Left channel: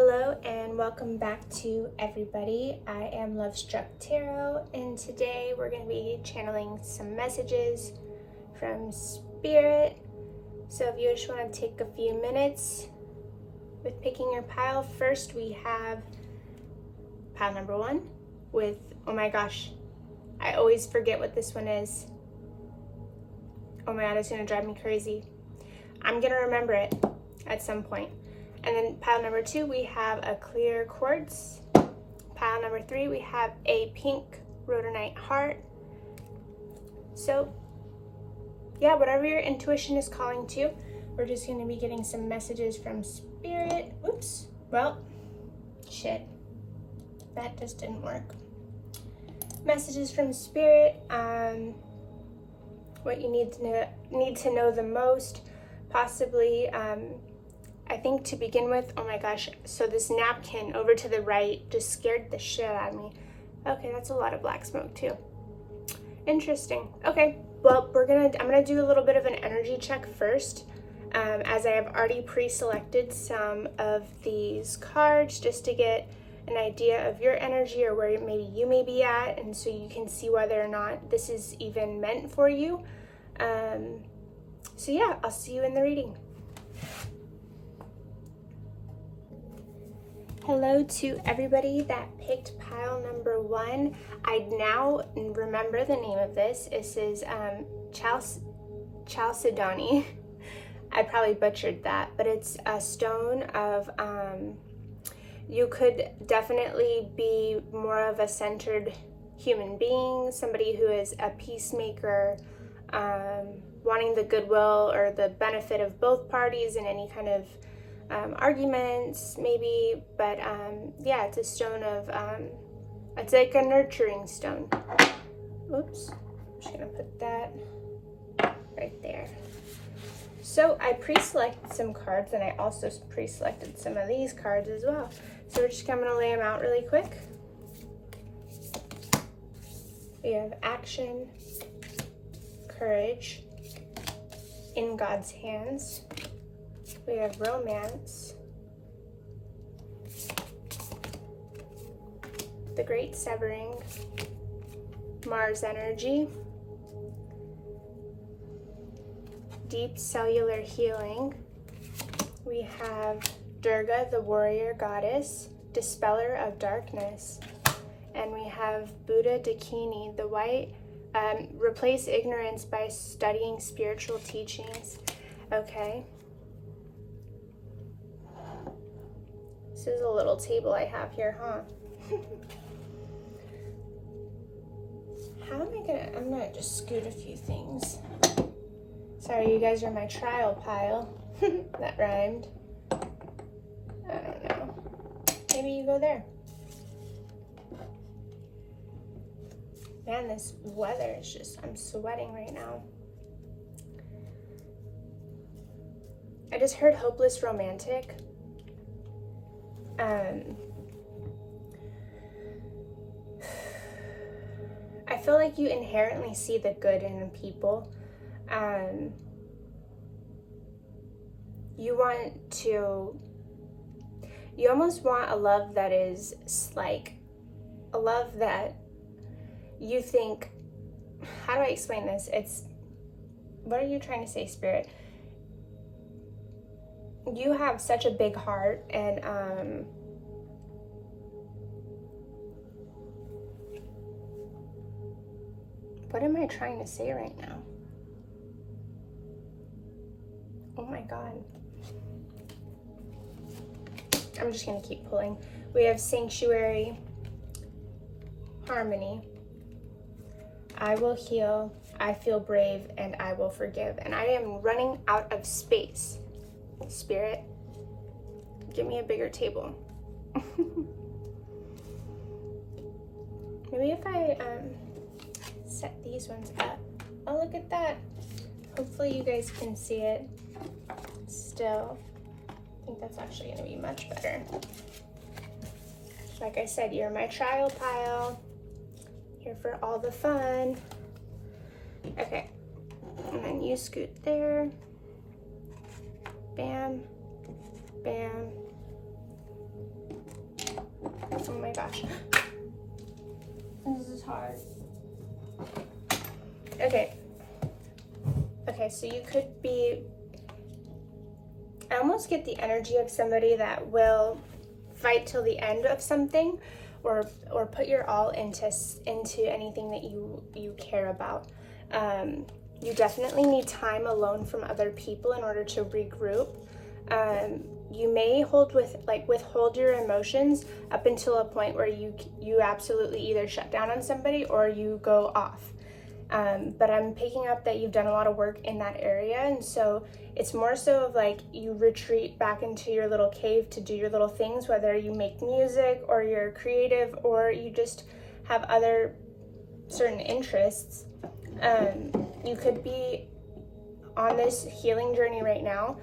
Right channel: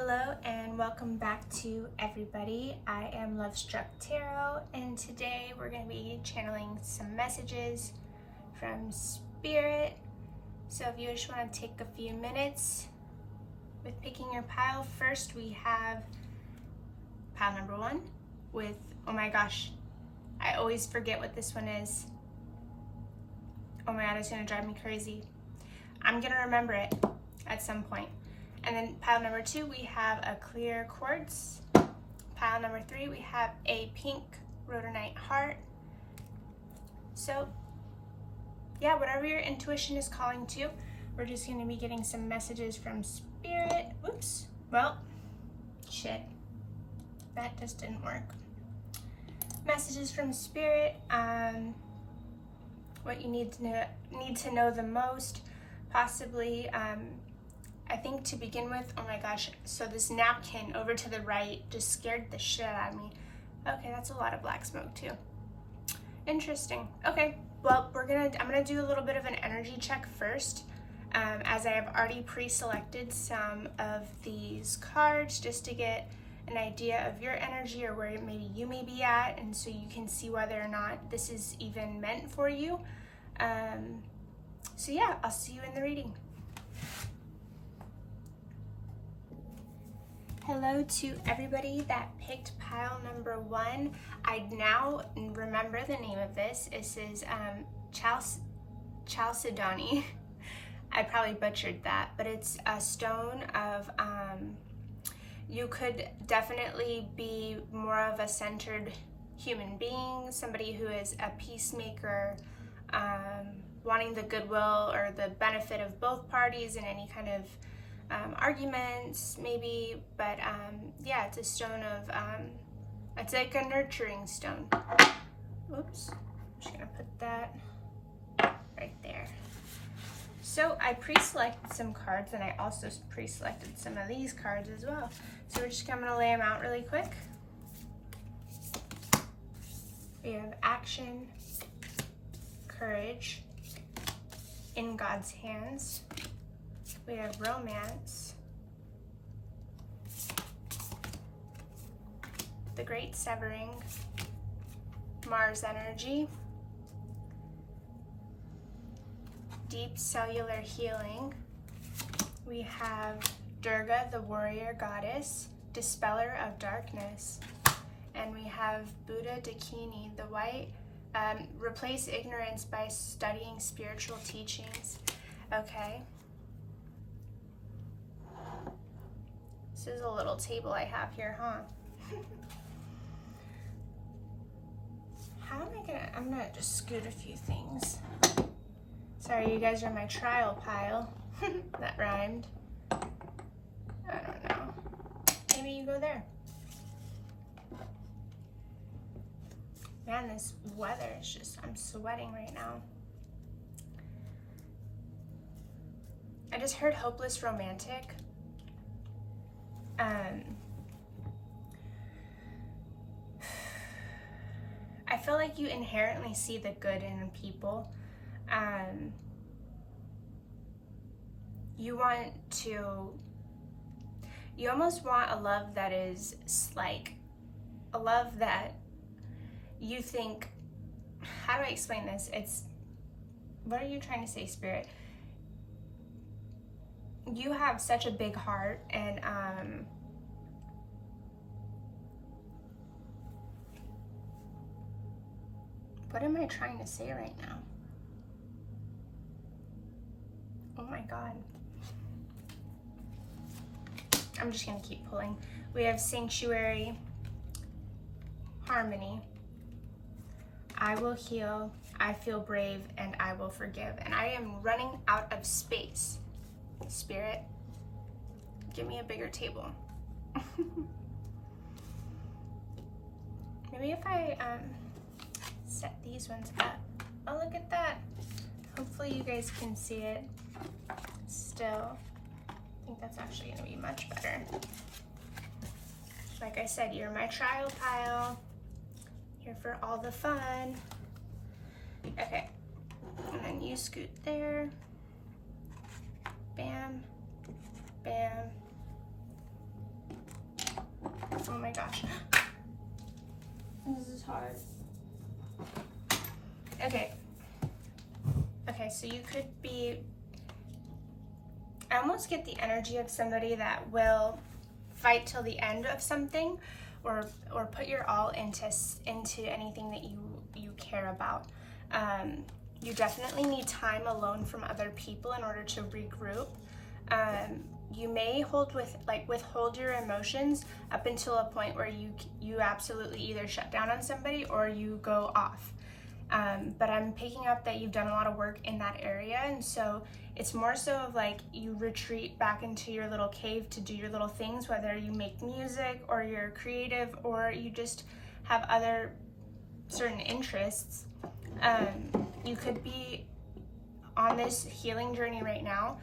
Hello and welcome back to everybody. I am LOVESTRUCKTAROT and today we're going to be channeling some messages from Spirit. So if you just want to take a few minutes with picking your pile, first we have pile number 1 with, oh my gosh, I always forget what this one is. Oh my god, it's going to drive me crazy. I'm going to remember it at some point. And then pile number 2, we have a clear quartz. Pile number 3, we have a pink rhodonite heart. So yeah, whatever your intuition is calling to, we're just going to be getting some messages from Spirit. Oops. Well, shit. That just didn't work. Messages from Spirit. What you need to know the most, possibly. I think to begin with, oh my gosh, so this napkin over to the right just scared the shit out of me. Okay, that's a lot of black smoke too. Interesting. Okay, well, I'm gonna do a little bit of an energy check first, as I have already pre-selected some of these cards just to get an idea of your energy or where maybe you may be at, and so you can see whether or not this is even meant for you. So yeah, I'll see you in the reading. Hello to everybody that picked pile number 1. I now remember the name of this. This is Chalcedony. I probably butchered that, but it's a stone of, you could definitely be more of a centered human being, somebody who is a peacemaker, wanting the goodwill or the benefit of both parties in any kind of arguments right, but yeah, it's a stone of, it's like a nurturing stone. Oops, I'm just gonna put that right there. So I pre-selected some cards, and I also pre-selected some of these cards as well. So we're just gonna lay them out really quick. We have action, courage, in God's hands. We have romance, the great severing, Mars energy, deep cellular healing. We have Durga, the warrior goddess, dispeller of darkness. And we have Buddha Dakini, the white, replace ignorance by studying spiritual teachings. Okay. This is a little table I have here, huh? I'm gonna just scoot a few things. Sorry, you guys are my trial pile. That rhymed. I don't know. Maybe you go there. Man, this weather is just, I'm sweating right now. I just heard hopeless romantic. I feel like you inherently see the good in people. You almost want a love that is like a love that you think, how do I explain this? What are you trying to say, Spirit? You have such a big heart, and what am I trying to say right now? Oh my god. I'm just gonna keep pulling. We have sanctuary, harmony, I will heal, I feel brave, and I will forgive. And I am running out of space. Spirit, give me a bigger table. Maybe if I set these ones up. Oh, look at that. Hopefully you guys can see it still. I think that's actually gonna be much better. Like I said, you're my trial pile. Here for all the fun. Okay, and then you scoot there. Bam, bam, Oh my gosh. This is hard. Okay. Okay, so you could be, I almost get the energy of somebody that will fight till the end of something, or put your all into anything that you care about. You definitely need time alone from other people in order to regroup. You may withhold your emotions up until a point where you absolutely either shut down on somebody or you go off. But I'm picking up that you've done a lot of work in that area, and so it's more so of like you retreat back into your little cave to do your little things, whether you make music or you're creative or you just have other certain interests. You could be on this healing journey right now.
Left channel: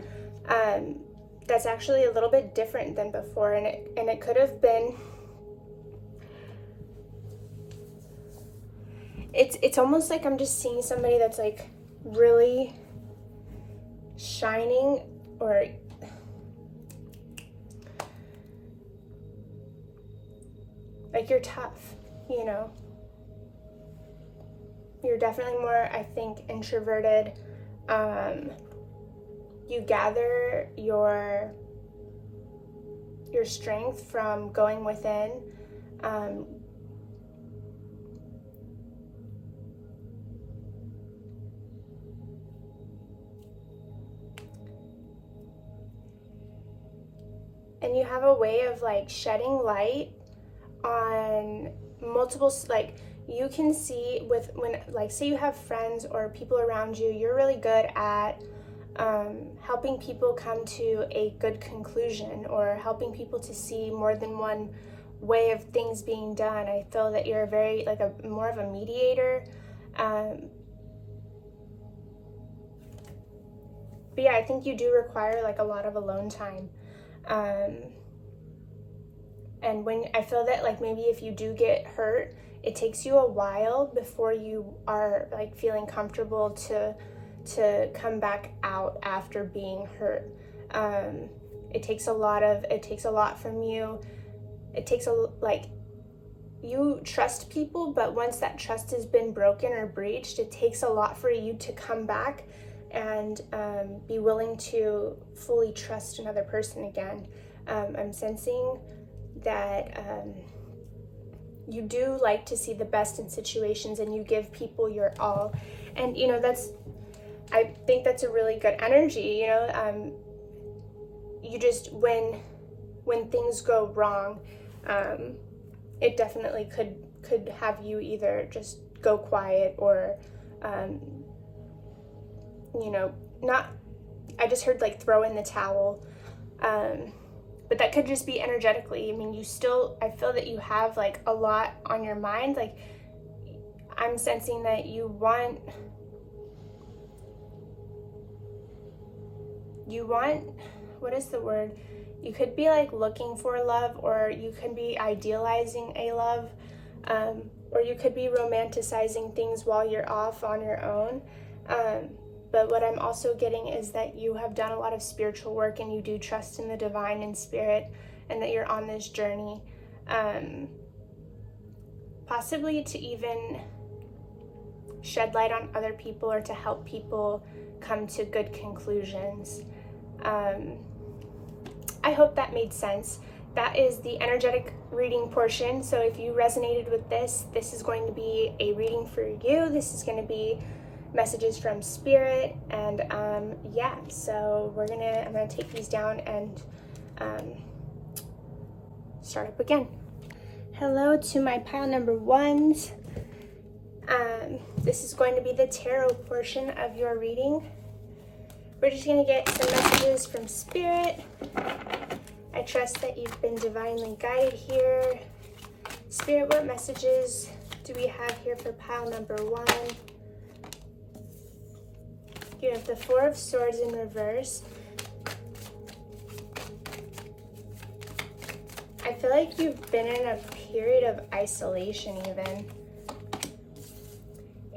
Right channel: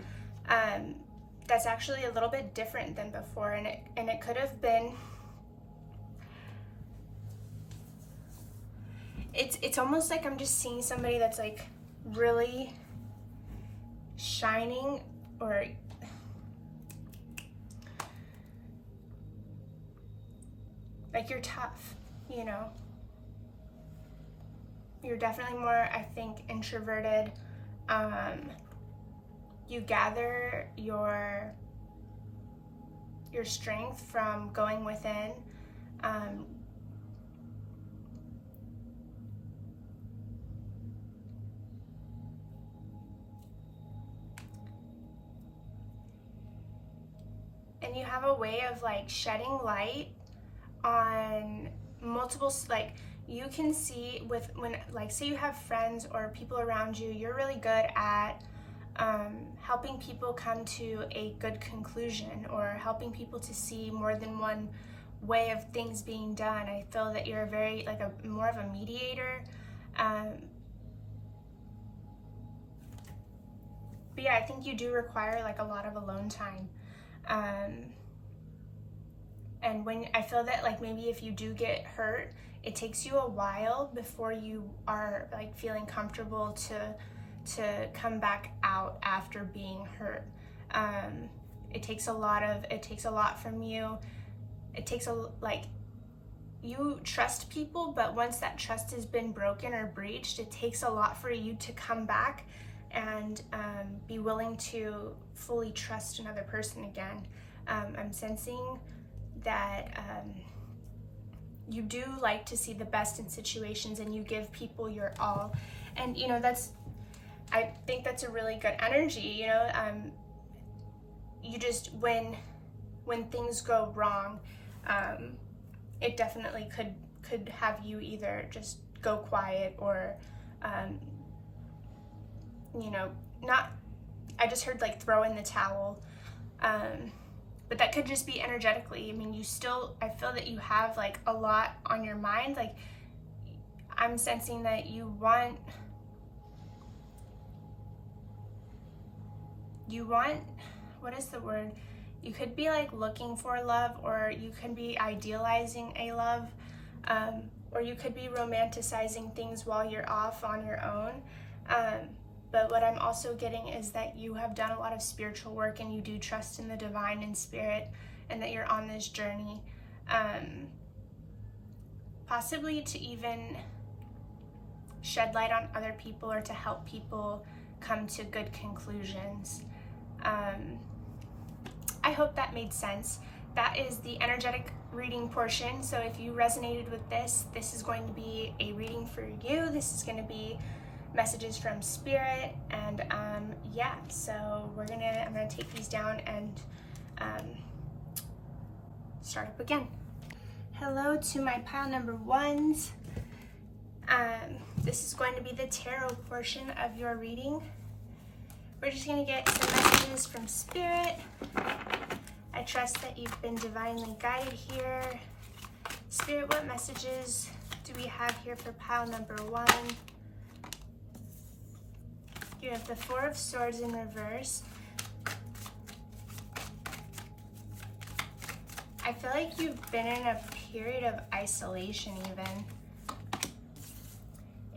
That's actually a little bit different than before, and it could have been. It's almost like I'm just seeing somebody that's like really shining, or like you're tough, you know. You're definitely more, I think, introverted. You gather your strength from going within. And you have a way of like shedding light on multiple, like you can see when like say you have friends or people around you, you're really good at helping people come to a good conclusion, or helping people to see more than one way of things being done. I feel that you're very like more of a mediator. But yeah, I think you do require like a lot of alone time. And when I feel that like maybe if you do get hurt, it takes you a while before you are like feeling comfortable to come back out after being hurt. It takes a lot from you. It takes you trust people, but once that trust has been broken or breached, it takes a lot for you to come back and be willing to fully trust another person again. I'm sensing that you do like to see the best in situations, and you give people your all. And you know, I think that's a really good energy, you know. You just, when things go wrong, it definitely could have you either just go quiet or you know, not, I just heard like throw in the towel, but that could just be energetically. I mean, I feel that you have like a lot on your mind. Like I'm sensing that you want, what is the word? You could be like looking for love, or you could be idealizing a love, or you could be romanticizing things while you're off on your own. But what I'm also getting is that you have done a lot of spiritual work, and you do trust in the divine and spirit, and that you're on this journey, possibly to even shed light on other people or to help people come to good conclusions. I hope that made sense. That is the energetic reading portion. So if you resonated with this is going to be a reading for you. This is going to be messages from spirit, and yeah, so I'm gonna take these down and start up again. Hello to my pile number ones. This is going to be the tarot portion of your reading. We're just gonna get some messages from spirit. I trust that you've been divinely guided here. Spirit, what messages do we have here for pile number one? You have the Four of Swords in reverse. I feel like you've been in a period of isolation even.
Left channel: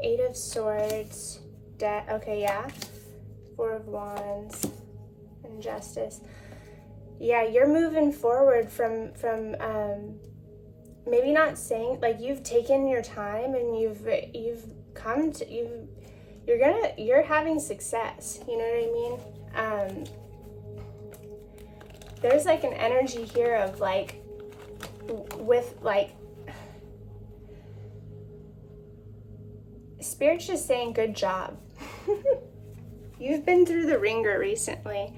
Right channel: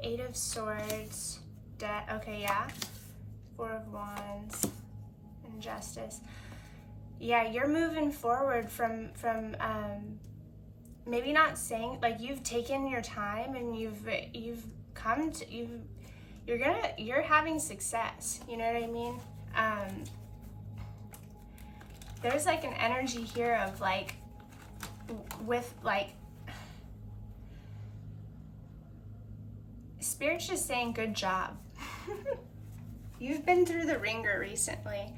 Eight of Swords, okay, yeah. Four of Wands, and Justice. Yeah, you're moving forward from maybe not saying, like, you've taken your time and you're having success, you know what I mean? There's like an energy here of like, with like, Spirit's just saying good job. You've been through the ringer recently.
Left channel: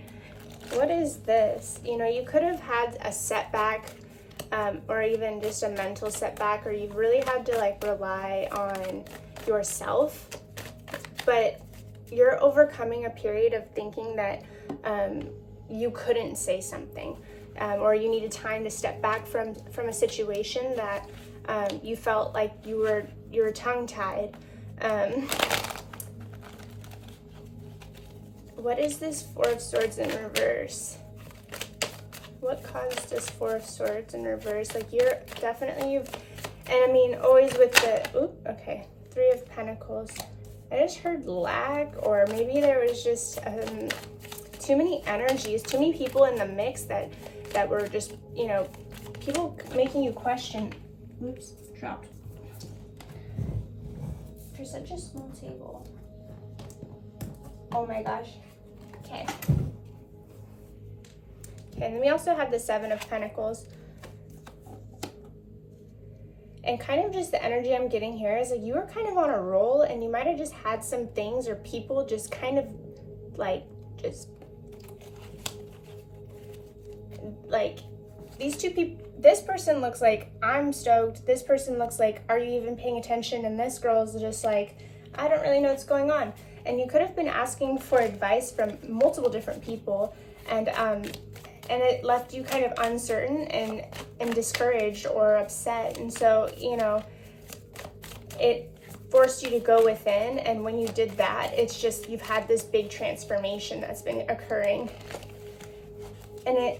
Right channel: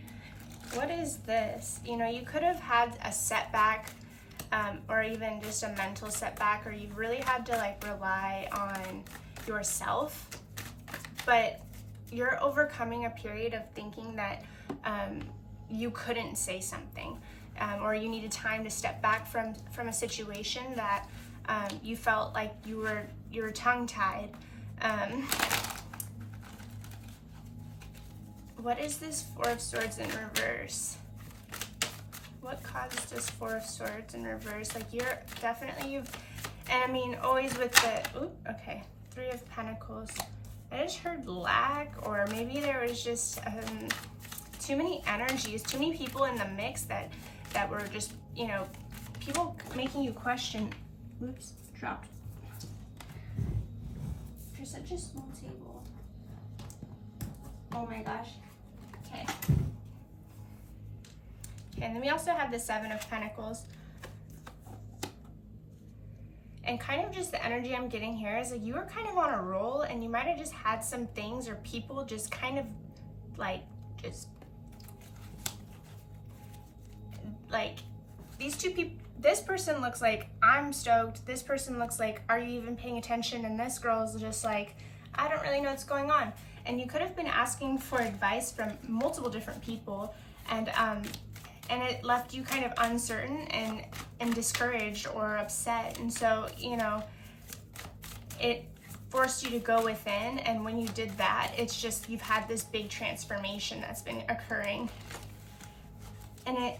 What is this? You know, you could have had a setback, or even just a mental setback, or you've really had to like rely on yourself, but you're overcoming a period of thinking that you couldn't say something, or you needed time to step back from a situation that you felt like you were tongue-tied. What is this Four of Swords in reverse? What caused this Four of Swords in reverse? Like, and I mean, always with the, Three of Pentacles. I just heard lack, or maybe there was just too many energies, too many people in the mix that were just, you know, people making you question. Oops, dropped. For such a small table. Oh my gosh. Okay. And then we also have the Seven of Pentacles. And kind of just the energy I'm getting here is like you were kind of on a roll, and you might have just had some things or people just kind of like, these two people, this person looks like, I'm stoked. This person looks like, are you even paying attention? And this girl's just like, I don't really know what's going on. And you could have been asking for advice from multiple different people, and it left you kind of uncertain and discouraged or upset. And so, you know, it forced you to go within. And when you did that, it's just, you've had this big transformation that's been occurring. And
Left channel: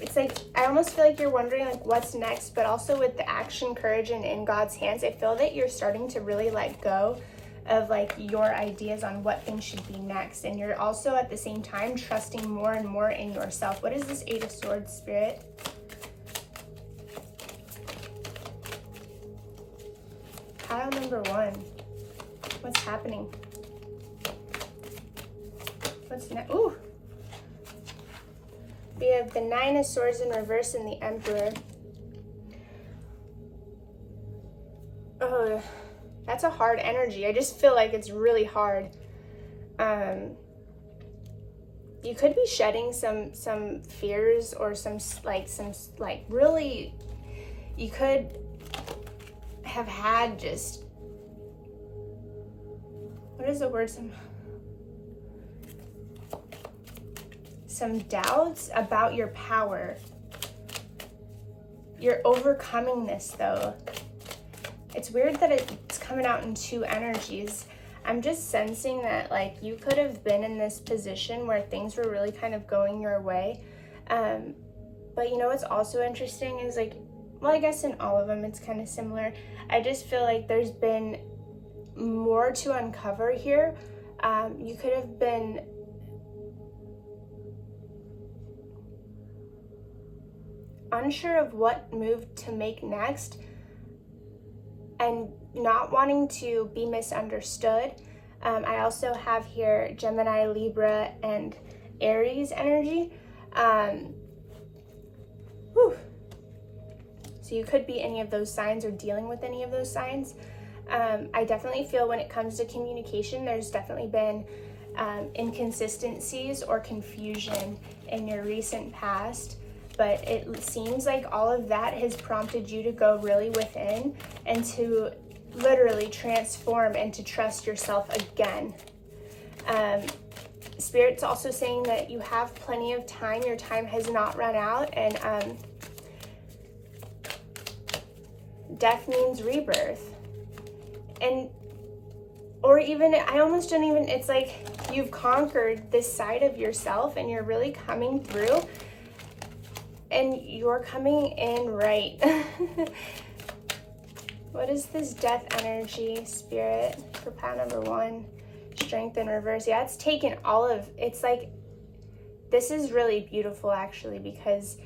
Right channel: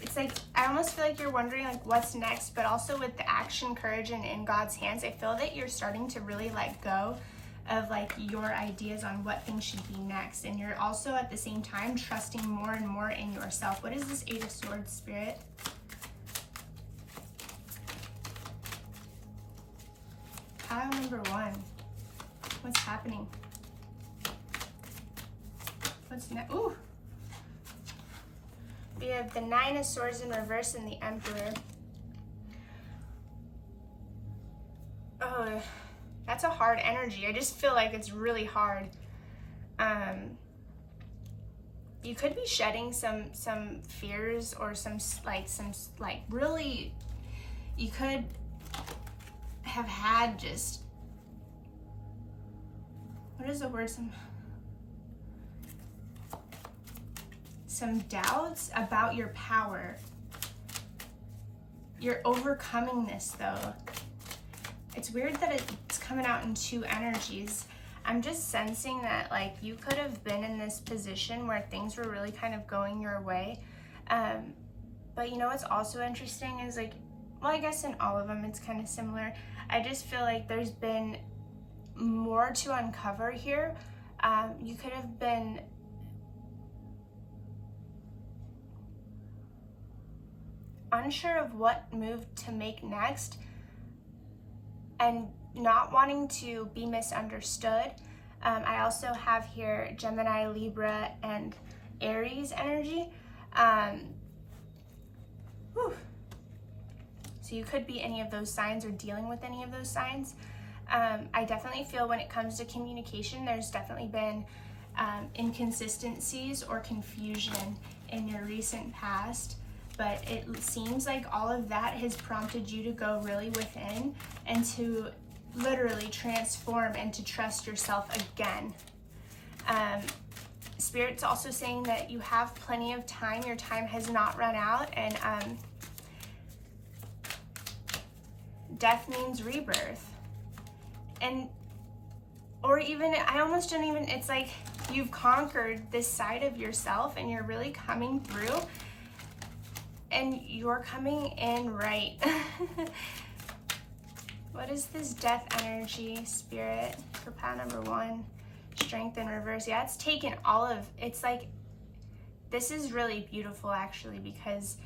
it's like, I almost feel like you're wondering like what's next, but also with the action, courage, and in God's hands, I feel that you're starting to really let go of like your ideas on what things should be next. And you're also at the same time trusting more and more in yourself. What is this Eight of Swords, Spirit? Pile number one. What's happening? What's next? Ooh. We have the Nine of Swords in reverse and the Emperor. Oh, that's a hard energy. I just feel like it's really hard. You could be shedding some fears, or some really, you could have had just, what is the word? Some doubts about your power. You're overcoming this though. It's weird that it's coming out in two energies. I'm just sensing that like you could have been in this position where things were really kind of going your way. But you know what's also interesting is like, well, I guess in all of them it's kind of similar. I just feel like there's been more to uncover here. You could have been unsure of what move to make next, and not wanting to be misunderstood. I also have here Gemini, Libra, and Aries energy. So you could be any of those signs or dealing with any of those signs. I definitely feel when it comes to communication, there's definitely been inconsistencies or confusion in your recent past. But it seems like all of that has prompted you to go really within and to literally transform and to trust yourself again. Spirit's also saying that you have plenty of time. Your time has not run out, and death means rebirth. Or even, I almost don't even, it's like you've conquered this side of yourself and you're really coming through. And you're coming in right. What is this death energy, Spirit, for pile number one? Strength in reverse. Yeah, it's taken all of, it's like this is really beautiful actually, because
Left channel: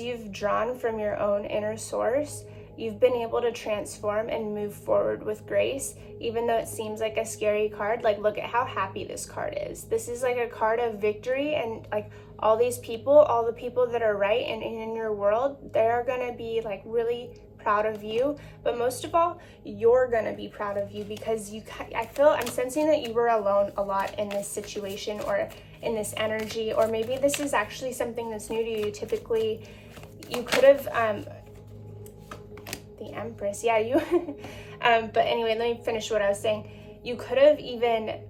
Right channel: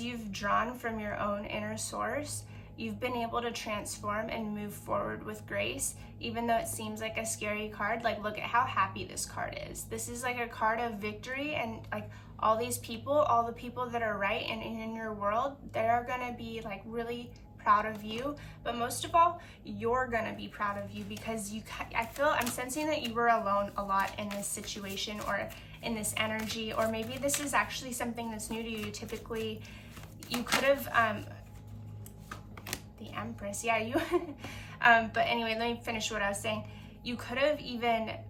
you've drawn from your own inner source, you've been able to transform and move forward with grace, even though it seems like a scary card. Like, look at how happy this card is. This is like a card of victory, and like all these people, all the people that are right and in your world, they're gonna be like really proud of you. But most of all, you're gonna be proud of you, because I'm sensing that you were alone a lot in this situation, or in this energy, or maybe this is actually something that's new to you. Typically, you could have, the Empress, yeah, you, but anyway, let me finish what I was saying. You could have even,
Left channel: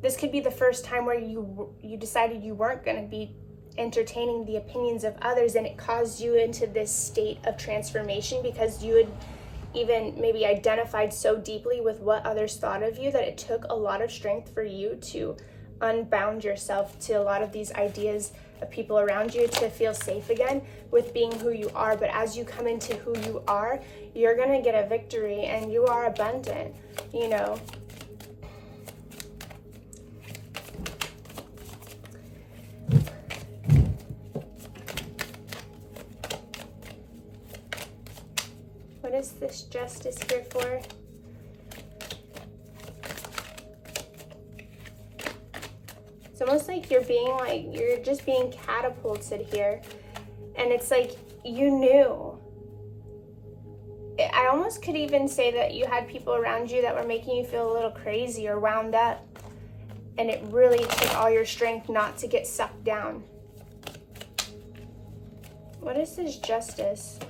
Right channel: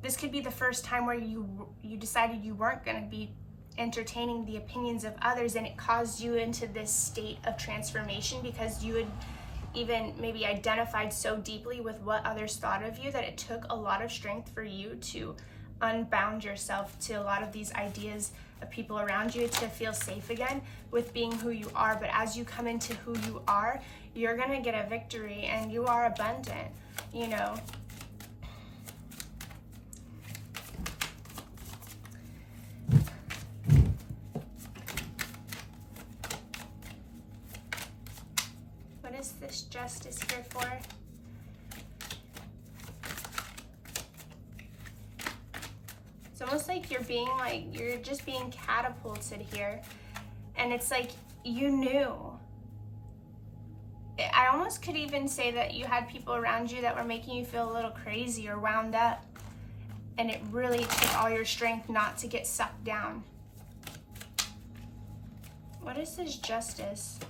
this could be the first time where you decided you weren't going to be entertaining the opinions of others, and it caused you into this state of transformation, because you had even maybe identified so deeply with what others thought of you that it took a lot of strength for you to unbound yourself to a lot of these ideas of people around you, to feel safe again with being who you are. But as you come into who you are, you're gonna get a victory, and you are abundant, you know. What is this Justice here for? It's almost like you're just being catapulted here. And it's like you knew. I almost could even say that you had people around you that were making you feel a little crazy or wound up. And it really took all your strength not to get sucked down. What is this Justice?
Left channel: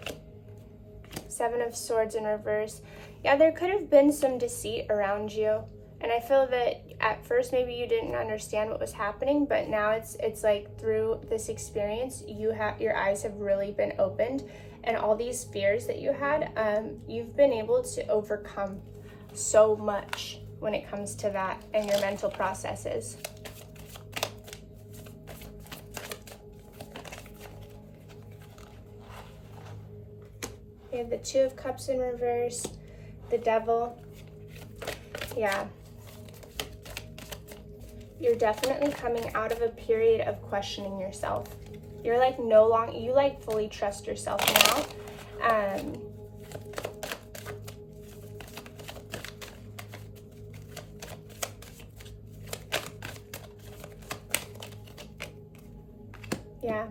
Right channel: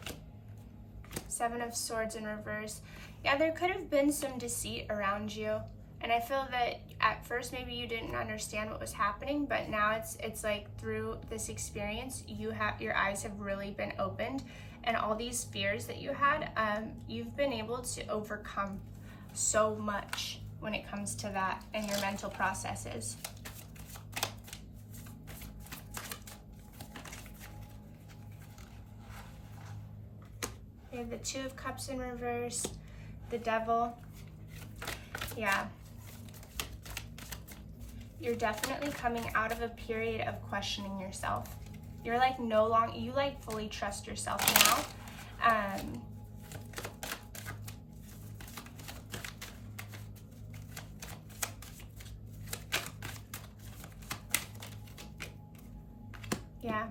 Seven of Swords in reverse. Yeah, there could have been some deceit around you. And I feel that at first maybe you didn't understand what was happening, but now it's like through this experience, your eyes have really been opened, and all these fears that you had, you've been able to overcome so much when it comes to that and your mental processes. We have the Two of Cups in reverse, the Devil. Yeah. You're definitely coming out of a period of questioning yourself. You're like you like fully trust yourself now. Yeah.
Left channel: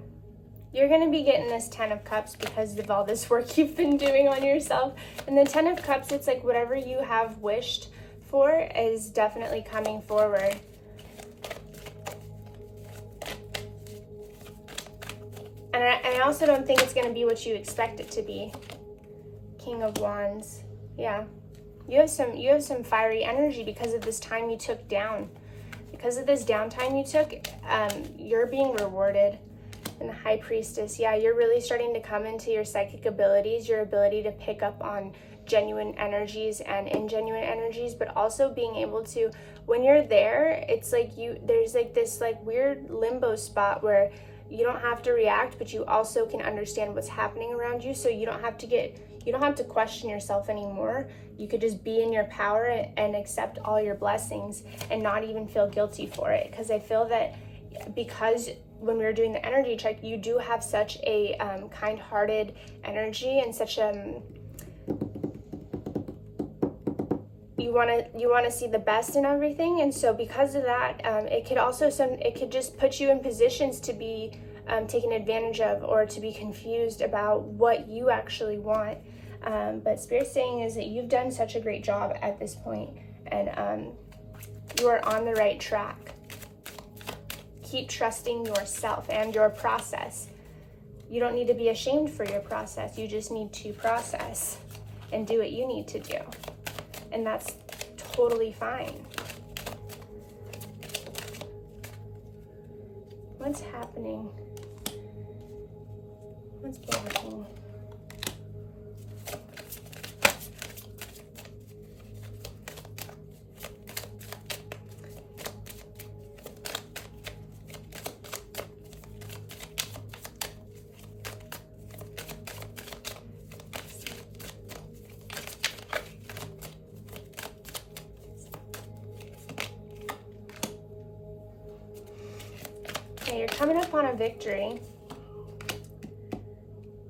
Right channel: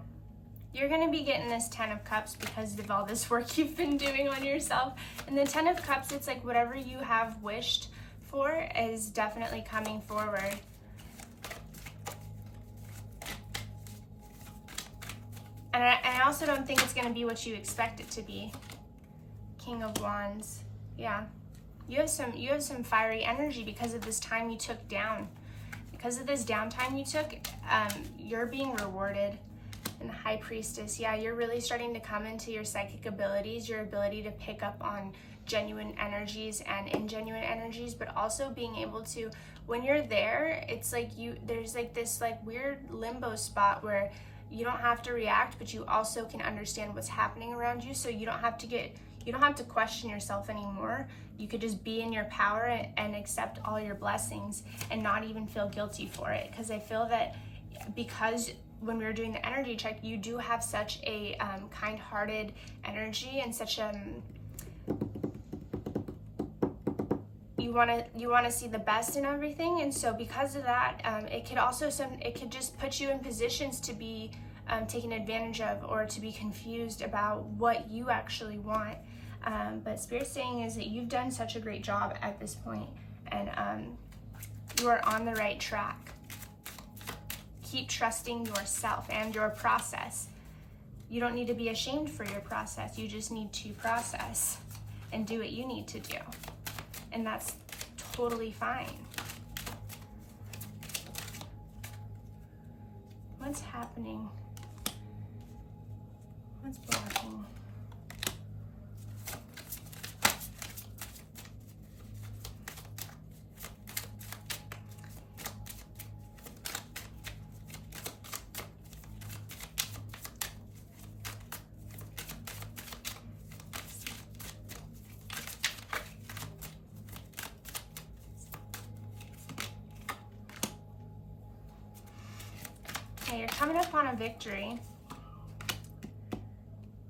You're going to be getting this 10 of Cups because of all this work you've been doing on yourself. And the 10 of Cups, it's like whatever you have wished for is definitely coming forward. And I also don't think it's going to be what you expect it to be. King of Wands. Yeah. You have some fiery energy because of this time you took down. Because of this downtime you took, you're being rewarded. And the High Priestess, yeah, you're really starting to come into your psychic abilities, your ability to pick up on genuine energies and ingenuine energies, but also being able to, when you're there, it's like there's like this like weird limbo spot where you don't have to react, but you also can understand what's happening around you, so you don't have to question yourself anymore. You could just be in your power and accept all your blessings and not even feel guilty for it. Because I feel that because when we were doing the energy check, you do have such a kind-hearted energy and such you want to see the best in everything. And so because of that, it could just put you in positions to be taken advantage of, or to be confused about what you actually want. But Spirit's saying is that you've done such a great job at this point, and you are on the right track. Keep trusting yourself and your process. You don't need to be ashamed for your process. You just need to process and do what you need to do. And that's totally fine. What's happening? What's blocking? Yeah, you're coming up on a victory.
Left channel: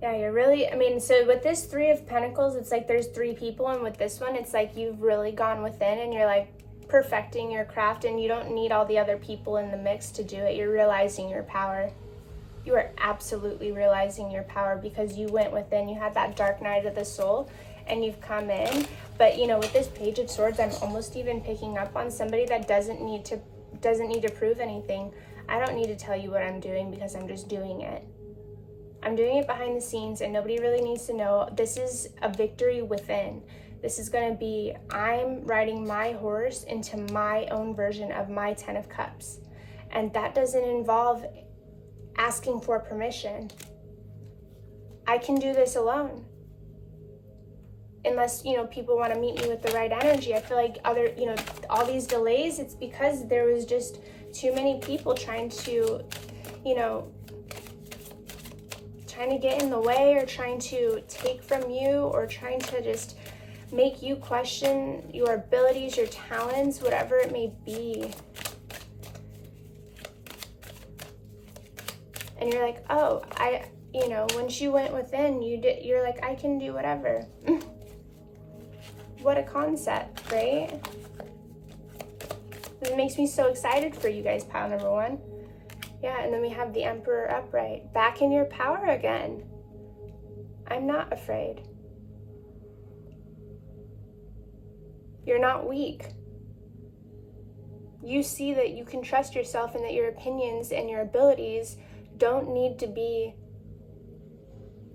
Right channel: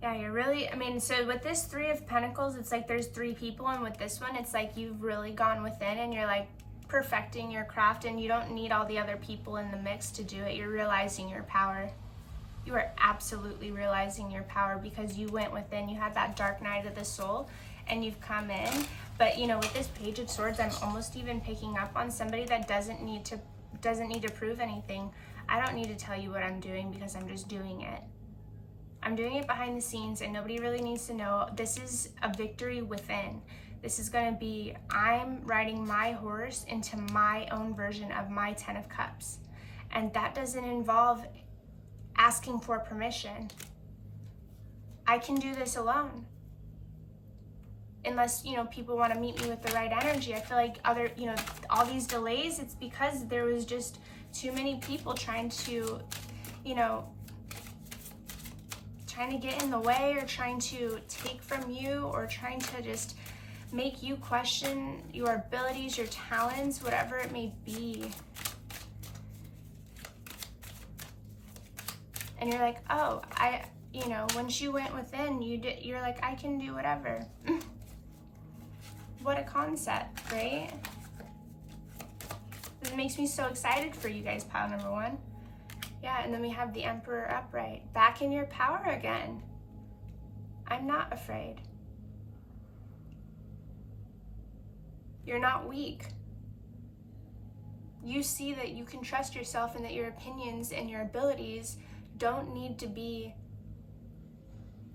Yeah, you're really, I mean, so with this Three of Pentacles, it's like there's three people, and with this one, it's like you've really gone within and you're like perfecting your craft, and you don't need all the other people in the mix to do it. You're realizing your power. You are absolutely realizing your power because you went within, you had that dark night of the soul, and you've come in. But you know, with this Page of Swords, I'm almost even picking up on somebody that doesn't need to prove anything. I don't need to tell you what I'm doing because I'm just doing it. I'm doing it behind the scenes and nobody really needs to know. This is a victory within. This is going to be, I'm riding my horse into my own version of my 10 of Cups. And that doesn't involve asking for permission. I can do this alone. Unless, you know, people want to meet me with the right energy. I feel like all these delays, it's because there was just too many people trying to, you know, trying to get in the way or trying to take from you or trying to just make you question your abilities, your talents, whatever it may be. And you're like, oh, once you went within, you're like, I can do whatever. What a concept, right? It makes me so excited for you guys, pile number one. Yeah, and then we have the Emperor upright. Back in your power again. I'm not afraid. You're not weak. You see that you can trust yourself and that your opinions and your abilities don't need to be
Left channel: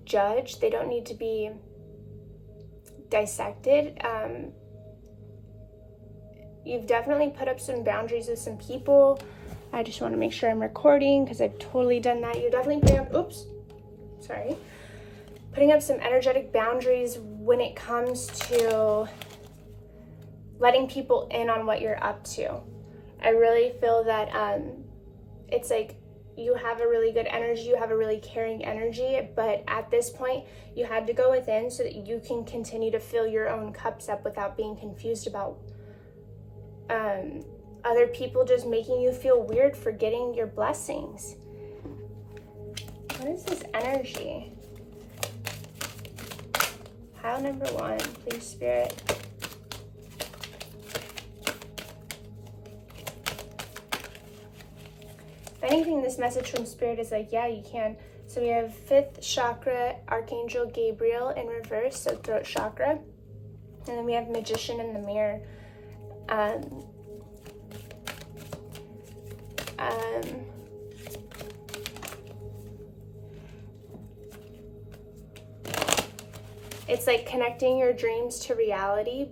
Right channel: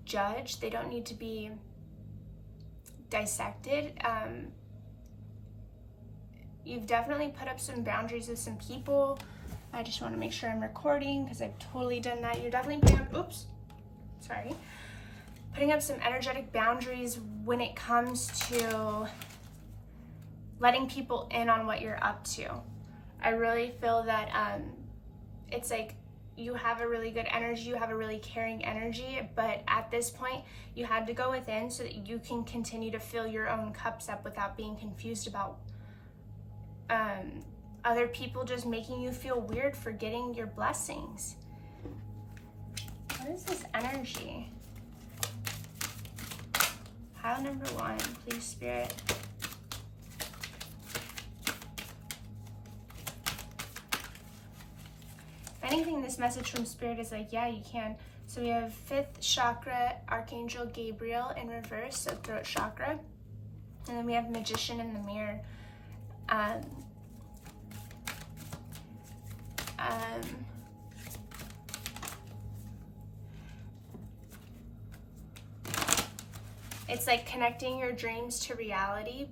judged. They don't need to be dissected. You've definitely put up some boundaries with some people. I just want to make sure I'm recording because I've totally done that. You're definitely putting up some energetic boundaries when it comes to letting people in on what you're up to. I really feel that it's like you have a really good energy, you have a really caring energy, but at this point you had to go within so that you can continue to fill your own cups up without being confused about other people just making you feel weird for getting your blessings. What is this energy? Pile number one, please, Spirit. If anything, this message from Spirit is like, yeah, you can. So we have 5th chakra, Archangel Gabriel in reverse, so throat chakra. And then we have Magician in the mirror. It's like connecting your dreams to reality,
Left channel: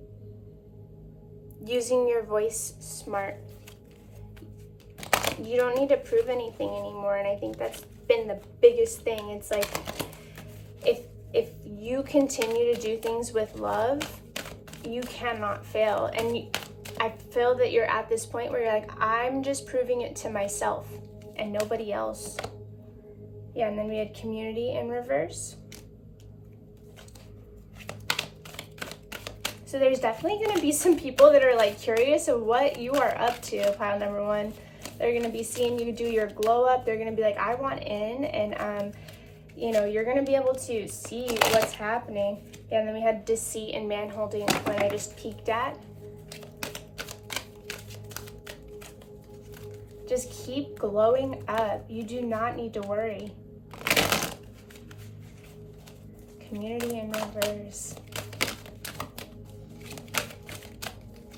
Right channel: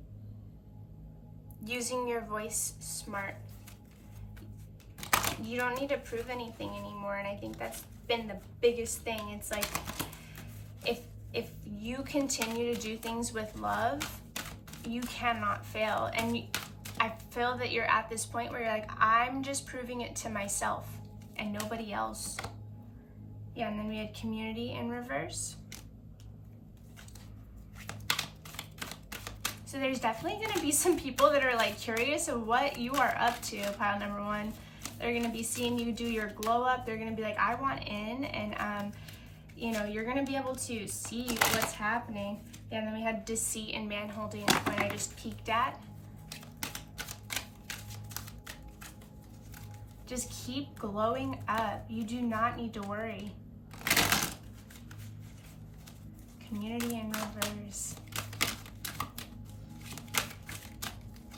using your voice smart. You don't need to prove anything anymore, and I think that's been the biggest thing. It's like if you continue to do things with love, you cannot fail. And I feel that you're at this point where you're like, I'm just proving it to myself and nobody else. Yeah, and then we had Community in reverse. So there's definitely going to be some people that are like curious of what you are up to, pile number one. They're going to be seeing you do your glow up. They're going to be like, I want in. And, you're going to be able to see what's happening. Yeah, and then we had Deceit and Man-holding when I just peeked at. Just keep glowing up. You do not need to worry. Community in reverse.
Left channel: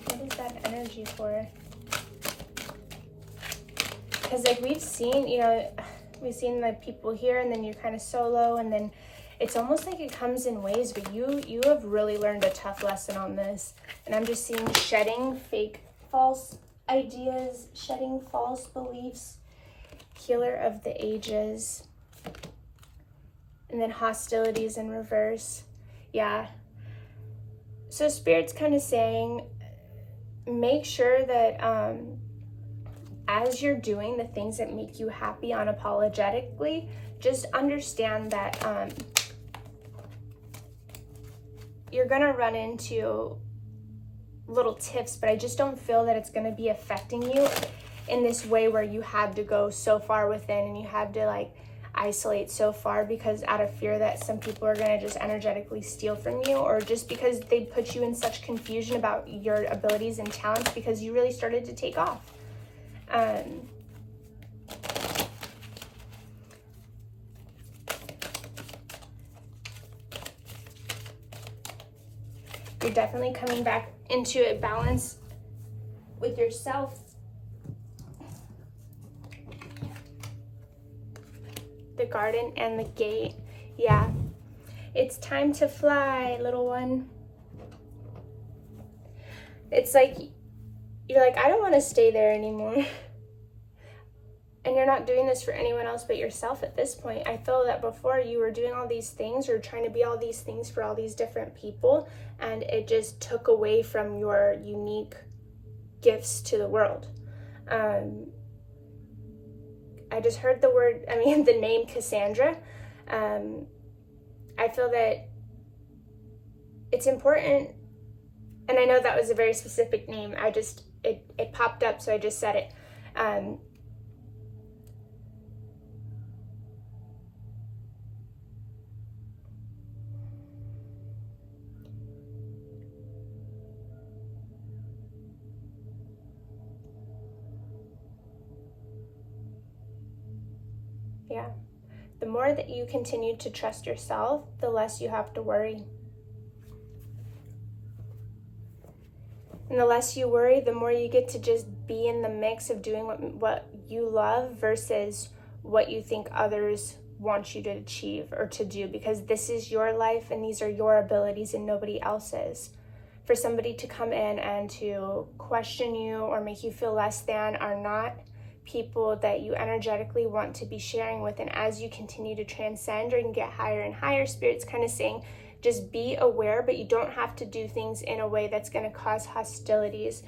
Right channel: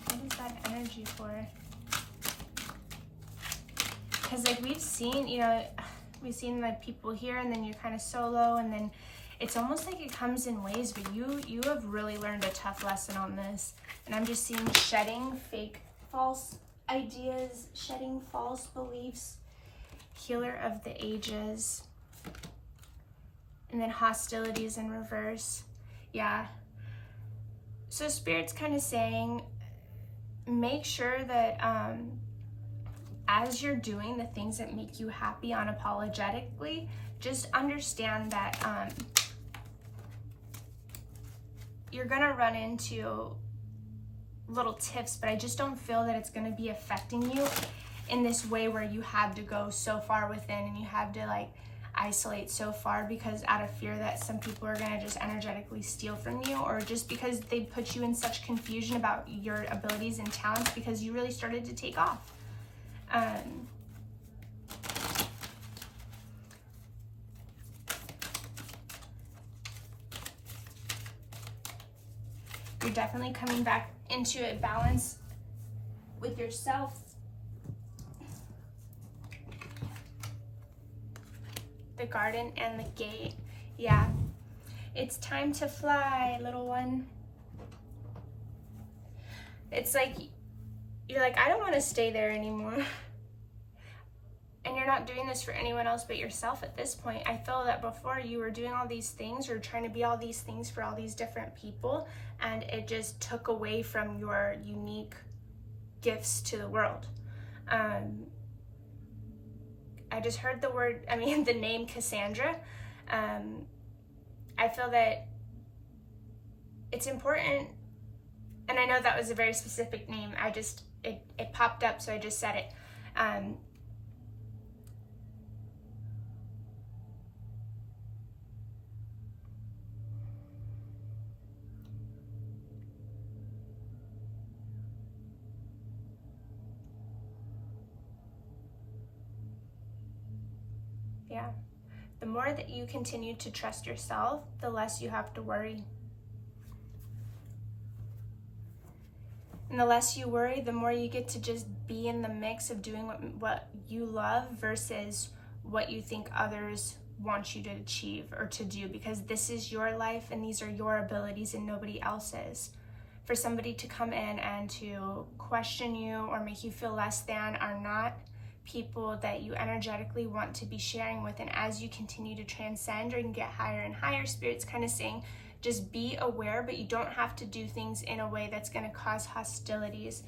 What is that energy for? Because like we've seen, we've seen like people here and then you're kind of solo, and then it's almost like it comes in waves, but you have really learned a tough lesson on this. And I'm just seeing shedding fake, false ideas, shedding false beliefs, Healer of the Ages, and then Hostilities in reverse. Yeah. So Spirit's kind of saying, make sure that as you're doing the things that make you happy unapologetically, just understand that you're gonna run into little tips, but I just don't feel that it's going to be affecting you in this way where you had to go so far within and you had to like isolate so far because out of fear that some people are going to just energetically steal from you, or just because they put you in such confusion about your abilities and talents because you really started to take off. You're definitely coming back into a balance with yourself. The garden and the gate. Yeah. It's time to fly, little one. It's like, you're like, I don't want to stay there anymore. And you're not doing this for anyone else but yourself at this point. I feel that before you were doing all these things or trying to be all these things for all these different people, and it just took away from your unique gifts to the world. I just heard the name Cassandra. I feel that it's important, and I know that was a very specific name. It popped up, so I just said it. Yeah. The more that you continue to trust yourself, the less you have to worry. And the less you worry, the more you get to just be in the mix of doing what you love versus what you think others want you to achieve or to do, because this is your life and these are your abilities and nobody else's. For somebody to come in and to question you or make you feel less than are not people that you energetically want to be sharing with. And as you continue to transcend or get higher and higher, Spirit's kind of saying, just be aware, but you don't have to do things in a way that's going to cause hostilities.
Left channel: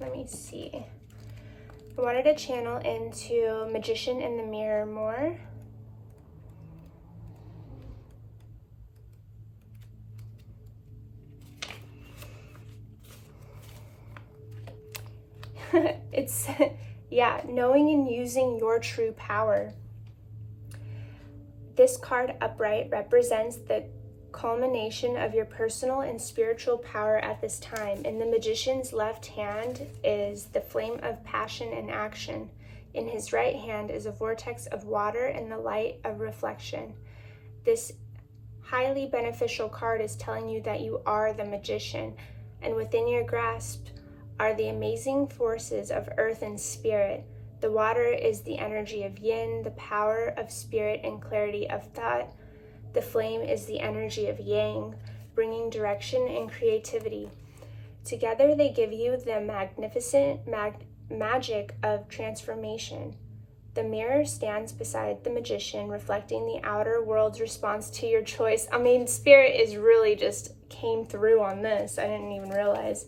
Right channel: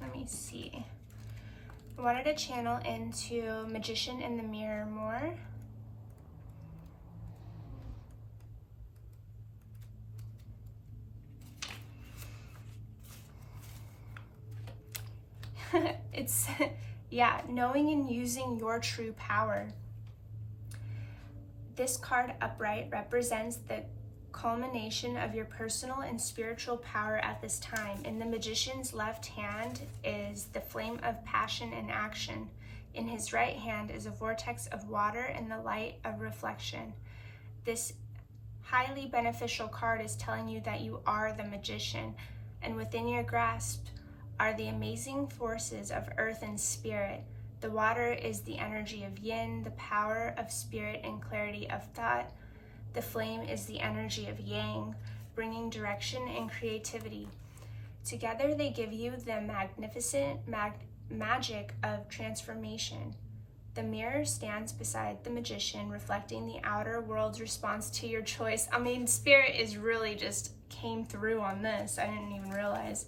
Let me see. I wanted to channel into Magician in the Mirror more. It's, yeah, knowing and using your true power. This card upright represents the culmination of your personal and spiritual power at this time. In the Magician's left hand is the flame of passion and action. In his right hand is a vortex of water and the light of reflection. This highly beneficial card is telling you that you are the magician, and within your grasp are the amazing forces of earth and spirit. The water is the energy of yin, the power of spirit and clarity of thought. The flame is the energy of yang, bringing direction and creativity. Together they give you the magnificent magic of transformation. The mirror stands beside the magician, reflecting the outer world's response to your choice. I mean, Spirit is really just came through on this. I didn't even realize.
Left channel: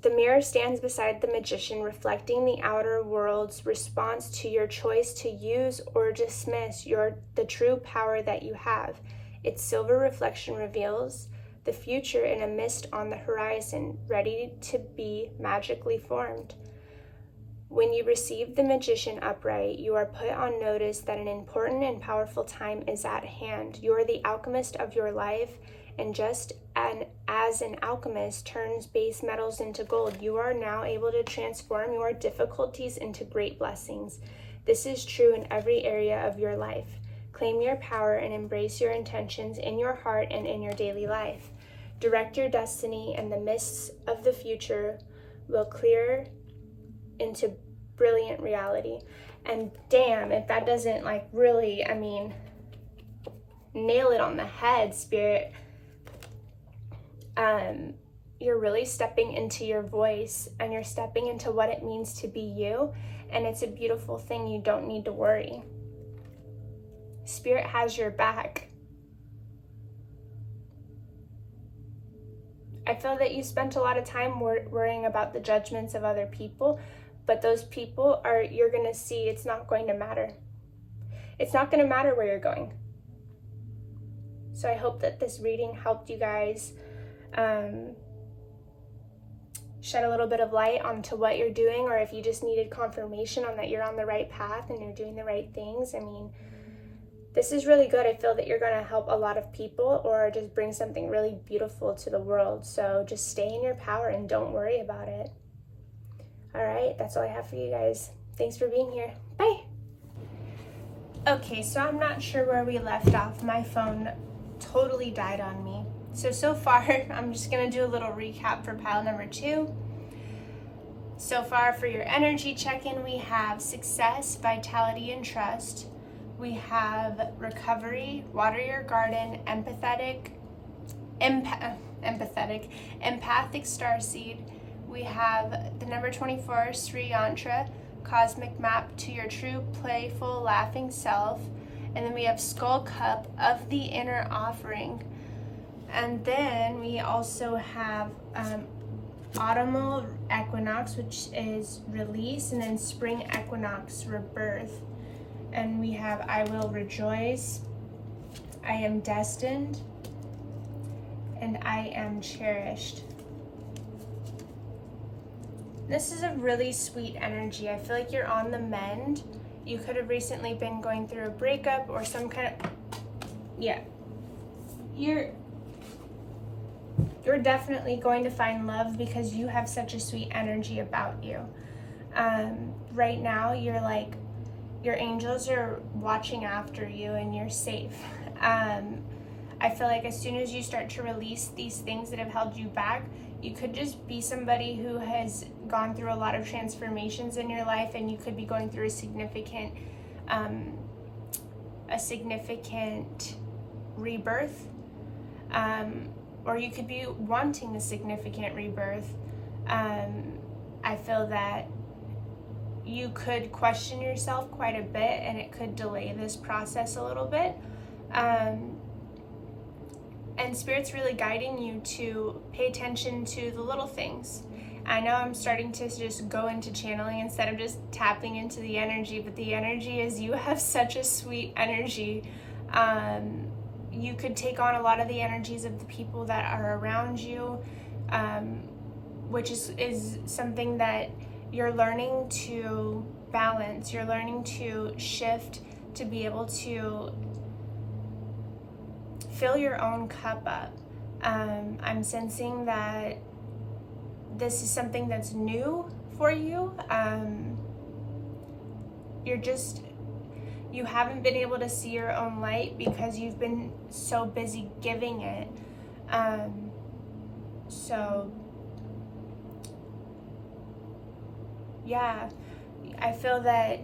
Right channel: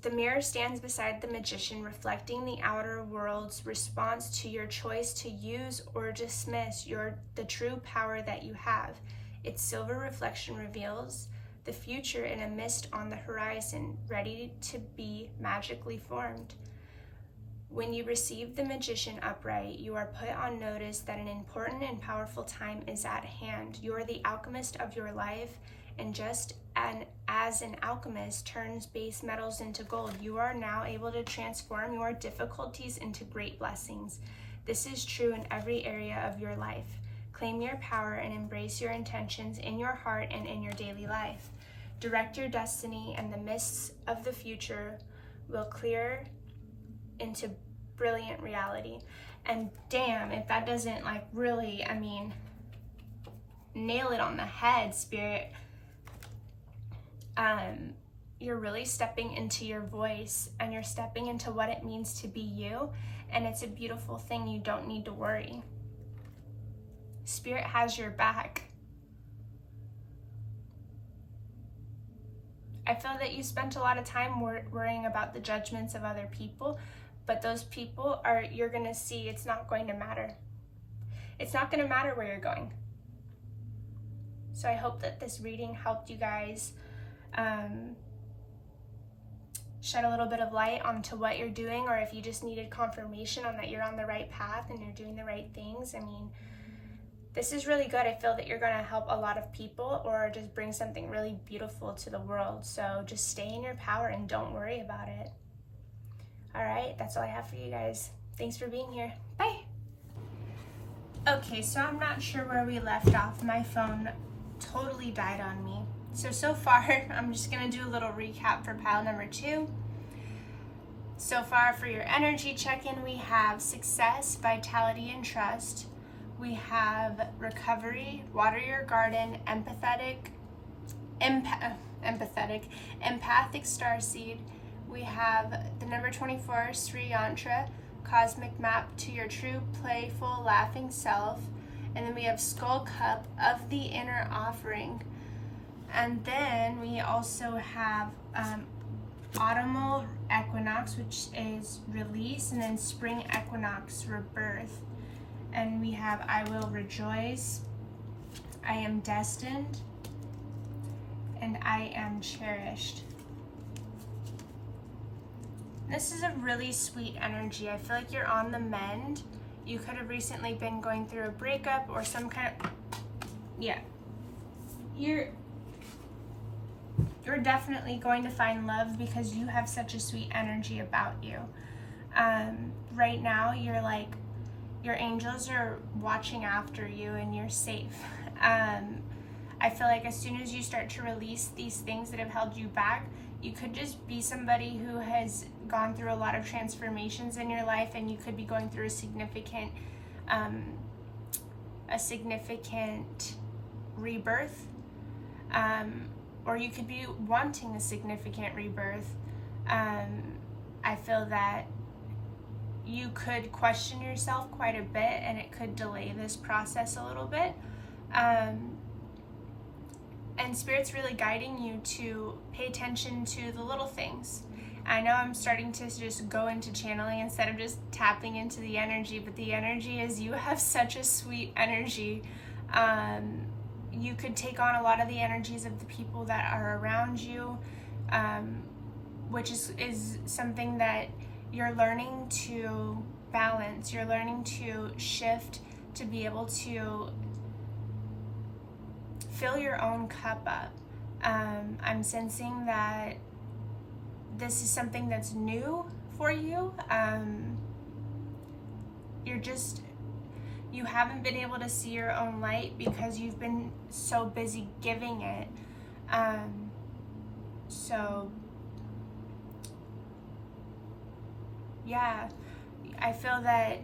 The mirror stands beside the magician, reflecting the outer world's response to your choice to use or dismiss the true power that you have. Its silver reflection reveals the future in a mist on the horizon, ready to be magically formed. When you receive the magician upright, you are put on notice that an important and powerful time is at hand. You are the alchemist of your life, and just as an alchemist turns base metals into gold, you are now able to transform your difficulties into great blessings. This is true in every area of your life. Claim your power and embrace your intentions in your heart and in your daily life. Direct your destiny, and the mists of the future will clear into brilliant reality. And damn, if that doesn't really, nail it on the head, Spirit. You're really stepping into your voice, and you're stepping into what it means to be you, and it's a beautiful thing. You don't need to worry. Spirit has your back. I feel that you spent a lot of time worrying about the judgments of other people, but those people you're going to see it's not going to matter. It's not going to matter where you're going. So I hope that this reading helped you guys shed a little bit of light onto what you're doing, or if you just needed confirmation on that you're on the right path and you're doing the right things. I mean, this is really good. I feel that you're going to help a lot of people or just bring something really beautiful to the world. So just stay in your power and don't worry about it. All right, that's all I have for you guys. Thanks for being here. Bye. Okay, so I'm not sure where we left off. My phone totally died on me. So far, I'm just going to do a little recap for pile number 2. So far, for your energy check-in, we have success, vitality, and trust. We have recovery, water your garden, empathic starseed. We have the number 24, Sri Yantra, cosmic map to your true, playful, laughing self. And then we have Skull Cup of the inner offering. And then we also have autumnal equinox, which is release, and then spring equinox, rebirth. And we have I will rejoice, I am destined, and I am cherished. This is a really sweet energy. I feel like you're on the mend. You could have recently been going through a breakup or some kind of, yeah. You're definitely going to find love because you have such a sweet energy about you. Right now, you're like, your angels are watching after you and you're safe. I feel like as soon as you start to release these things that have held you back, you could just be somebody who has gone through a lot of transformations in your life, and you could be going through a significant rebirth. Or you could be wanting a significant rebirth. I feel that you could question yourself quite a bit, and it could delay this process a little bit. And Spirit's really guiding you to pay attention to the little things. I know I'm starting to just go into channeling instead of just tapping into the energy, but the energy is, you have such a sweet energy. You could take on a lot of the energies of the people that are around you, which is something that you're learning to balance. You're learning to shift to be able to fill your own cup up. I'm sensing that this is something that's new for you. You haven't been able to see your own light because you've been so busy giving it. So yeah, I feel that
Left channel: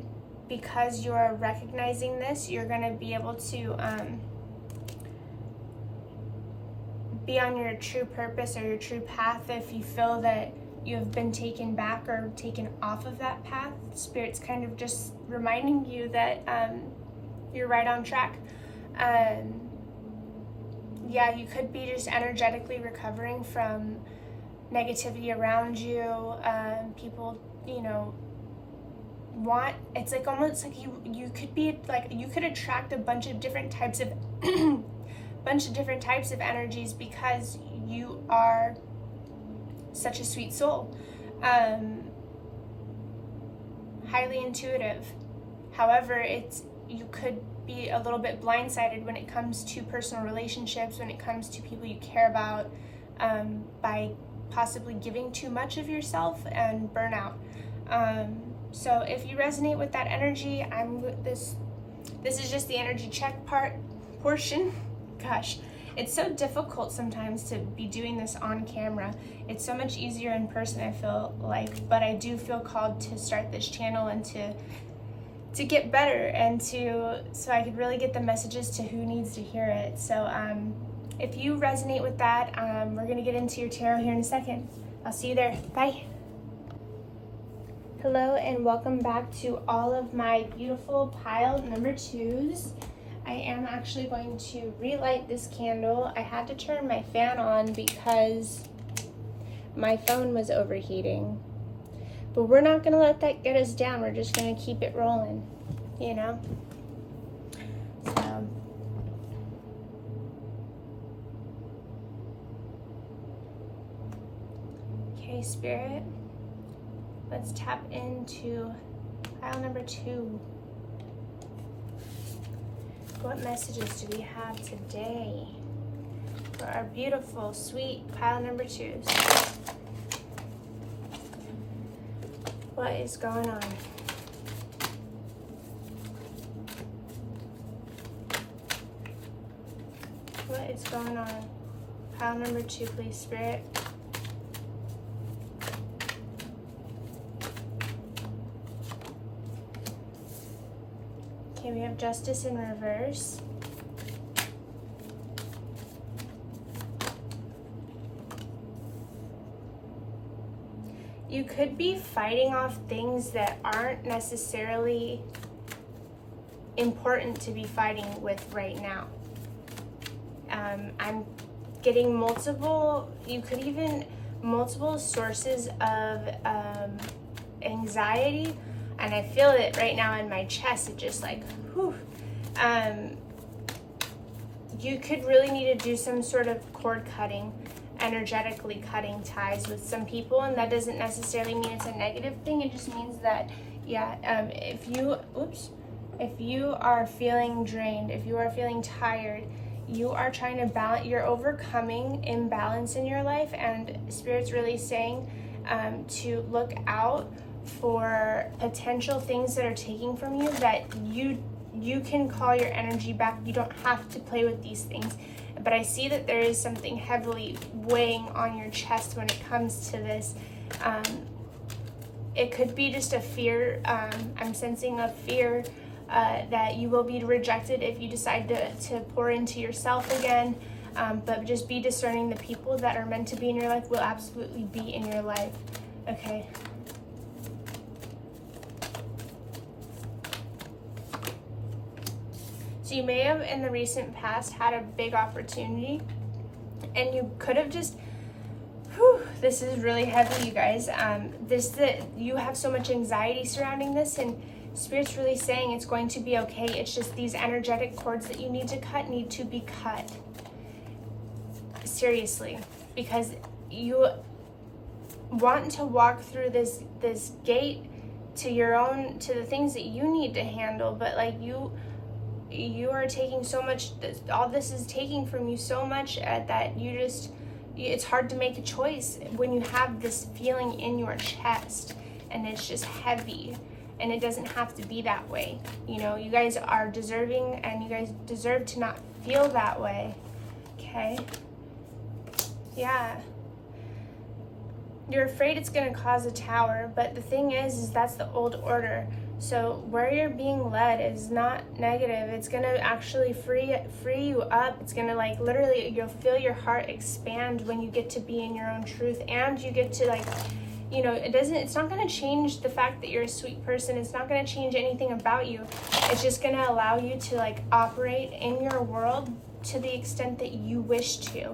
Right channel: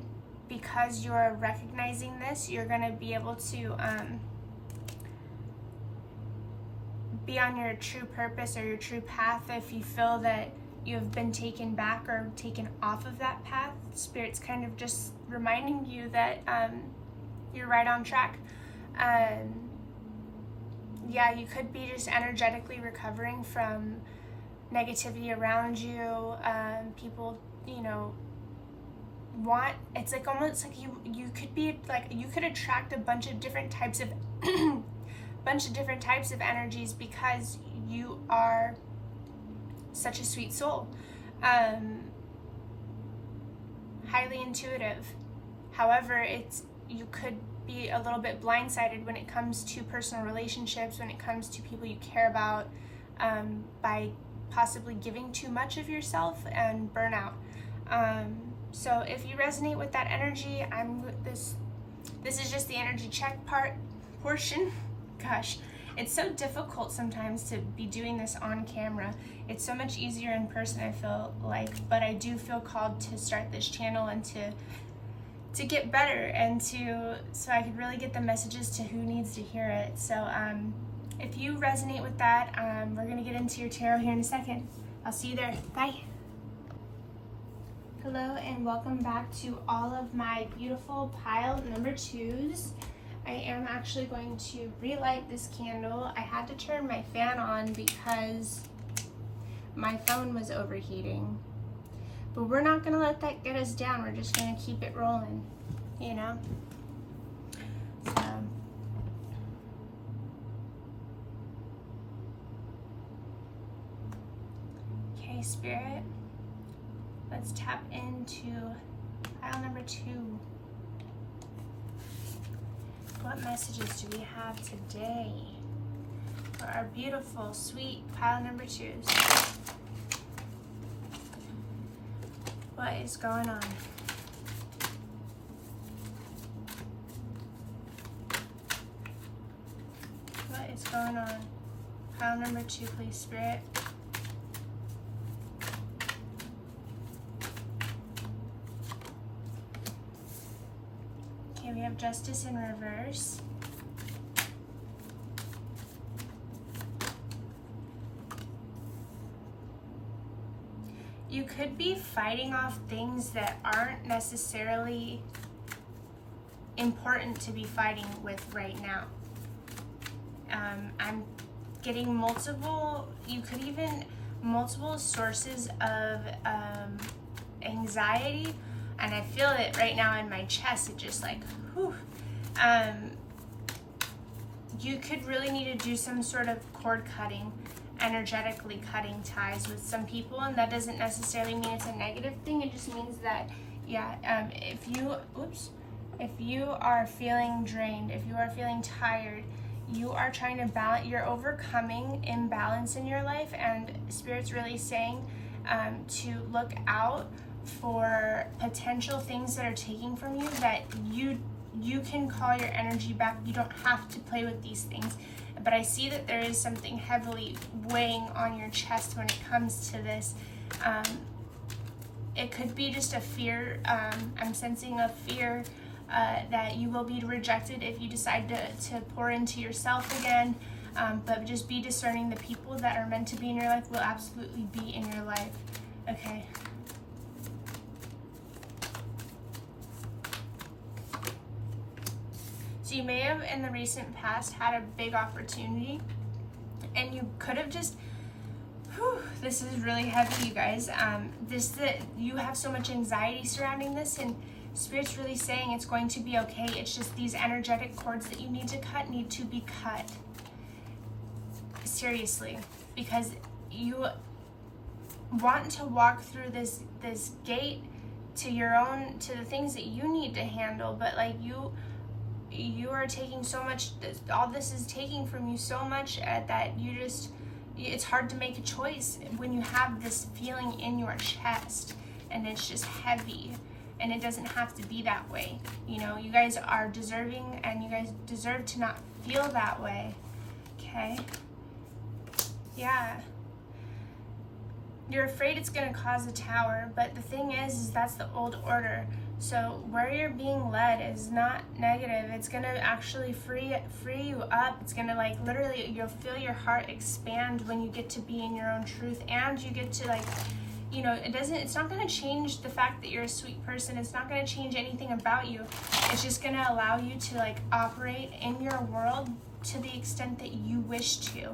because you're recognizing this, you're going to be able to be on your true purpose or your true path. If you feel that you have been taken back or taken off of that path, Spirit's kind of just reminding you that you're right on track. Yeah, you could be just energetically recovering from negativity around you. People, it's like almost like you could be like, you could attract a bunch of different types of energies because you are such a sweet soul. Highly intuitive. However, you could be a little bit blindsided when it comes to personal relationships, when it comes to people you care about, by possibly giving too much of yourself and burnout. So if you resonate with that energy, this is just the energy check portion. Gosh, it's so difficult sometimes to be doing this on camera. It's so much easier in person, I feel like, but I do feel called to start this channel and to get better and so I could really get the messages to who needs to hear it. So if you resonate with that, we're gonna get into your tarot here in a second. I'll see you there. Bye. Hello and welcome back to all of my beautiful pile number 2s. I am actually going to relight this candle. I had to turn my fan on because my phone was overheating. But we're not going to let that get us down. We're just going to keep it rolling, So Okay, Spirit, let's tap into pile number 2. What messages do we have today for our beautiful, sweet pile number 2s? What is going on? What is going on? Pile number 2, please, Spirit. Okay, we have Justice in reverse. You could be fighting off things that aren't necessarily important to be fighting with right now. I'm getting multiple sources of anxiety, and I feel it right now in my chest. It just like, whew. You could really need to do some sort of cord cutting, energetically cutting ties with some people, and that doesn't necessarily mean it's a negative thing. It just means that, yeah, if you are feeling drained, if you are feeling tired, you are trying to balance, you're overcoming imbalance in your life, and Spirit's really saying to look out for potential things that are taking from you, that you can call your energy back. You don't have to play with these things. But I see that there is something heavily weighing on your chest when it comes to this. It could be just a fear. I'm sensing a fear that you will be rejected if you decide to pour into yourself again. But just be discerning. The people that are meant to be in your life will absolutely be in your life. Okay. So you may have in the recent past had a big opportunity, and you could have just, this is really heavy, you guys. That you have so much anxiety surrounding this, and Spirit's really saying it's going to be okay. It's just these energetic cords that you need to be cut. Seriously, because you want to walk through this gate to the things that you need to handle, but like you are taking so much, all this is taking from you so much that it's hard to make a choice when you have this feeling in your chest, and it's just heavy, and it doesn't have to be that way. You know, you guys are deserving, and you guys deserve to not feel that way. Okay? Yeah. You're afraid it's going to cause a tower, but the thing is that's the old order. So where you're being led is not negative. It's going to actually free you up. It's going to, like, literally, you'll feel your heart expand when you get to be in your own truth, and you get to, like, you know, it's not going to change the fact that you're a sweet person. It's not going to change anything about you. It's just going to allow you to, like, operate in your world to the extent that you wish to.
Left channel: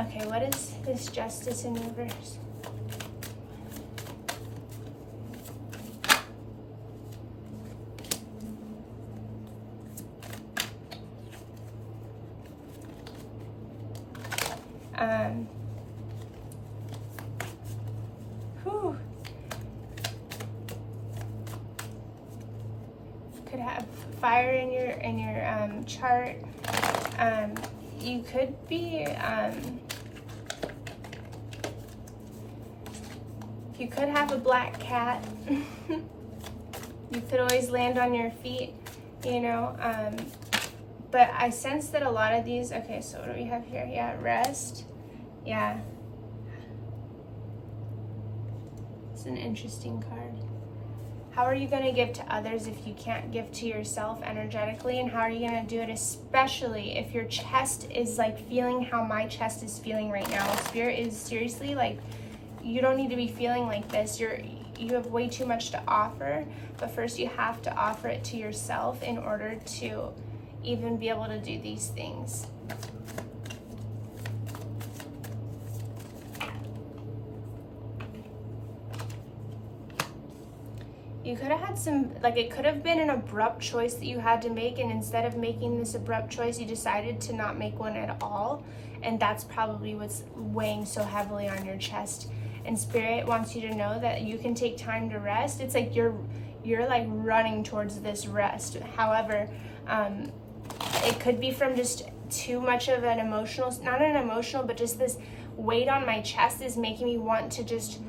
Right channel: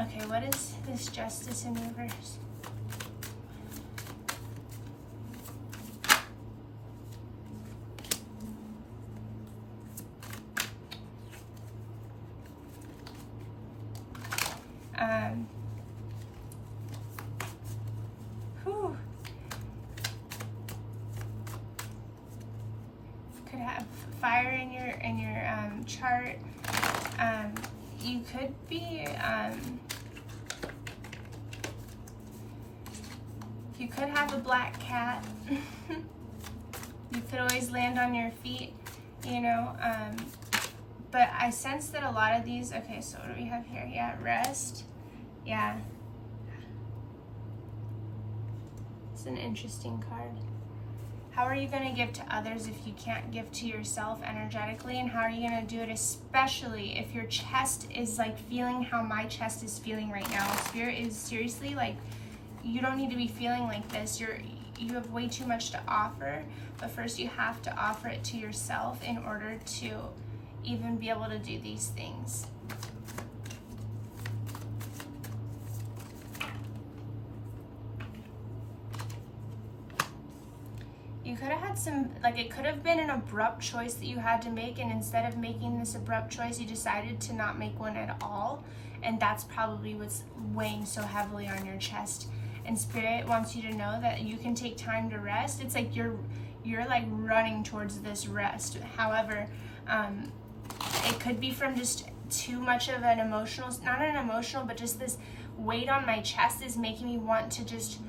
Okay, what is this Justice in reverse? Could have fire in your chart. You could be you could have a black cat. You could always land on your feet, you know. But I sense that a lot of these, okay, so what do we have here? Yeah, rest. Yeah. It's an interesting card. How are you going to give to others if you can't give to yourself energetically? And how are you going to do it, especially if your chest is like feeling how my chest is feeling right now? Spirit is seriously like, you don't need to be feeling like this. You have way too much to offer, but first you have to offer it to yourself in order to even be able to do these things. You could have had some, like, it could have been an abrupt choice that you had to make, and instead of making this abrupt choice, you decided to not make one at all, and that's probably what's weighing so heavily on your chest. and Spirit wants you to know that you can take time to rest. It's like you're like running towards this rest. However, it could be from just too much of an emotional, not an emotional, but just this weight on my chest is making me want to just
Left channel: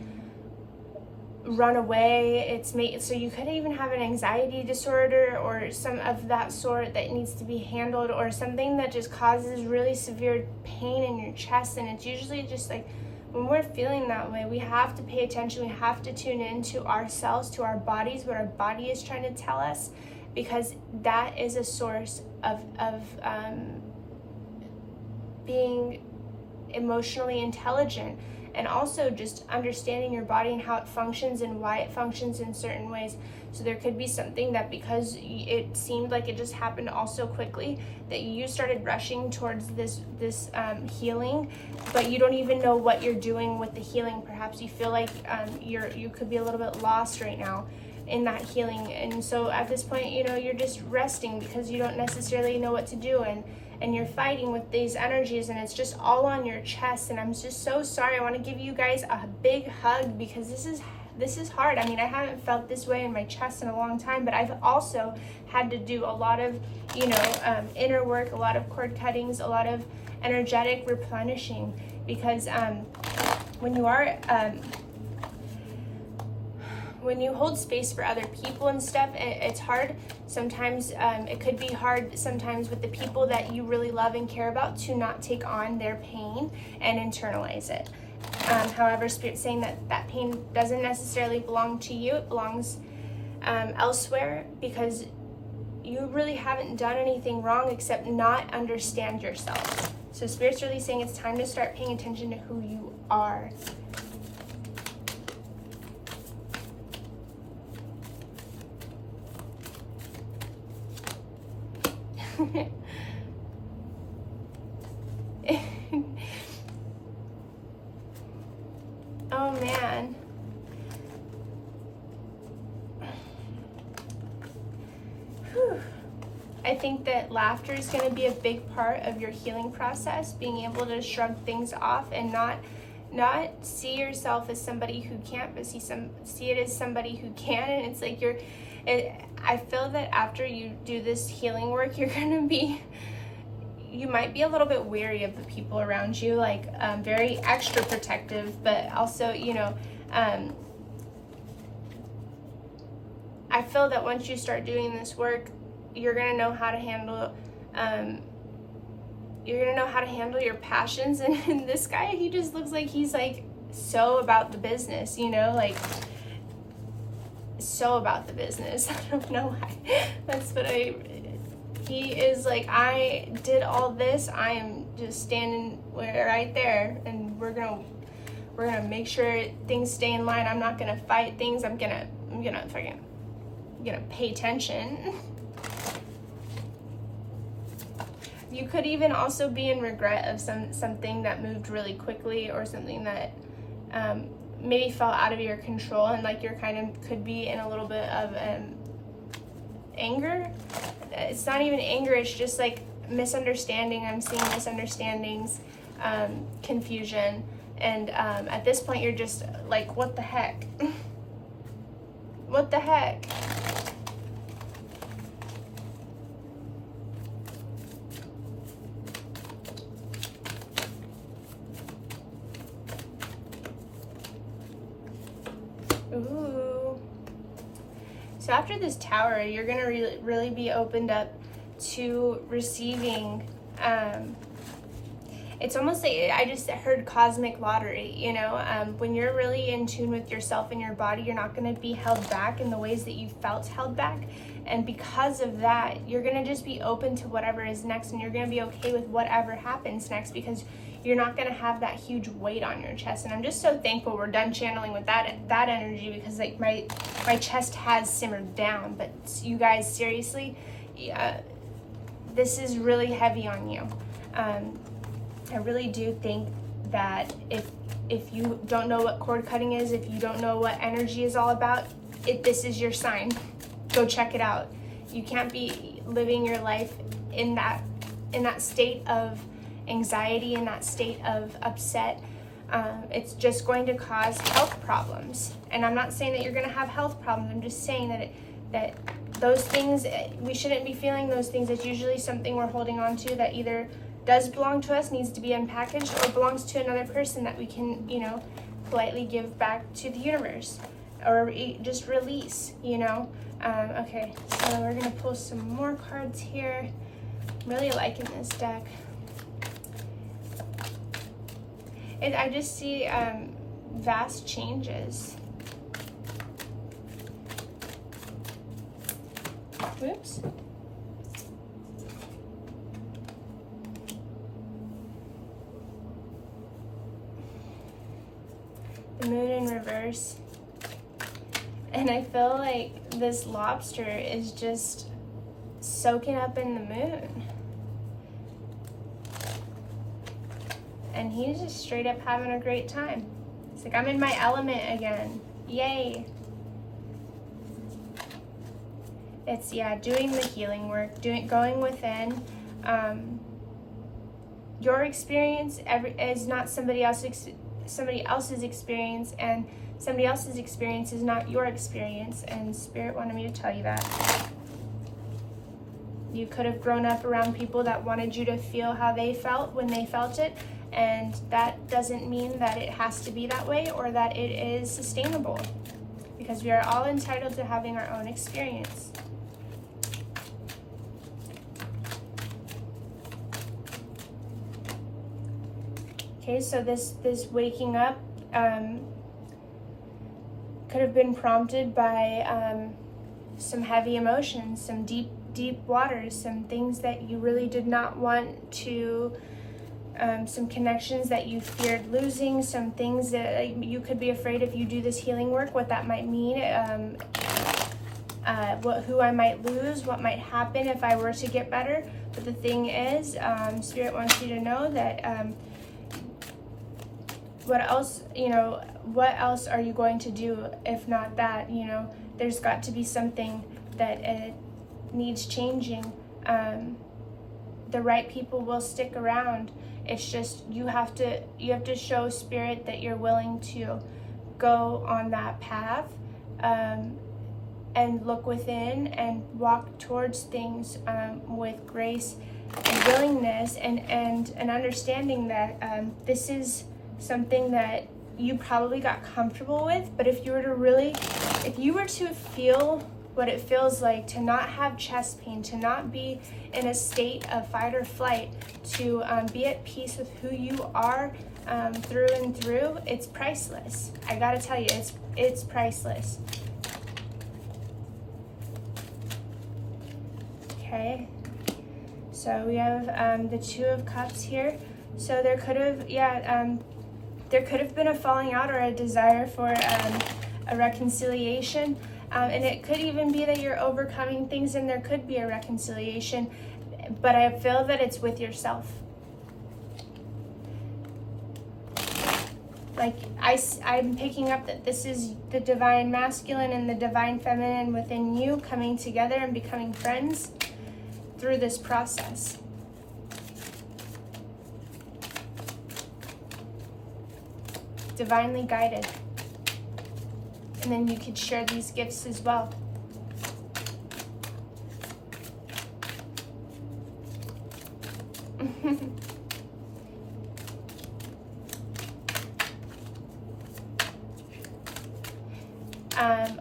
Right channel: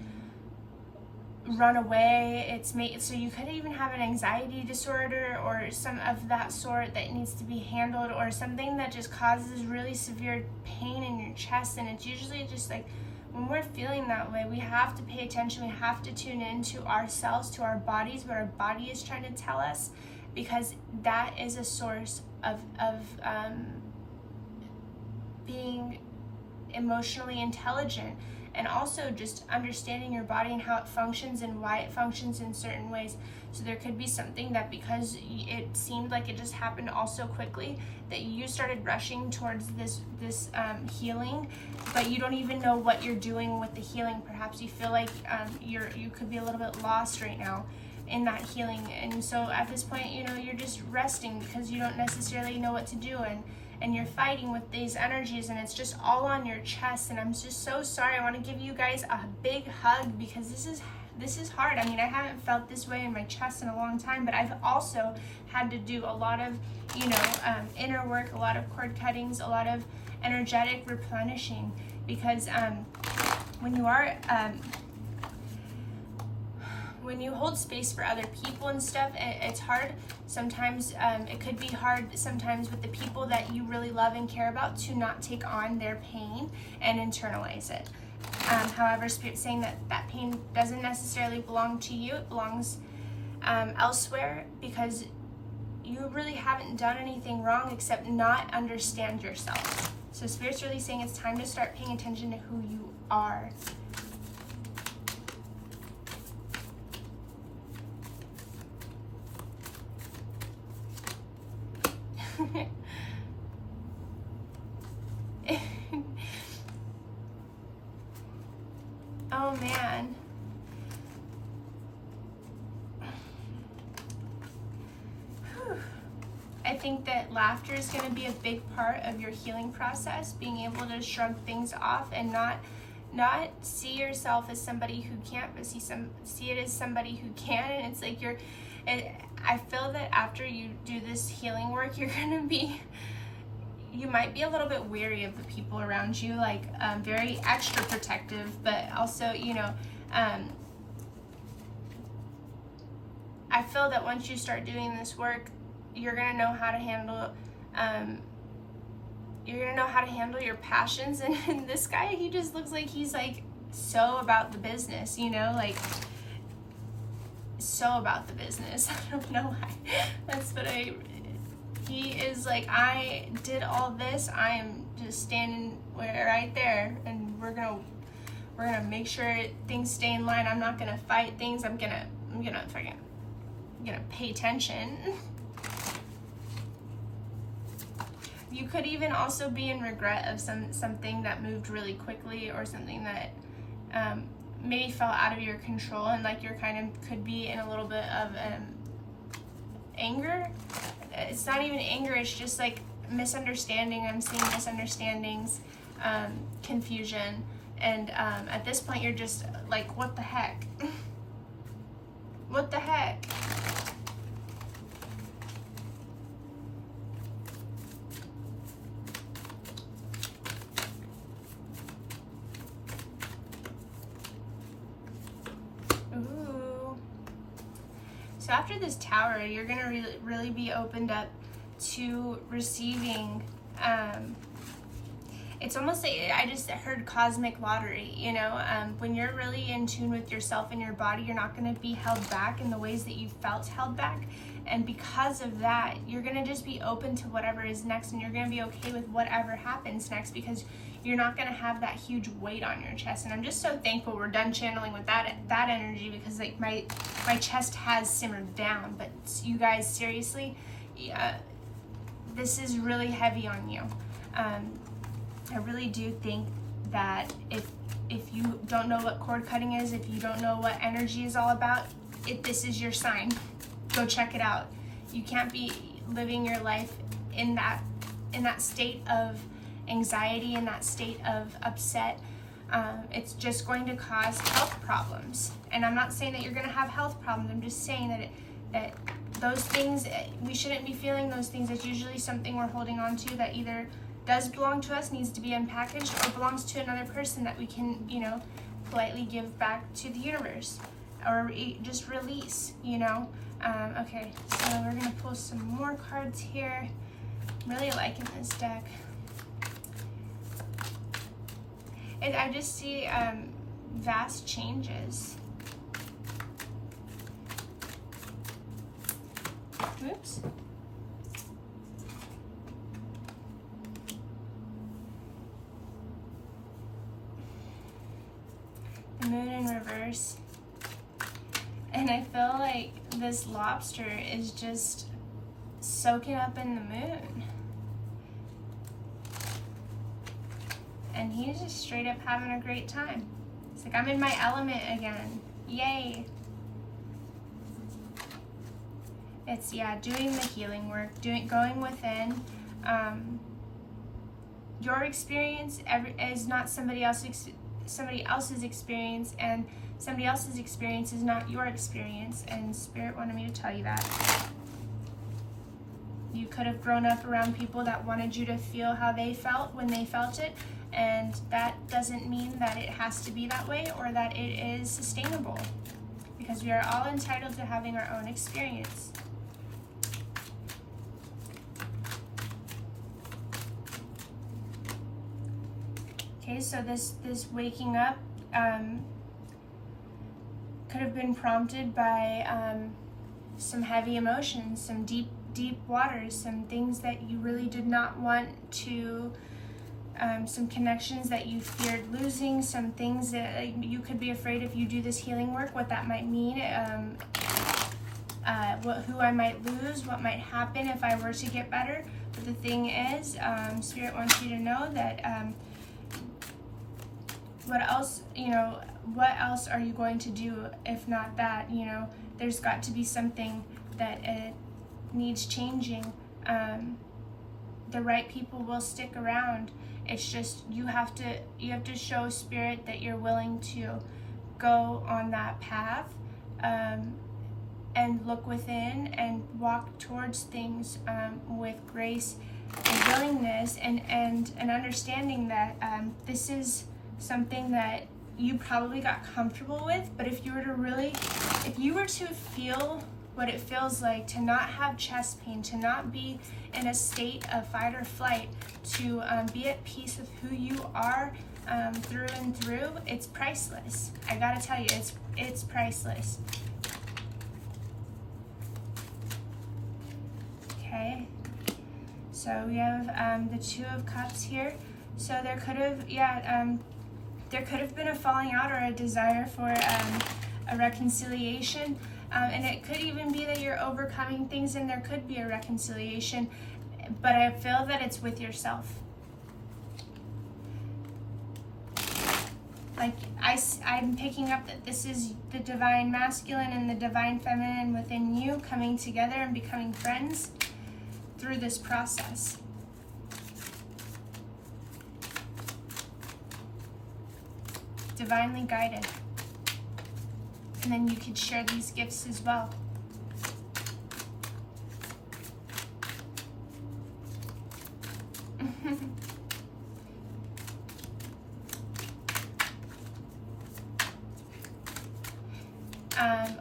run away. So you could even have an anxiety disorder or some of that sort that needs to be handled, or something that just causes really severe pain in your chest. And it's usually just like, when we're feeling that way, we have to pay attention. We have to tune into ourselves, to our bodies, what our body is trying to tell us, because that is a source of being emotionally intelligent, and also just understanding your body and how it functions and why it functions in certain ways. So there could be something that, because it seemed like it just happened all so quickly, that you started rushing towards this healing, but you don't even know what you're doing with the healing. Perhaps you feel like you could be a little bit lost right now in that healing, and so at this point, you're just resting because you don't necessarily know what to do, and you're fighting with these energies, and it's just all on your chest. And I'm just so sorry. I want to give you guys a big hug, because this is hard. I mean, I haven't felt this way in my chest in a long time, but I've also had to do a lot of inner work, a lot of cord cuttings, a lot of energetic replenishing, because when you are when you hold space for other people and stuff, it's hard. Sometimes it could be hard sometimes with the people that you really love and care about to not take on their pain and internalize it. However, Spirit's saying that pain doesn't necessarily belong to you. It belongs elsewhere, because you really haven't done anything wrong except not understand yourself. So Spirit's really saying it's time to start paying attention to who you are. Oh man. Whew. I think that laughter is going to be a big part of your healing process, being able to shrug things off and not see yourself as somebody who can't, but see it as somebody who can. And it's like I feel that after you do this healing work, you might be a little bit weary of the people around you, like very extra protective, but also, I feel that once you start doing this work, you're gonna know how to handle your passions. And this guy, he just looks like he's like so about the business, so about the business. I don't know why. That's what he is like, I did all this, I am just standing right there, and we're gonna make sure things stay in line. I'm not gonna fight things. I'm gonna pay attention. You could even also be in regret of something that moved really quickly, or something that maybe fell out of your control, and like you're could be in a little bit of anger. It's not even anger, it's just like misunderstanding. I'm seeing misunderstandings, confusion, and at this point you're just like, what the heck? What the heck? Ooh. So after this Tower, you're gonna really be opened up to receiving. It's almost like I just heard cosmic lottery. When you're really in tune with yourself and your body, you're not gonna be held back in the ways that you felt held back. And because of that, you're gonna just be open to whatever is next, and you're gonna be okay with whatever happens next, because you're not gonna have that huge weight on your chest. And I'm just so thankful we're done channeling with that energy, because like my chest has simmered down. But you guys, seriously, this is really heavy on you. I really do think that if you don't know what cord cutting is, if you don't know what energy is all about, this is your sign. Go check it out. You can't be living your life in that state of anxiety, in that state of upset, It's just going to cause health problems. And I'm not saying that you're going to have health problems. I'm just saying that those things, we shouldn't be feeling those things. It's usually something we're holding on to that either does belong to us, needs to be unpackaged, or belongs to another person that we can, you know, politely give back to the universe, or just release, you know. Okay, so we're gonna pull some more cards here. I'm really liking this deck. And I just see vast changes. Whoops. The moon in reverse. And I feel like this lobster is just soaking up in the moon. And he's just straight up having a great time. It's like, I'm in my element again. Yay. It's, yeah, doing the healing work, going within. Your experience is not somebody else's experience, and somebody else's experience is not your experience, and Spirit wanted me to tell you that. You could have grown up around people that wanted you to feel how they felt when they felt it, and that doesn't mean that it has to be that way or that it is sustainable, because we are all entitled to having our own experience. Okay, so this waking up could have been prompted by some heavy emotions, some deep waters, some things that you really did not want to, some connections that you feared losing, some things that you could be afraid if you do this healing work, what that might mean, who I might lose, what might happen if I were to get better. But the thing is, Spirit wants you to know that what else are you going to do if not that? You know, there's got to be something that needs changing. The right people will stick around. It's just you have to show Spirit that you're willing to go on that path, and look within and walk towards things with grace and willingness, and an understanding that this is something that you probably got comfortable with. But if you were to feel what it feels like to not have chest pain, to not be in a state of fight or flight, to be at peace with who you are through and through, it's priceless. I gotta tell you, it's priceless. Okay, so we have the Two of Cups here. So there could have, there could have been a falling out or a desire for a reconciliation. And it could even be that you're overcoming things and there could be a reconciliation, but I feel that it's with yourself. Like I'm picking up that this is the divine masculine and the divine feminine within you coming together and becoming friends through this process. Divinely guided. And then you could share these gifts as well.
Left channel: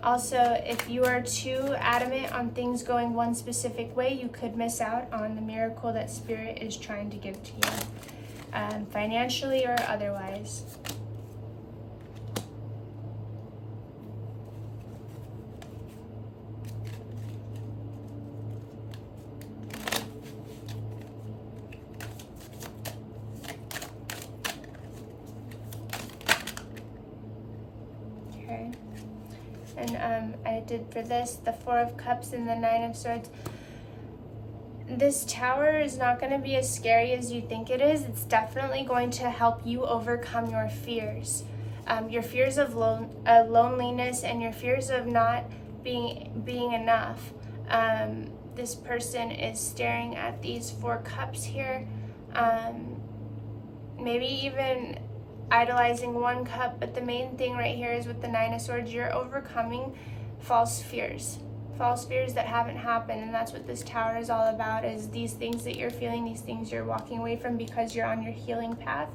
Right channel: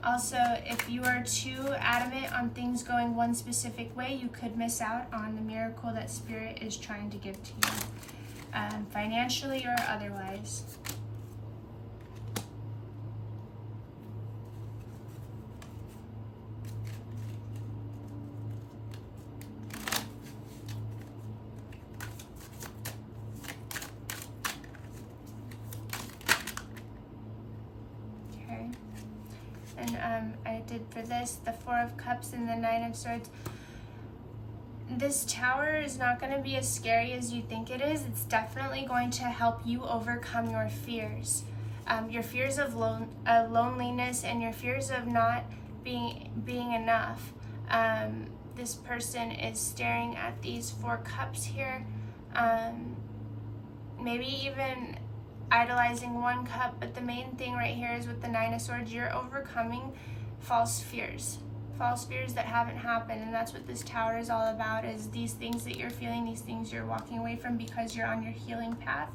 Also, if you are too adamant on things going one specific way, you could miss out on the miracle that Spirit is trying to give to you, financially or otherwise. And I did for this the Four of Cups and the Nine of Swords. This tower is not going to be as scary as you think it is. It's definitely going to help you overcome your fears. Your fears of loneliness and your fears of not being enough. This person is staring at these Four Cups here. Maybe even idolizing one cup, but the main thing right here is with the Nine of Swords, you're overcoming false fears that haven't happened. And that's what this Tower is all about, is these things that you're feeling, these things you're walking away from because you're on your healing path.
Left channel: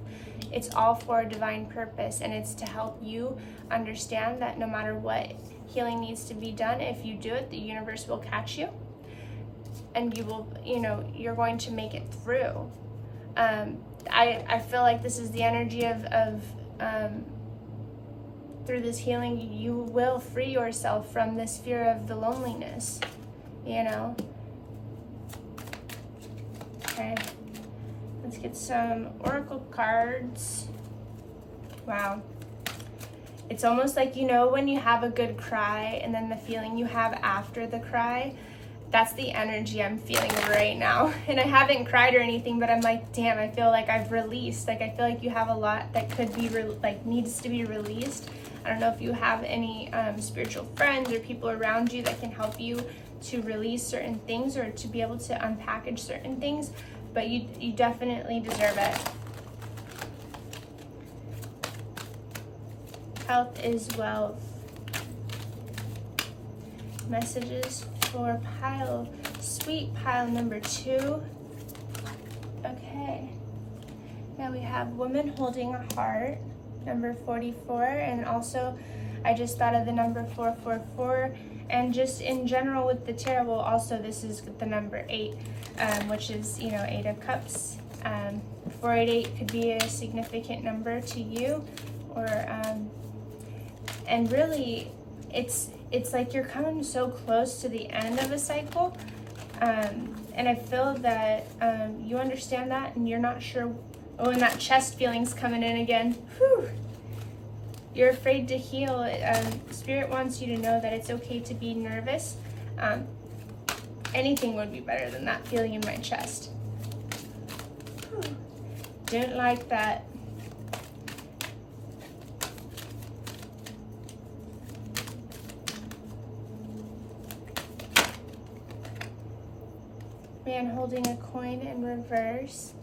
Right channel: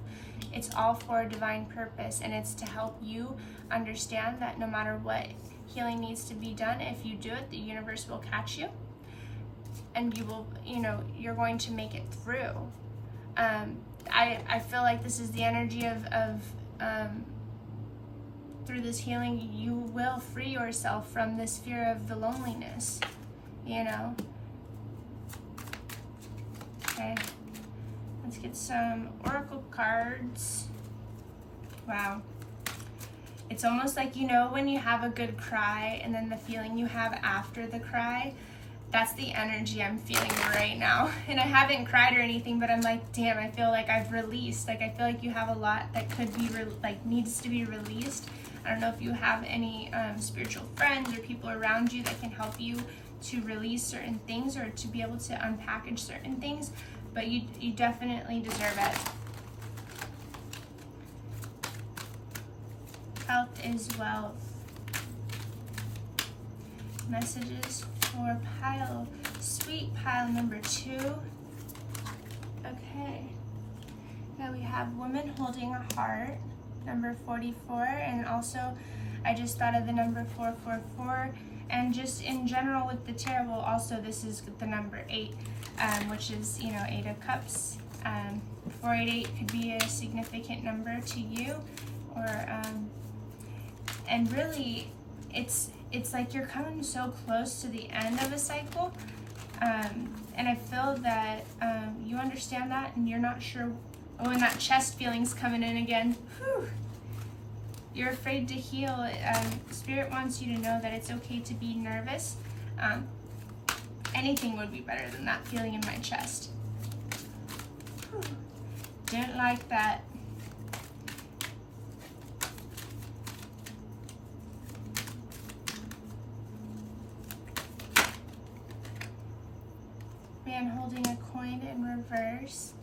It's all for a divine purpose, and it's to help you understand that no matter what healing needs to be done, if you do it, the universe will catch you, and you will, you're going to make it through. I feel like this is the energy of through this healing, you will free yourself from this fear of the loneliness, Okay, let's get some oracle cards. Wow. It's almost like, when you have a good cry and then the feeling you have after the cry, that's the energy I'm feeling right now. And I haven't cried or anything, but I'm like, damn, I feel like I've released. Like, I feel like you have a lot that could be, needs to be released. I don't know if you have any spiritual friends or people around you that can help you to release certain things or to be able to unpackage certain things, but you definitely deserve it. Health is wealth. Messages for sweet pile number 2. Okay. Now we have woman holding a heart, number 44, and also I just thought of the number 444, and just in general with the tarot, well, also this is the number 8, which is, 8 of cups. 488 could be a significant number to you, or and really it's like you're coming so close to the end of a cycle, and I feel that you understand that, and you're not sure. Oh, and that chest feeling's coming in again. Whew. You're afraid to heal. Spirit wants you to know that it's okay to be nervous. Anything would be better than that feeling in my chest. Whew. Didn't like that. Man holding a coin in reverse.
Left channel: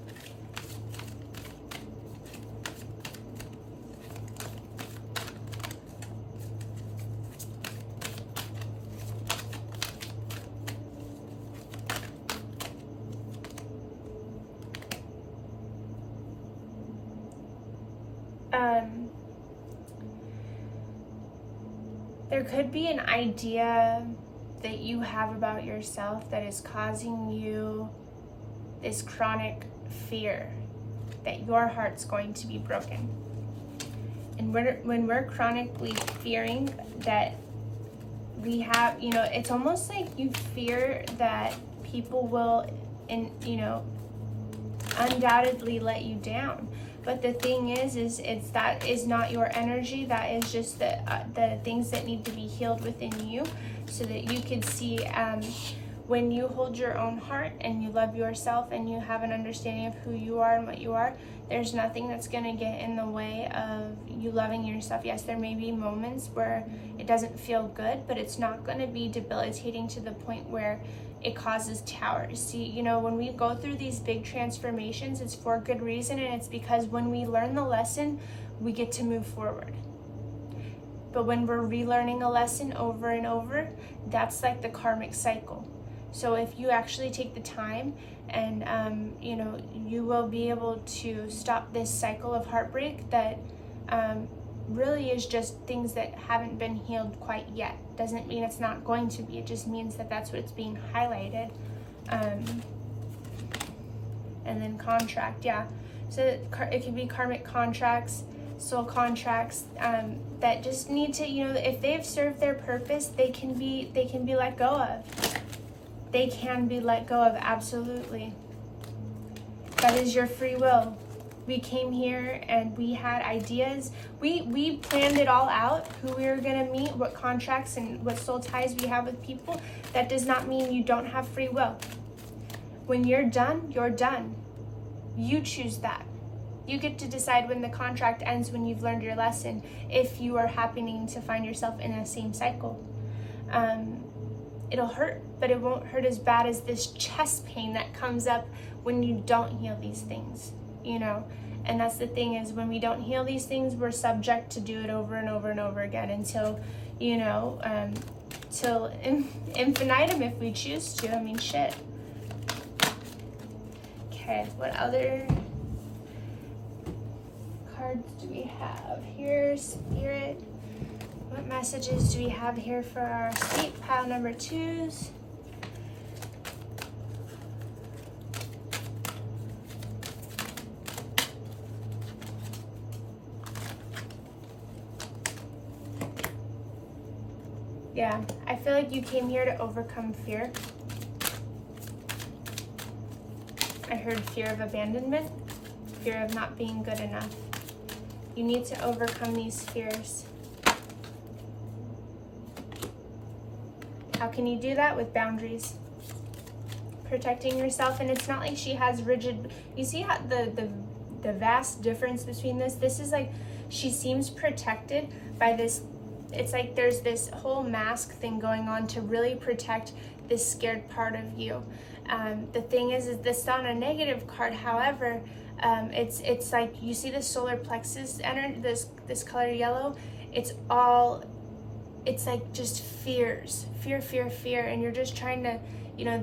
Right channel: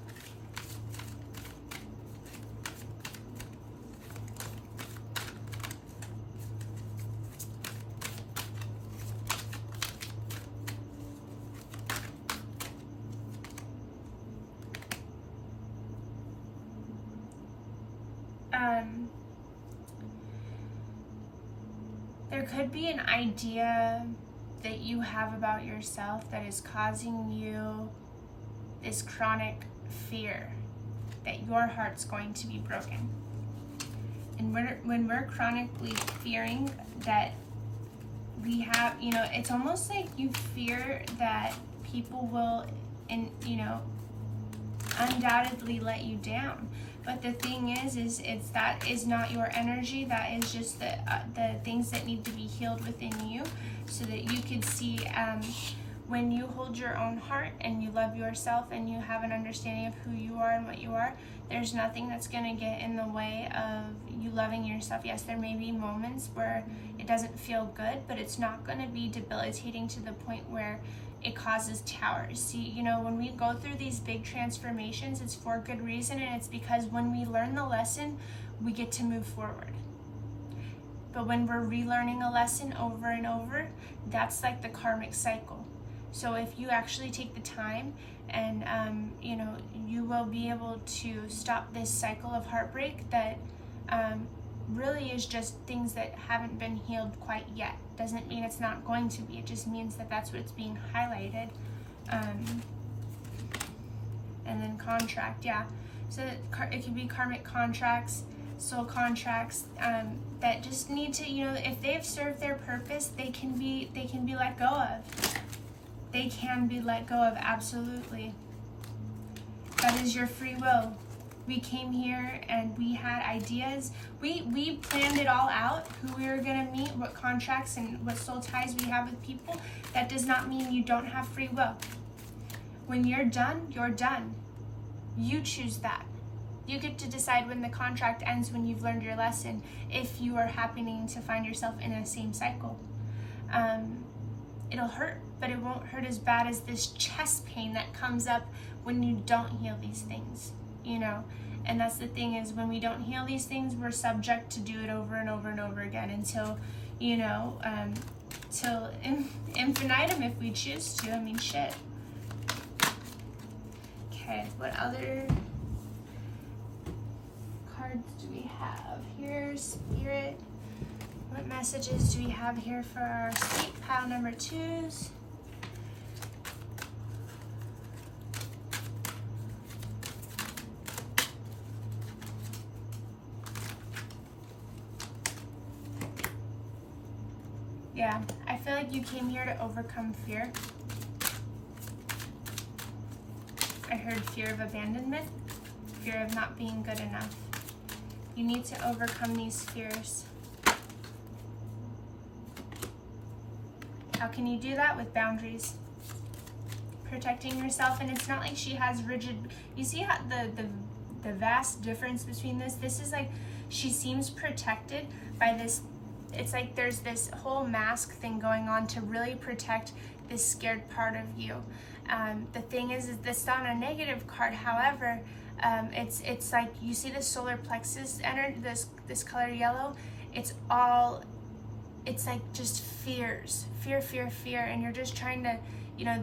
There could be an idea that you have about yourself that is causing you this chronic fear that your heart's going to be broken. And when we're chronically fearing that we have, it's almost like you fear that people will, undoubtedly let you down. But the thing is that is not your energy. That is just the things that need to be healed within you, so that you can see when you hold your own heart and you love yourself and you have an understanding of who you are and what you are, there's nothing that's going to get in the way of you loving yourself. Yes, there may be moments where it doesn't feel good, but it's not going to be debilitating to the point where it causes towers. See, when we go through these big transformations, it's for good reason, and it's because when we learn the lesson, we get to move forward. But when we're relearning a lesson over and over, that's like the karmic cycle. So if you actually take the time and, you will be able to stop this cycle of heartbreak that really is just things that haven't been healed quite yet. Doesn't mean it's not going to be. It just means that that's what's being highlighted. And then contract, yeah. So it can be karmic contracts, soul contracts that just need to, if they've served their purpose, they can be let go of. They can be let go of, absolutely. That is your free will. We came here and we had ideas. We planned it all out, who we were gonna meet, what contracts and what soul ties we have with people. That does not mean you don't have free will. When you're done, you're done. You choose that. You get to decide when the contract ends, when you've learned your lesson, if you are happening to find yourself in the same cycle. It'll hurt, but it won't hurt as bad as this chest pain that comes up when you don't heal these things, And that's the thing, is when we don't heal these things, we're subject to do it over and over and over again until, you know, till infinitum if we choose to. I mean, shit. Okay, what other cards do we have here, Spirit? What messages do we have here for our snake pile number 2s? Yeah, I feel like you came here to overcome fear. I heard fear of abandonment, fear of not being good enough. You need to overcome these fears. How can you do that? With boundaries. Protecting yourself. And it's not like she has rigid, you see how the vast difference between this? This is like, she seems protected by this. It's like there's this whole mask thing going on to really protect this scared part of you. The thing is this not a negative card. However, it's like, you see the solar plexus energy, this color yellow. It's like just fear, and you're just trying to, you know,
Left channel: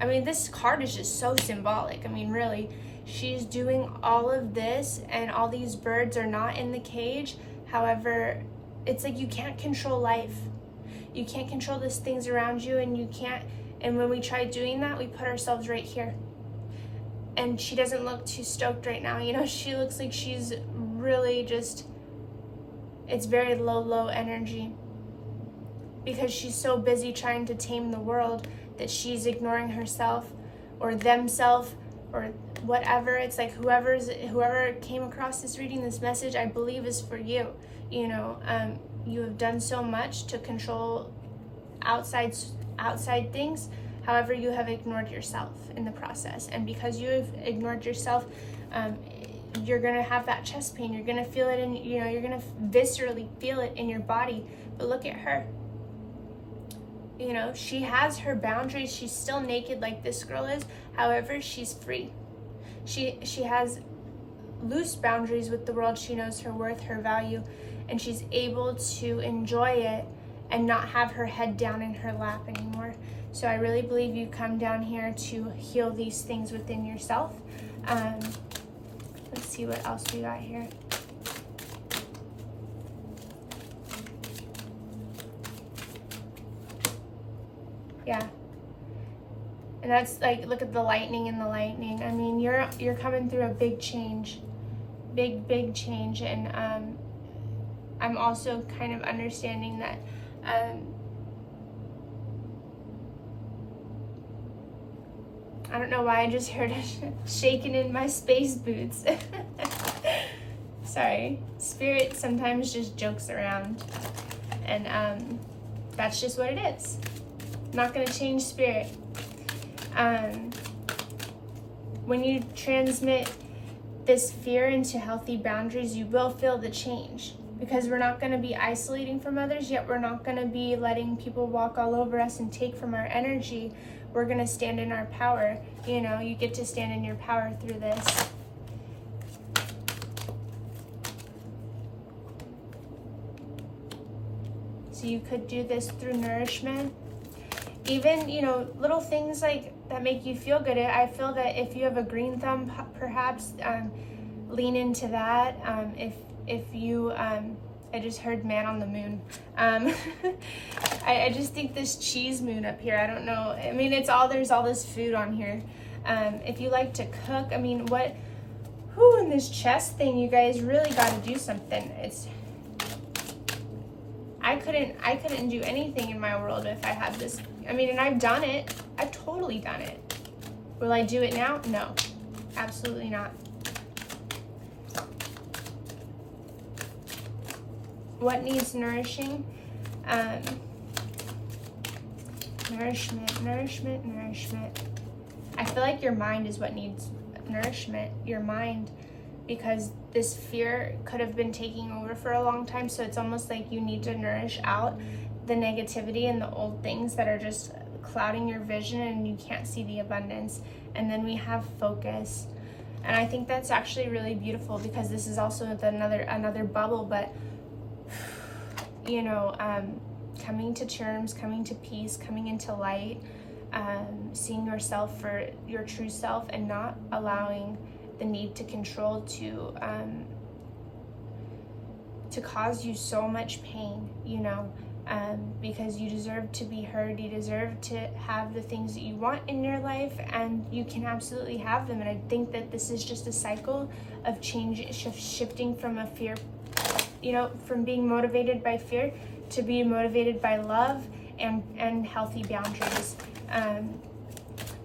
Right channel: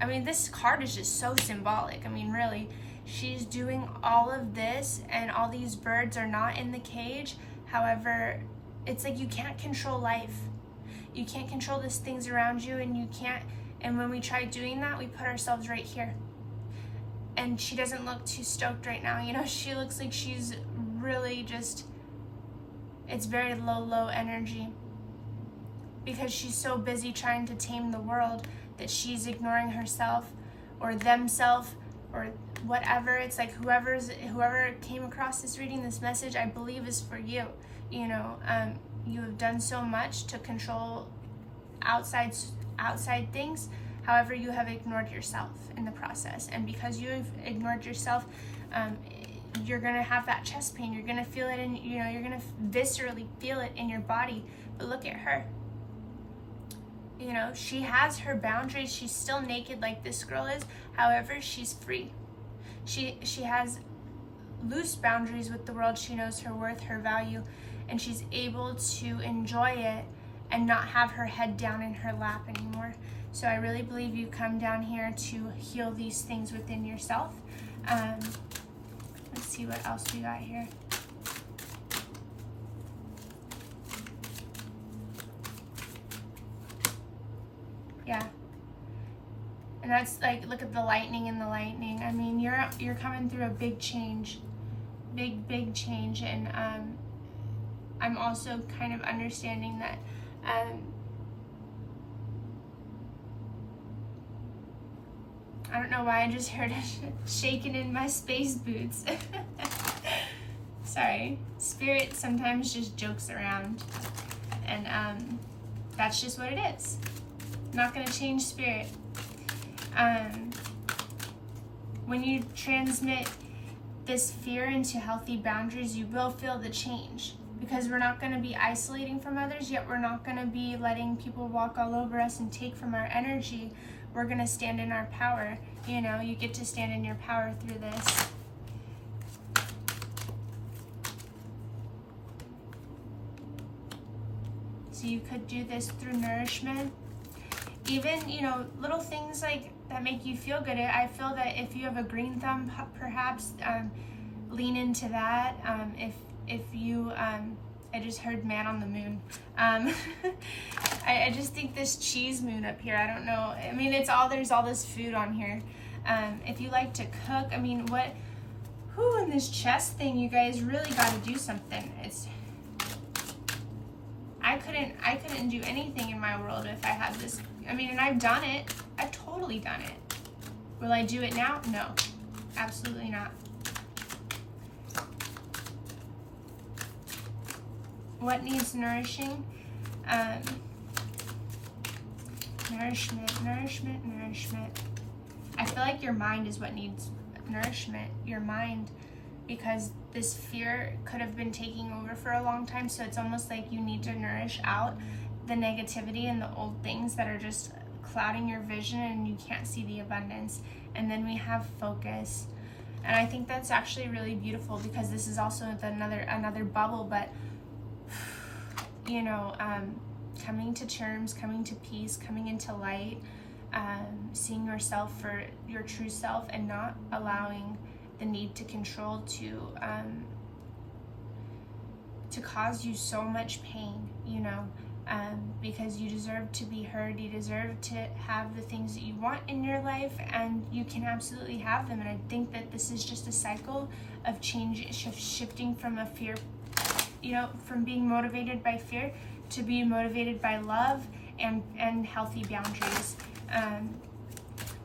I mean, this card is just so symbolic. I mean, really, she's doing all of this, and all these birds are not in the cage. However, it's like you can't control life. You can't control these things around you, and you can't. And when we try doing that, we put ourselves right here. And she doesn't look too stoked right now. You know, she looks like she's really just, it's very low energy. Because she's so busy trying to tame the world that she's ignoring herself or themself or whatever. It's like whoever came across this reading, this message, I believe is for you. You know, you have done so much to control outside things. However, you have ignored yourself in the process. And because you have ignored yourself, you're going to have that chest pain. You're going to feel it in, you know, you're going to viscerally feel it in your body. But look at her. You know, she has her boundaries. She's still naked like this girl is. However, she's free. She has loose boundaries with the world. She knows her worth, her value, and she's able to enjoy it and not have her head down in her lap anymore. So I really believe you come down here to heal these things within yourself. Let's see what else we got here. Yeah. And that's like, look at the lightning and the lightning. I mean, you're coming through a big change. Big change. And I'm also kind of understanding that I don't know why I just heard it shaking in my space boots. Sorry. Spirit sometimes just jokes around. And that's just what it is. Not going to change Spirit. When you transmit this fear into healthy boundaries, you will feel the change. Because we're not going to be isolating from others, yet we're not going to be letting people walk all over us and take from our energy. We're going to stand in our power. You know, you get to stand in your power through this. So you could do this through nourishment. Even, you know, little things like that make you feel good. I feel that if you have a green thumb, perhaps lean into that. If you, I just heard man on the moon. I just think this cheese moon up here, I don't know. I mean, there's all this food on here. If you like to cook, I mean, in this chest thing, you guys really got to do something. I couldn't do anything in my world if I had this. I mean, and I've done it. I've totally done it. Will I do it now? No, absolutely not. What needs nourishing? Nourishment. I feel like your mind is what needs nourishment. Your mind, because this fear could have been taking over for a long time. So it's almost like you need to nourish out the negativity and the old things that are just clouding your vision and you can't see the abundance. And then we have focus. And I think that's actually really beautiful, because this is also another bubble, but you know, coming to terms, coming to peace, coming into light, seeing yourself for your true self, and not allowing the need to control to cause you so much pain, you know, because you deserve to be heard, you deserve to have the things that you want in your life, and you can absolutely have them. And I think that this is just a cycle of change, shifting from a fear, you know, from being motivated by fear to be motivated by love and healthy boundaries.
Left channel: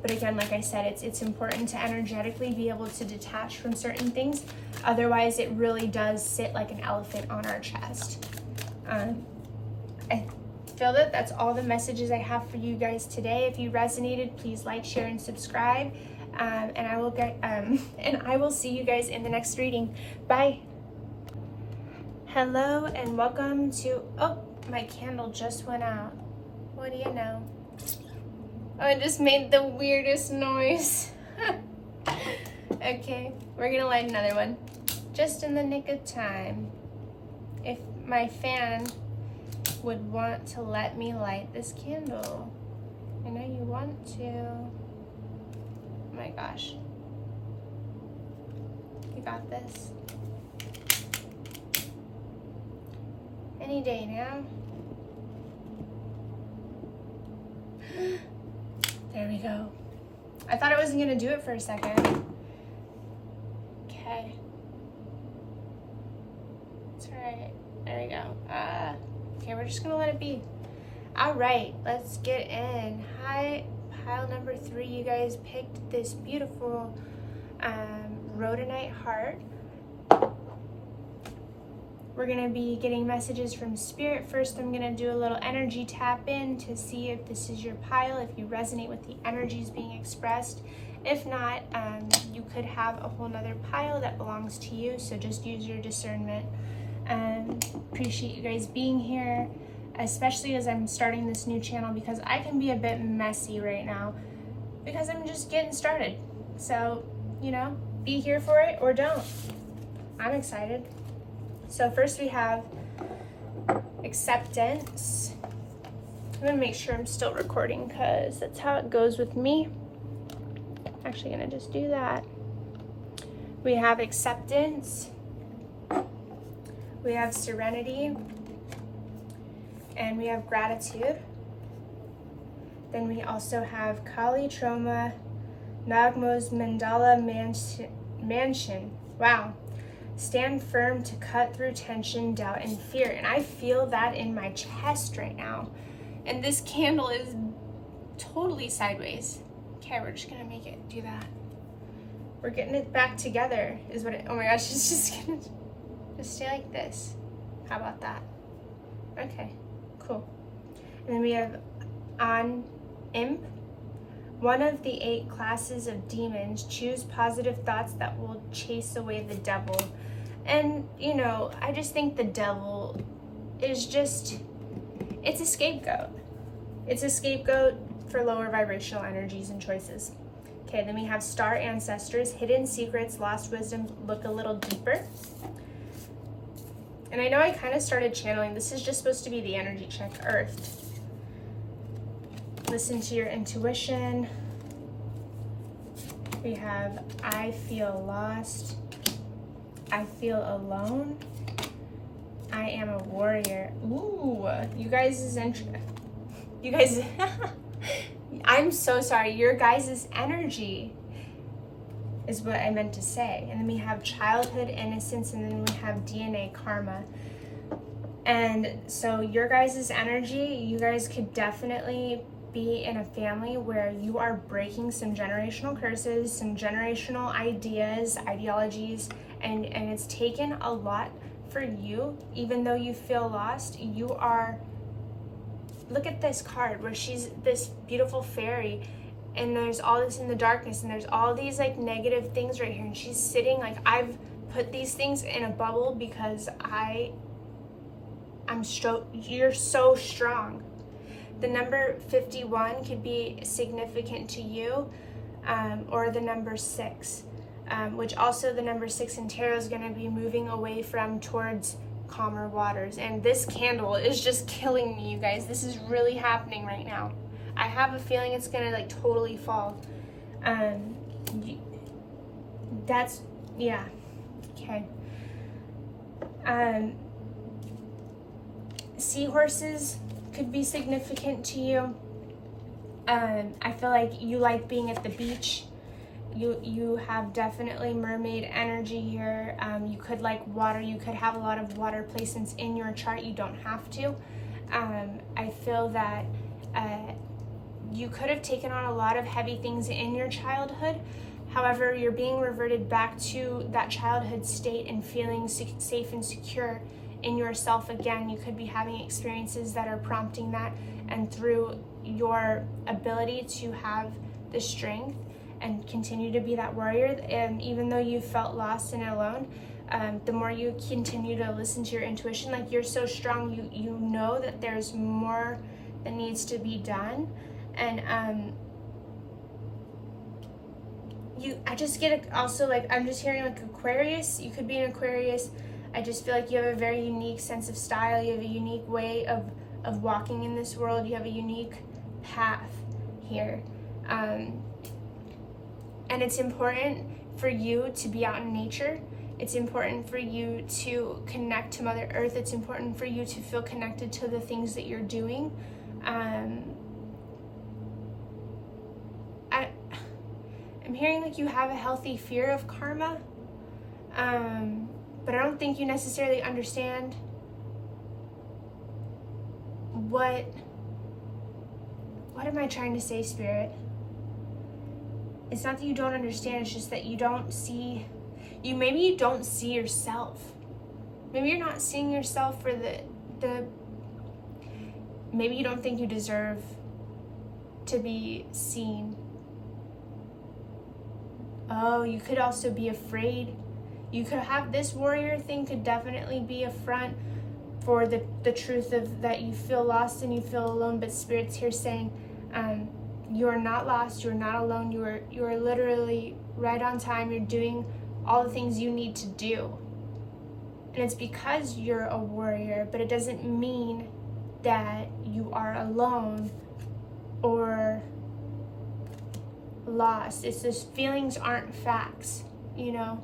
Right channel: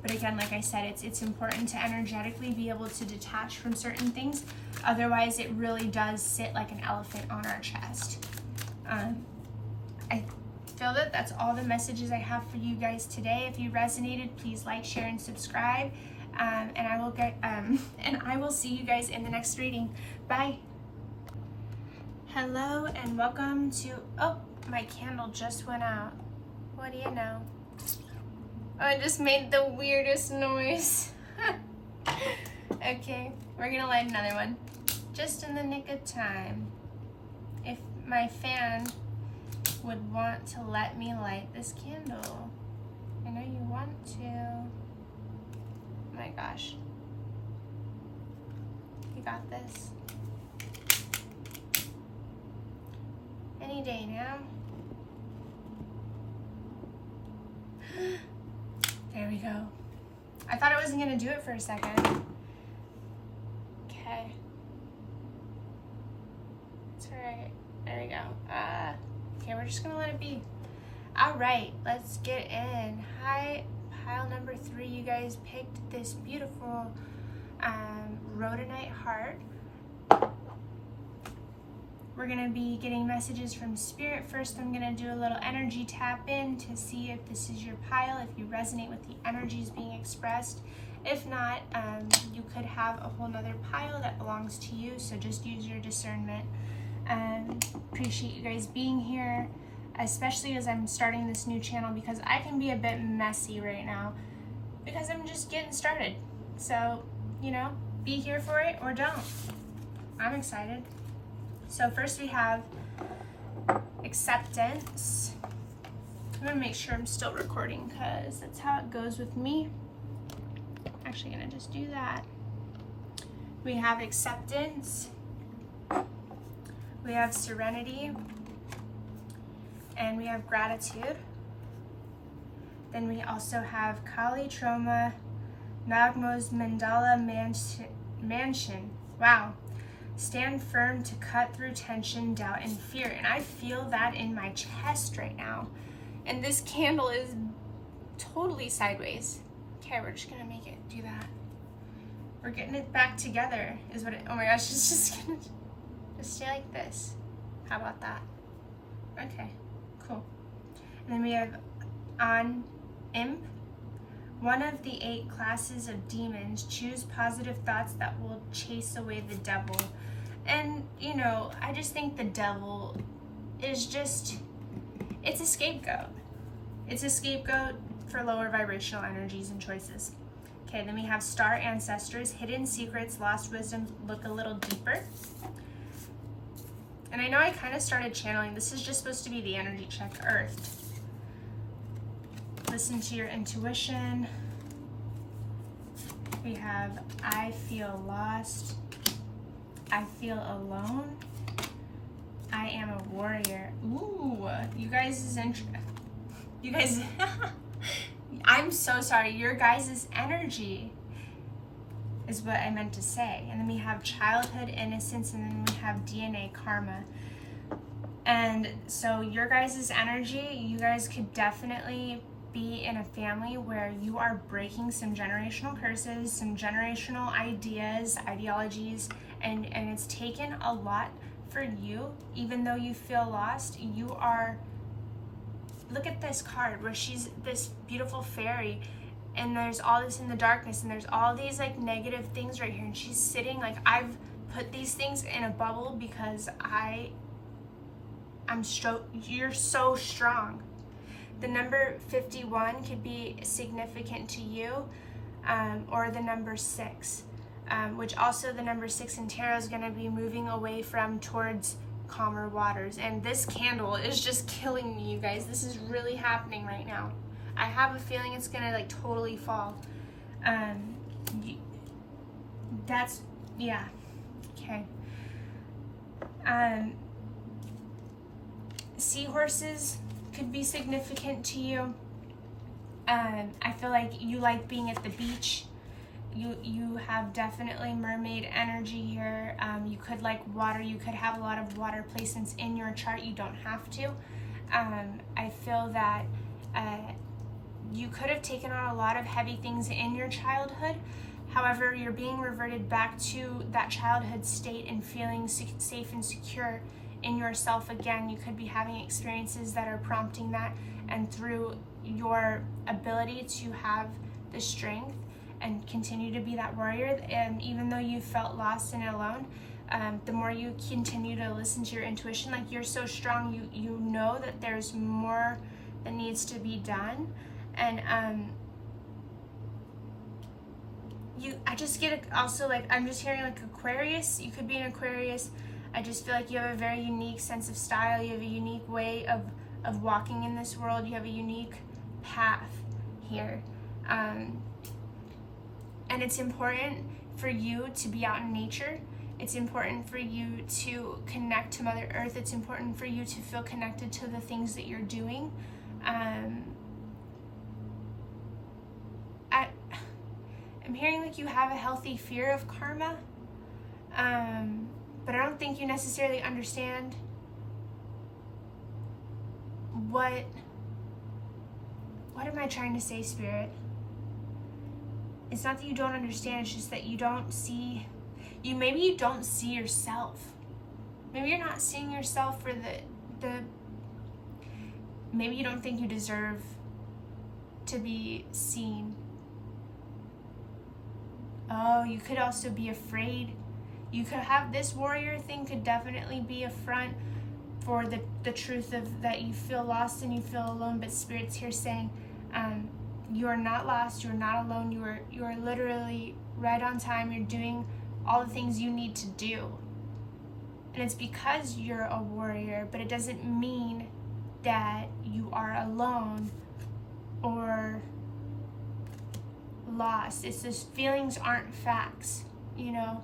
But again, like I said, it's important to energetically be able to detach from certain things. Otherwise, it really does sit like an elephant on our chest. I feel that that's all the messages I have for you guys today. If you resonated, please like, share, and subscribe. And I will see you guys in the next reading. Bye. Hello and welcome to, oh, my candle just went out. What do you know? Oh, it just made the weirdest noise. Okay, we're gonna light another one. Just in the nick of time. If my fan would want to let me light this candle. I know you want to. Oh my gosh. You got this. Any day now. There we go. I thought I wasn't gonna do it for a second. Okay. It's alright. There we go. Okay, we're just gonna let it be. Alright, let's get in. Hi, pile number 3. You guys picked this beautiful Rhodonite heart. We're going to be getting messages from Spirit. First, I'm going to do a little energy tap in to see if this is your pile, if you resonate with the energies being expressed. If not, you could have a whole nother pile that belongs to you, so just use your discernment. Appreciate you guys being here, especially as I'm starting this new channel, because I can be a bit messy right now because I'm just getting started. So, you know, be here for it or don't. I'm excited. So first we have acceptance. I'm gonna make sure I'm still recording because that's how it goes with me. I'm actually gonna just do that. We have acceptance. We have serenity. And we have gratitude. Then we also have Kali Trauma, Nagmo's Mandala Mansion. Wow. Stand firm to cut through tension, doubt, and fear. And I feel that in my chest right now. And this candle is totally sideways. Okay, we're just gonna make it do that. We're getting it back together is what it, oh my gosh, it's just gonna just stay like this. How about that? Okay, cool. And then we have on imp. One of the 8 classes of demons. Choose positive thoughts that will chase away the devil. And, you know, I just think the devil is just, it's a scapegoat. It's a scapegoat for lower vibrational energies and choices. Okay, then we have star ancestors, hidden secrets, lost wisdom, look a little deeper. And I know I kind of started channeling. This is just supposed to be the energy check, earthed. Listen to your intuition. We have I feel lost. I feel alone. I am a warrior. Ooh, you guys is you guys I'm so sorry. Your guys' energy is what I meant to say. And then we have childhood innocence, and then we have DNA karma. And so your guys' energy, you guys could definitely be in a family where you are breaking some generational curses, some generational ideas, ideologies, and it's taken a lot for you. Even though you feel lost, you are, look at this card where she's this beautiful fairy, and there's all this in the darkness, and there's all these like negative things right here, and she's sitting like, I've put these things in a bubble because you're so strong. The number 51 could be significant to you, or the number 6. which also the number 6 in tarot is going to be moving away from towards calmer waters. And this candle is just killing me, you guys. This is really happening right now. I have a feeling it's going to like totally fall. That's, yeah, okay. Seahorses could be significant to you. I feel like you like being at the beach. You have definitely mermaid energy here. You could like water. You could have a lot of water placements in your chart. You don't have to. I feel that you could have taken on a lot of heavy things in your childhood. However, you're being reverted back to that childhood state and feeling safe and secure in yourself again. You could be having experiences that are prompting that, and through your ability to have the strength and continue to be that warrior, and even though you felt lost and alone, the more you continue to listen to your intuition, like you're so strong, you know that there's more that needs to be done. And I just get also like, I'm just hearing like Aquarius. You could be an Aquarius. I just feel like you have a very unique sense of style. You have a unique way of walking in this world. You have a unique path here. And it's important for you to be out in nature. It's important for you to connect to Mother Earth. It's important for you to feel connected to the things that you're doing. I'm hearing like you have a healthy fear of karma, but I don't think you necessarily understand what am I trying to say, Spirit? It's not that you don't understand, it's just that you don't see, maybe you don't see yourself. Maybe you're not seeing yourself for maybe you don't think you deserve to be seen. Oh, you could also be afraid. You could have this warrior thing could definitely be a front for the truth of that you feel lost and you feel alone, but Spirit's here saying, you are not lost, you are not alone, you are literally right on time, you're doing all the things you need to do. And it's because you're a warrior, but it doesn't mean that you are alone or lost. It's just feelings aren't facts, you know?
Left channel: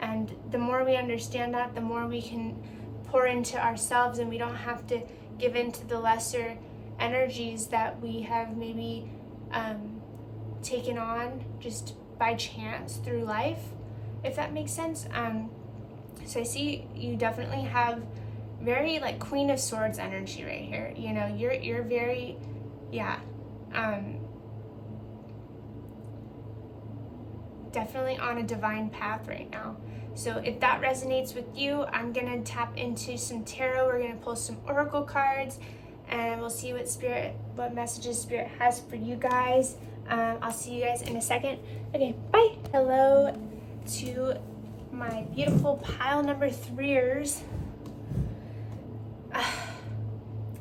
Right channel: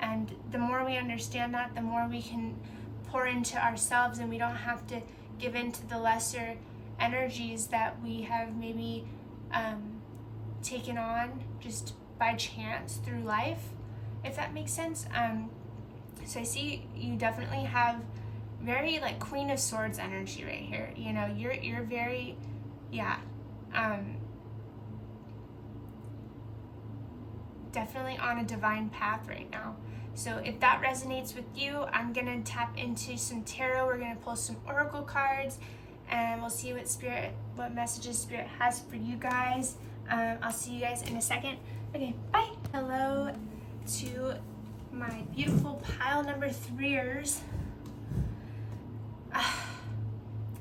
And the more we understand that, the more we can pour into ourselves, and we don't have to give in to the lesser energies that we have maybe taken on just by chance through life, if that makes sense. So I see you definitely have very like Queen of Swords energy right here. You know, you're very, yeah, definitely on a divine path right now. So if that resonates with you, I'm gonna tap into some tarot. We're gonna pull some oracle cards, and we'll see what messages Spirit has for you guys. I'll see you guys in a second. Okay, bye. Hello to my beautiful pile number 3ers.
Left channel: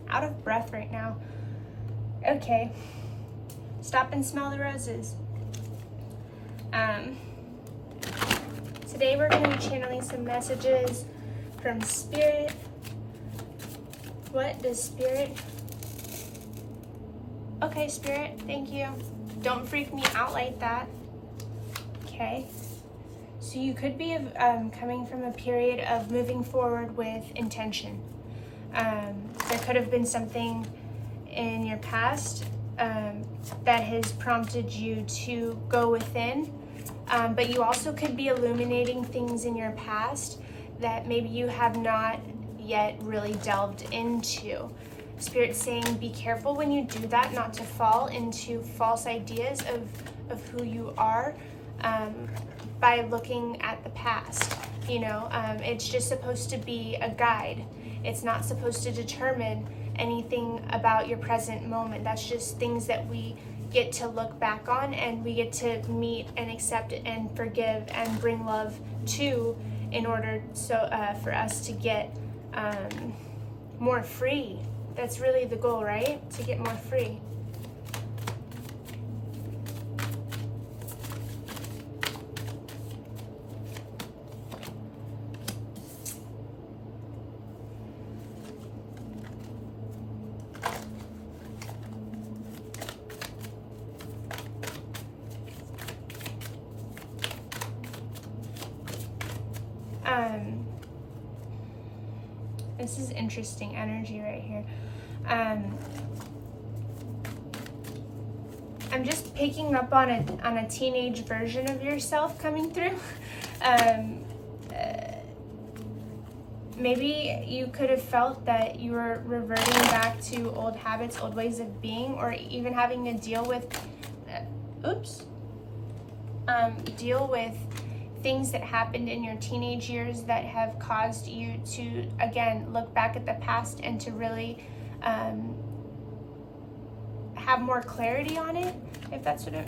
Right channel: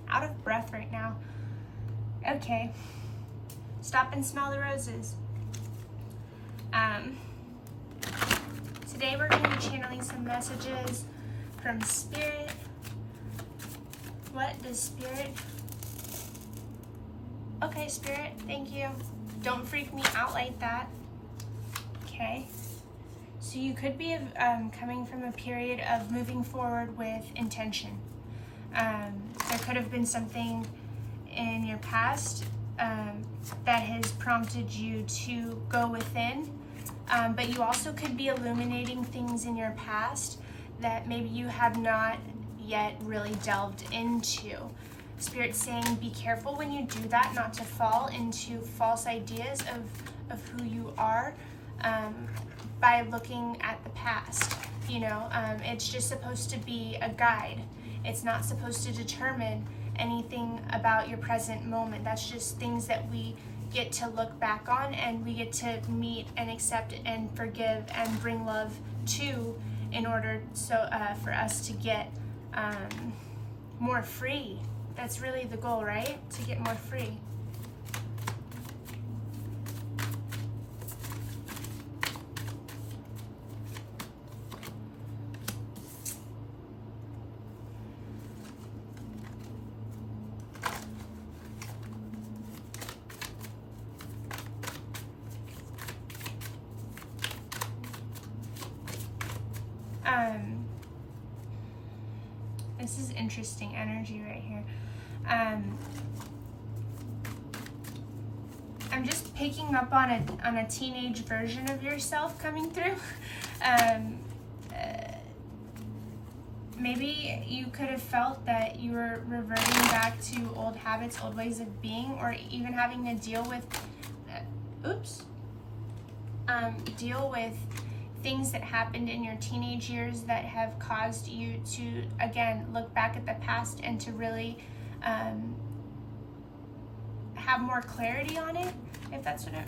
Out of breath right now. Okay, stop and smell the roses. Today we're going to be channeling some messages from Spirit. What does Spirit? Okay, Spirit, thank you. Don't freak me out like that. Okay. So you could be coming from a period of moving forward with intention. There could have been something in your past that has prompted you to go within, but you also could be illuminating things in your past that maybe you have not yet really delved into. Spirit's saying be careful when you do that, not to fall into false ideas of who you are by looking at the past. You know, it's just supposed to be a guide. It's not supposed to determine anything about your present moment. That's just things that we get to look back on, and we get to meet and accept and forgive and bring love to, in order for us to get more free. That's really the goal, right? To get more free. This is interesting energy right here. I'm just picking up on a teenage version of yourself coming through. Maybe you could have felt that you were reverting back to old habits, old ways of being, or even having to deal with, deal with things that happened in your teenage years that have caused you to, again, look back at the past and to really have more clarity on it, if that's what it...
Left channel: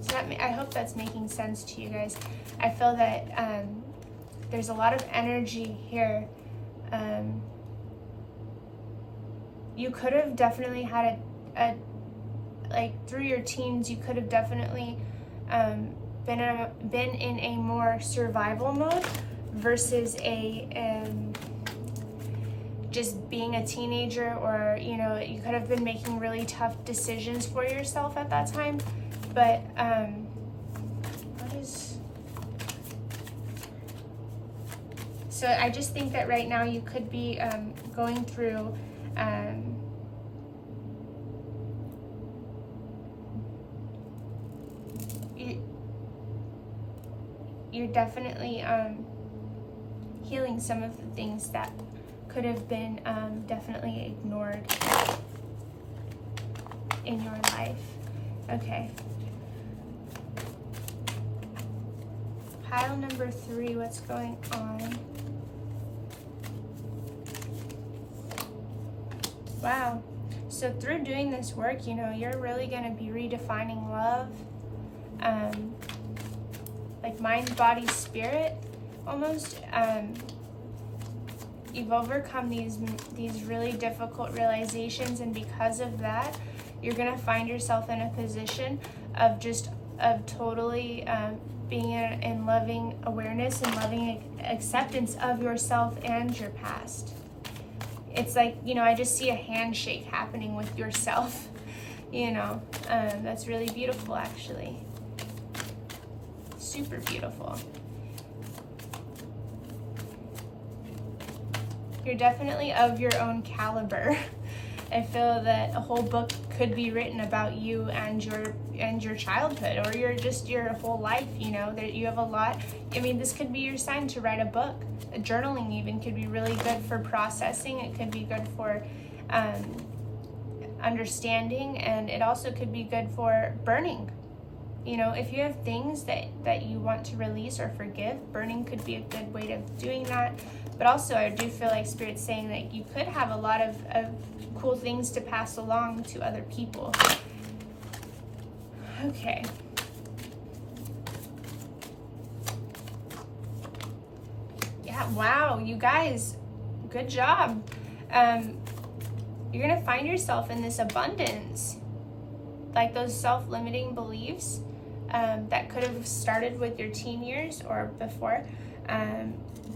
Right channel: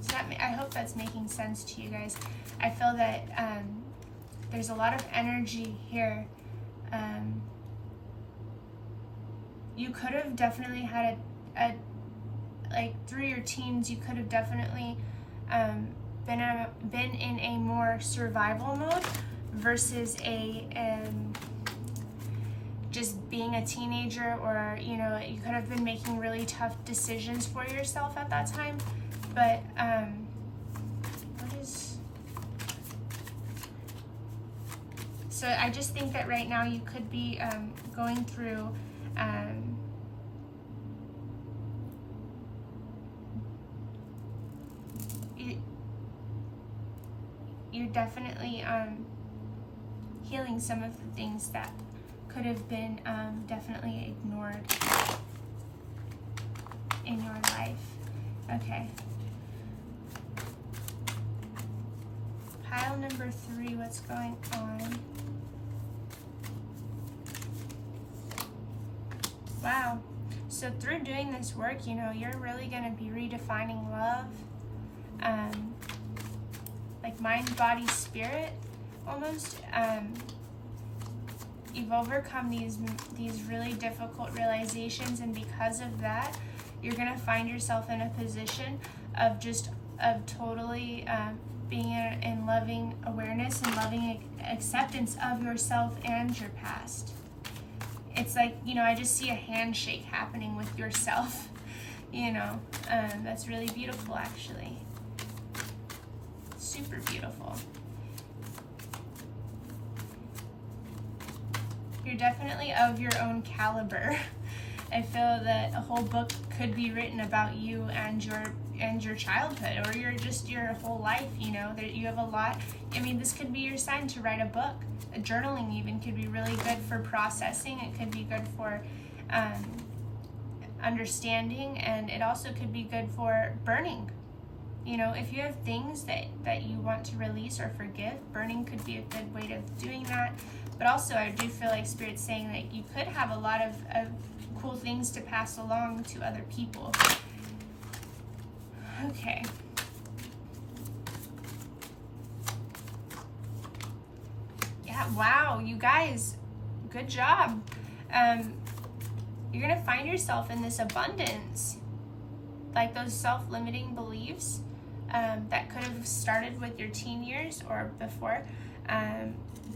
So I hope that's making sense to you guys. I feel that there's a lot of energy here. You could have definitely had like through your teens, you could have definitely been in a more survival mode versus just being a teenager, or you could have been making really tough decisions for yourself at that time. But so I just think that right now you could be going through you're definitely healing some of the things that could have been definitely ignored in your life. Okay. Pile number 3, what's going on? Wow. So through doing this work, you're really going to be redefining love. Like mind, body, spirit, almost. You've overcome these really difficult realizations, and because of that, you're gonna find yourself in a position of totally being in loving awareness and loving acceptance of yourself and your past. It's like, I just see a handshake happening with yourself. That's really beautiful, actually. Super beautiful. You're definitely of your own caliber. I feel that a whole book could be written about you and your childhood, or your whole life. That you have a lot. This could be your sign to write a book. Journaling even could be really good for processing. It could be good for understanding, and it also could be good for burning. If you have things that you want to release or forgive, burning could be a good way of doing that. But also, I do feel like Spirit's saying that you could have a lot of cool things to pass along to other people. Okay. Yeah, wow, you guys, good job. You're going to find yourself in this abundance. Like those self-limiting beliefs that could have started with your teen years or before,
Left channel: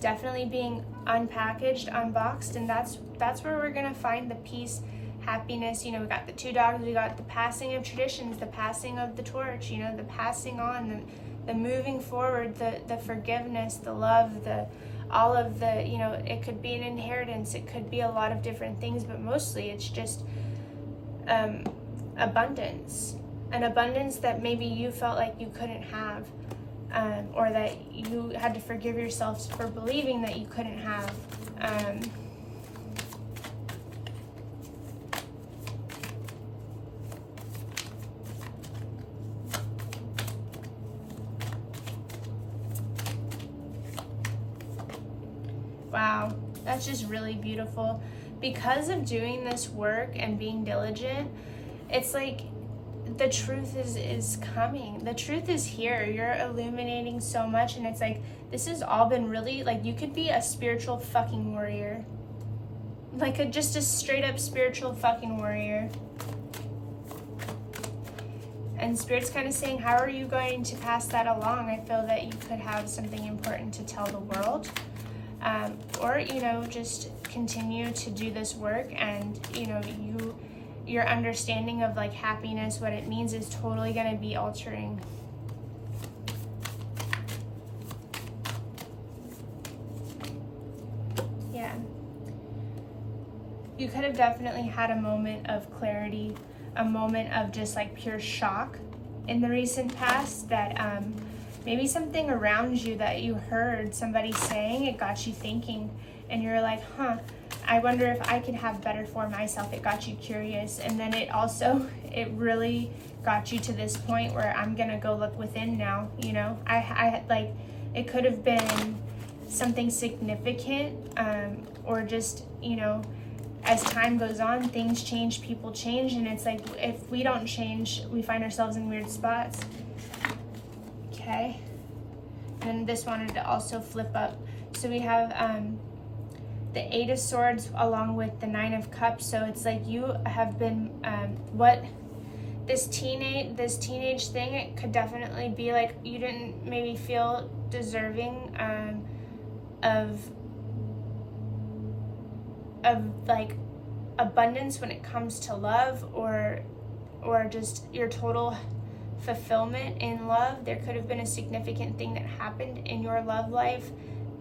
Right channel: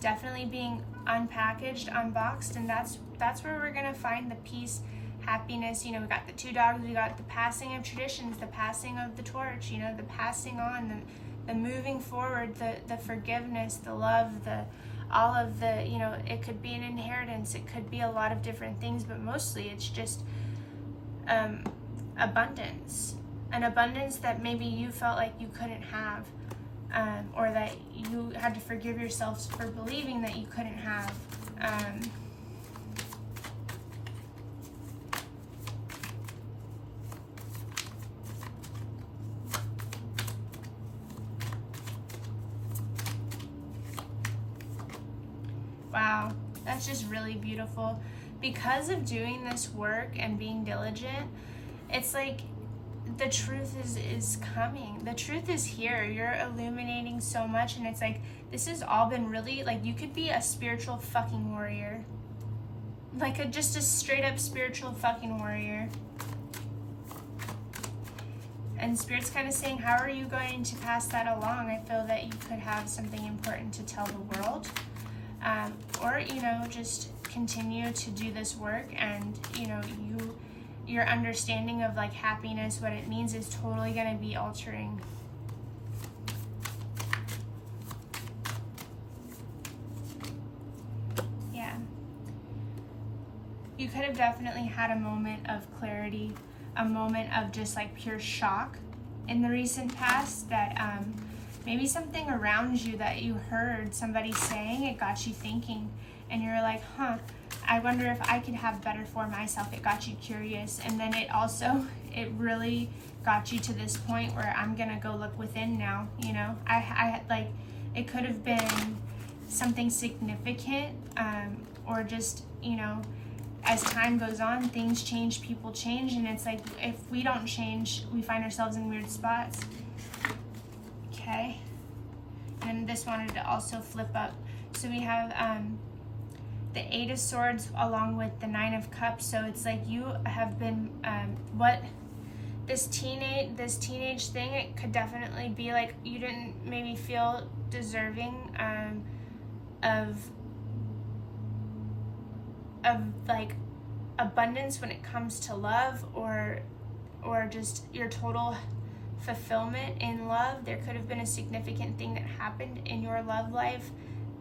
definitely being unpackaged, unboxed, and that's where we're gonna find the peace, happiness. We got the 2 dogs, we got the passing of traditions, the passing of the torch, the passing on, the moving forward, the forgiveness, the love, all of the, it could be an inheritance, it could be a lot of different things, but mostly it's just abundance. An abundance that maybe you felt like you couldn't have, or that you had to forgive yourself for believing that you couldn't have. Wow, that's just really beautiful. Because of doing this work and being diligent, it's like the truth is coming. The truth is here. You're illuminating so much, and it's like this has all been really, like, you could be a spiritual fucking warrior. Like just a straight up spiritual fucking warrior. And Spirit's kind of saying, how are you going to pass that along? I feel that you could have something important to tell the world. Or, just continue to do this work, and, your understanding of like happiness, what it means, is totally going to be altering. you could have definitely had a moment of clarity, a moment of just like pure shock in the recent past, that maybe something around you that you heard somebody saying, it got you thinking, and you're like, huh, I wonder if I could have better for myself. It got you curious, and then it really got you to this point where I'm gonna go look within now. You know, I like, it could have been something significant, or just, you know, as time goes on, things change, people change, and it's like, if we don't change, we find ourselves in weird spots. Okay, and this wanted to also flip up. So we have the 8 of Swords along with the 9 of Cups. So it's like you have been, this teenage thing, it could definitely be like you didn't maybe feel deserving of like abundance when it comes to love, or just your total fulfillment in love. There could have been a significant thing that happened in your love life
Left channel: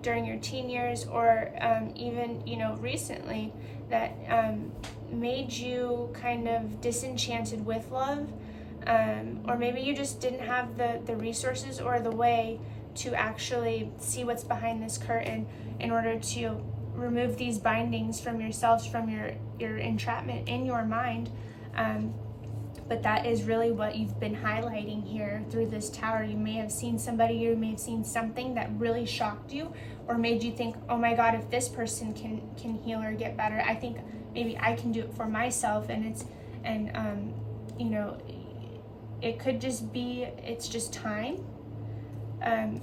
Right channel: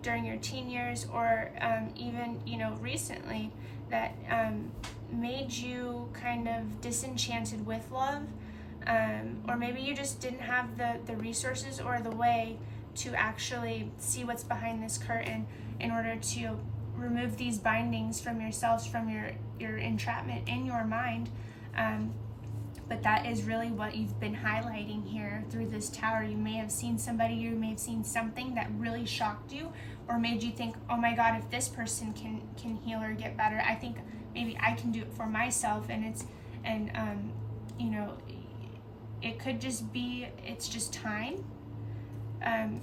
during your teen years, or even, you know, recently, that made you kind of disenchanted with love, or maybe you just didn't have the resources or the way to actually see what's behind this curtain in order to remove these bindings from yourselves, from your entrapment in your mind. But that is really what you've been highlighting here through this Tower. You may have seen somebody, you may have seen something that really shocked you or made you think, oh my God, if this person can heal or get better, I think maybe I can do it for myself. And you know, it could just be, it's just time.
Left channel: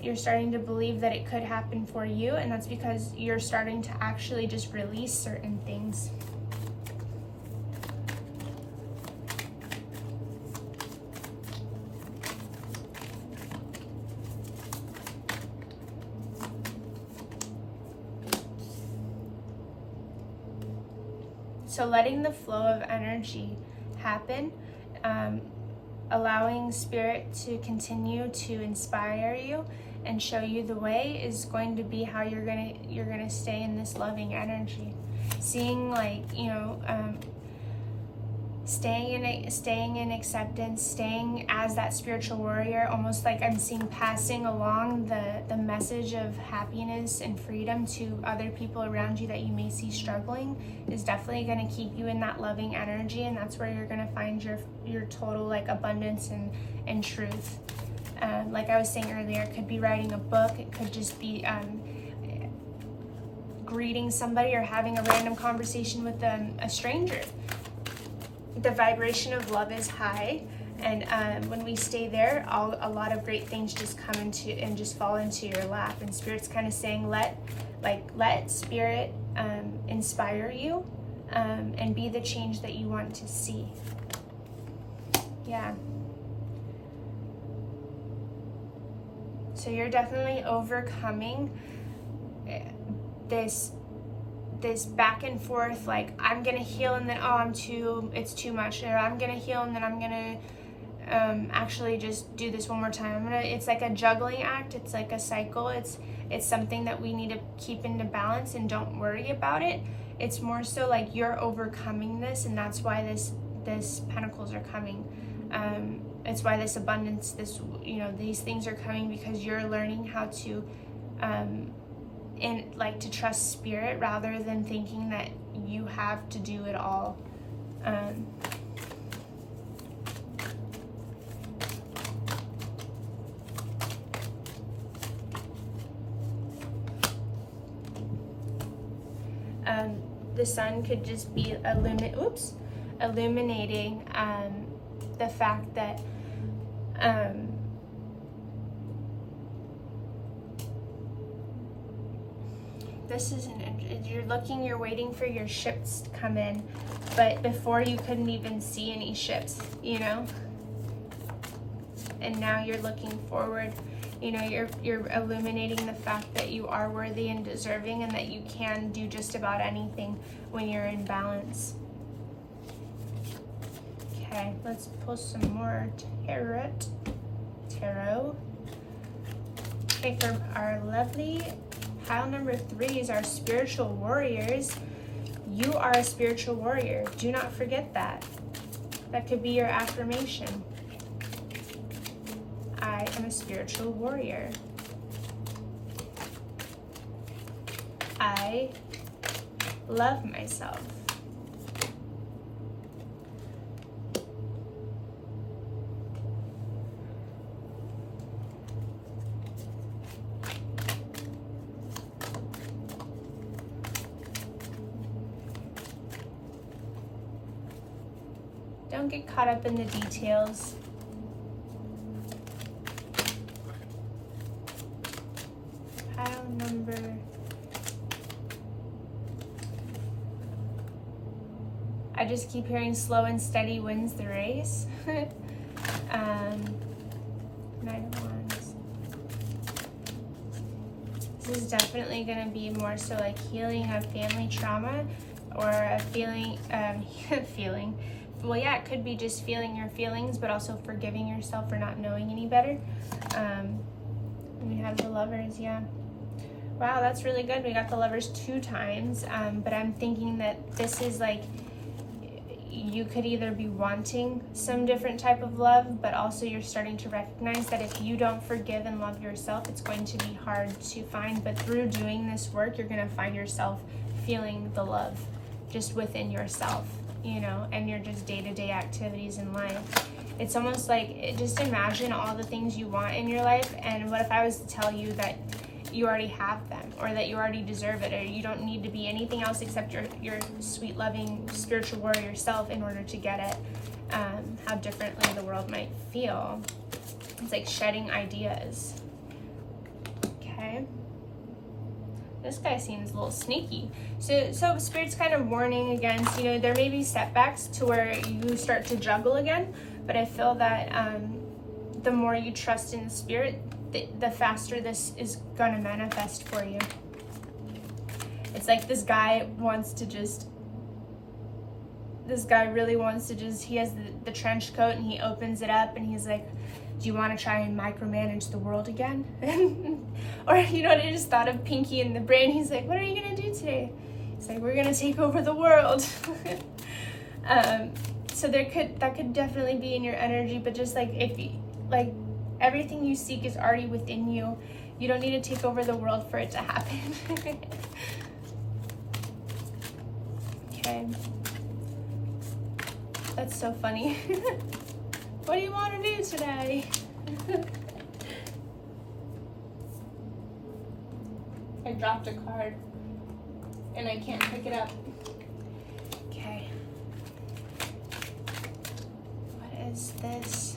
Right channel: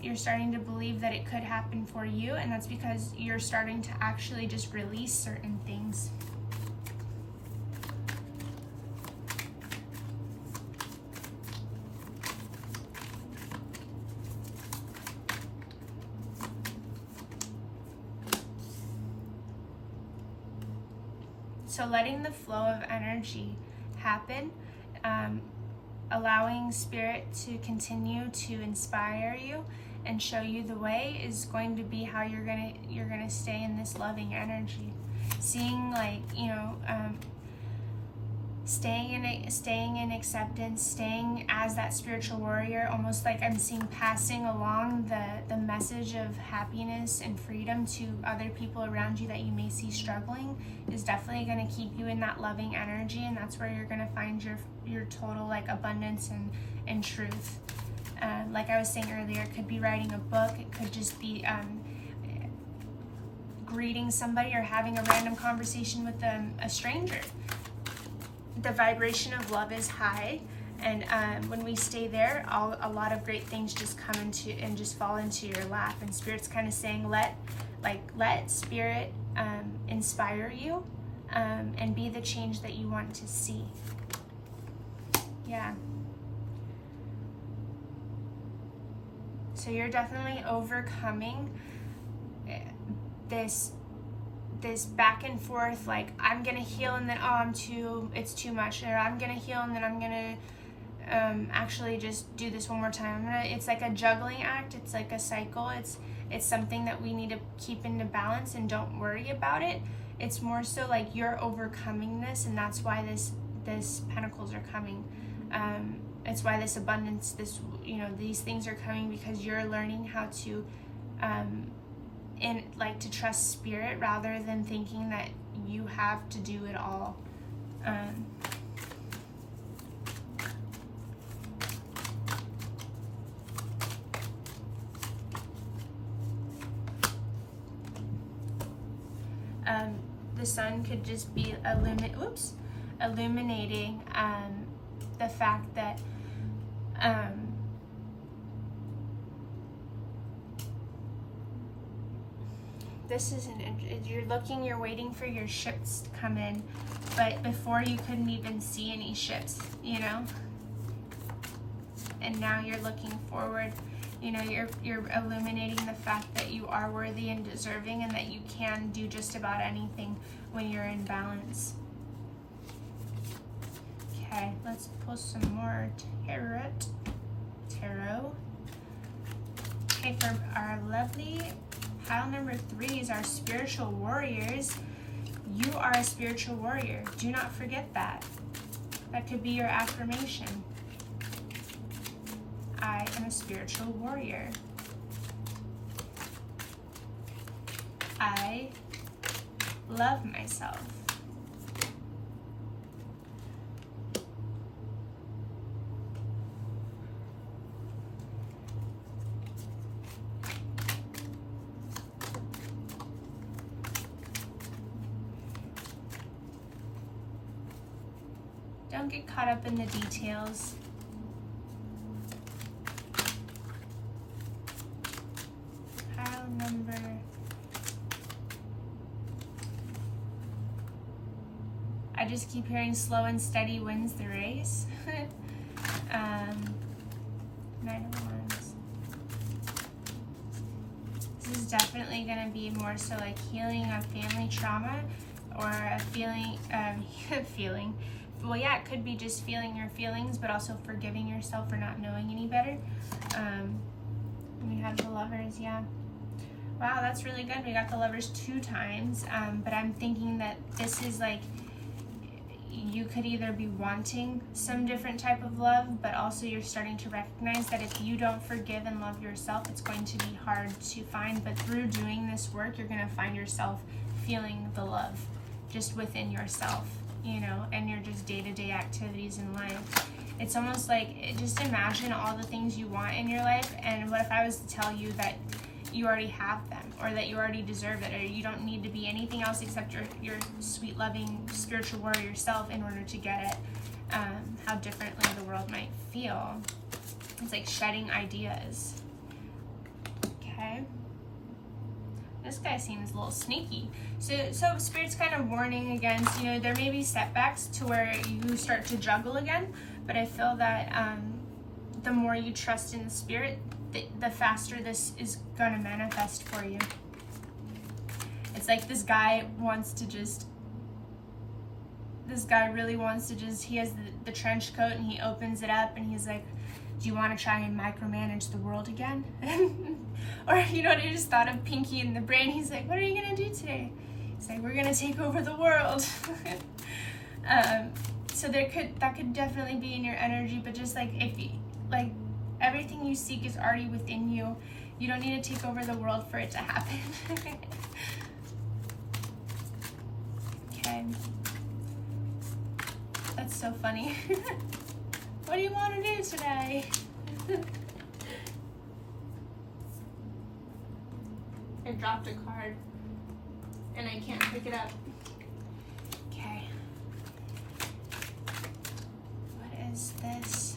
You're starting to believe that it could happen for you, and that's because you're starting to actually just release certain things. So letting the flow of energy happen, allowing Spirit to continue to inspire you and show you the way, is going to be how you're gonna stay in this loving energy. Seeing, like, you know, staying in acceptance, staying as that spiritual warrior, almost like I'm seeing passing along the message of happiness and freedom to other people around you that you may see struggling, is definitely going to keep you in that loving energy, and that's where you're going to find your total, like, abundance and truth. Like I was saying earlier, it could be writing a book, it could just be greeting somebody or having a random conversation with a stranger. The vibration of love is high, and when we stay there, a lot of great things just come into and just fall into your lap. And Spirit's kind of saying, let Spirit inspire you, and be the change that you want to see. Yeah. So you're definitely overcoming this back and forth, like, I'm gonna heal and then, oh, it's too much, or I'm gonna heal and then I'm gonna actually just do this one more time. It's like a juggling act, it's like a cycle, it's something that we need to keep into balance, and don't worry about it. It's more so like you're overcoming this, and that's why this Pentacles are coming. It's why this abundance, these things are coming, because you're learning how to to trust Spirit rather than thinking that you have to do it all. The sun could just be illuminating the fact that this isn't, you're waiting for your ships to come in, but before you couldn't even see any ships, you know? And now you're looking forward, you know, you're illuminating the fact that you are worthy and deserving, and that you can do just about anything when you're in balance. Okay, let's pull some more tarot. Okay, for our lovely pile number 3 is our spiritual warriors. You are a spiritual warrior. Do not forget that. That could be your affirmation. I am a spiritual warrior. I love myself. Don't get caught up in the details. Pile number... I just keep hearing slow and steady wins the race. 9 of Wands. This is definitely going to be more so like healing of family trauma, or a feeling, well, yeah, it could be just feeling your feelings, but also forgiving yourself for not knowing any better. We have the Lovers, yeah. Wow, that's really good. We got the Lovers 2 times, but I'm thinking that this is like, you could either be wanting some different type of love, but also you're starting to recognize that if you don't forgive and love yourself, it's going to be hard to find. But through doing this work, you're going to find yourself feeling the love just within yourself, you know, and your just day-to-day activities in life. It's almost like, just imagine all the things you want in your life, and what if I was to tell you that you already have them, or that you already deserve it, or you don't need to be anything else except your sweet, loving, spiritual warrior self in order to get it. How differently the world might feel. It's like shedding ideas. Okay. This guy seems a little sneaky. So Spirit's kind of warning against, you know, there may be setbacks to where you start to juggle again, but I feel that the more you trust in the Spirit, the faster this is going to manifest for you. It's like this guy really wants to just, he has the trench coat and he opens it up and he's like, do you want to try and micromanage the world again? Or, you know what, I just thought of Pinky in the Brain. He's like, what are you going to do today? He's like, we're going to take over the world. So that could definitely be in your energy, but just like, if you, like, everything you seek is already within you. You don't need to take over the world for it to happen. Okay. That's so funny. What do you want to do today? I dropped a card and I can't pick it up. Okay. What is this?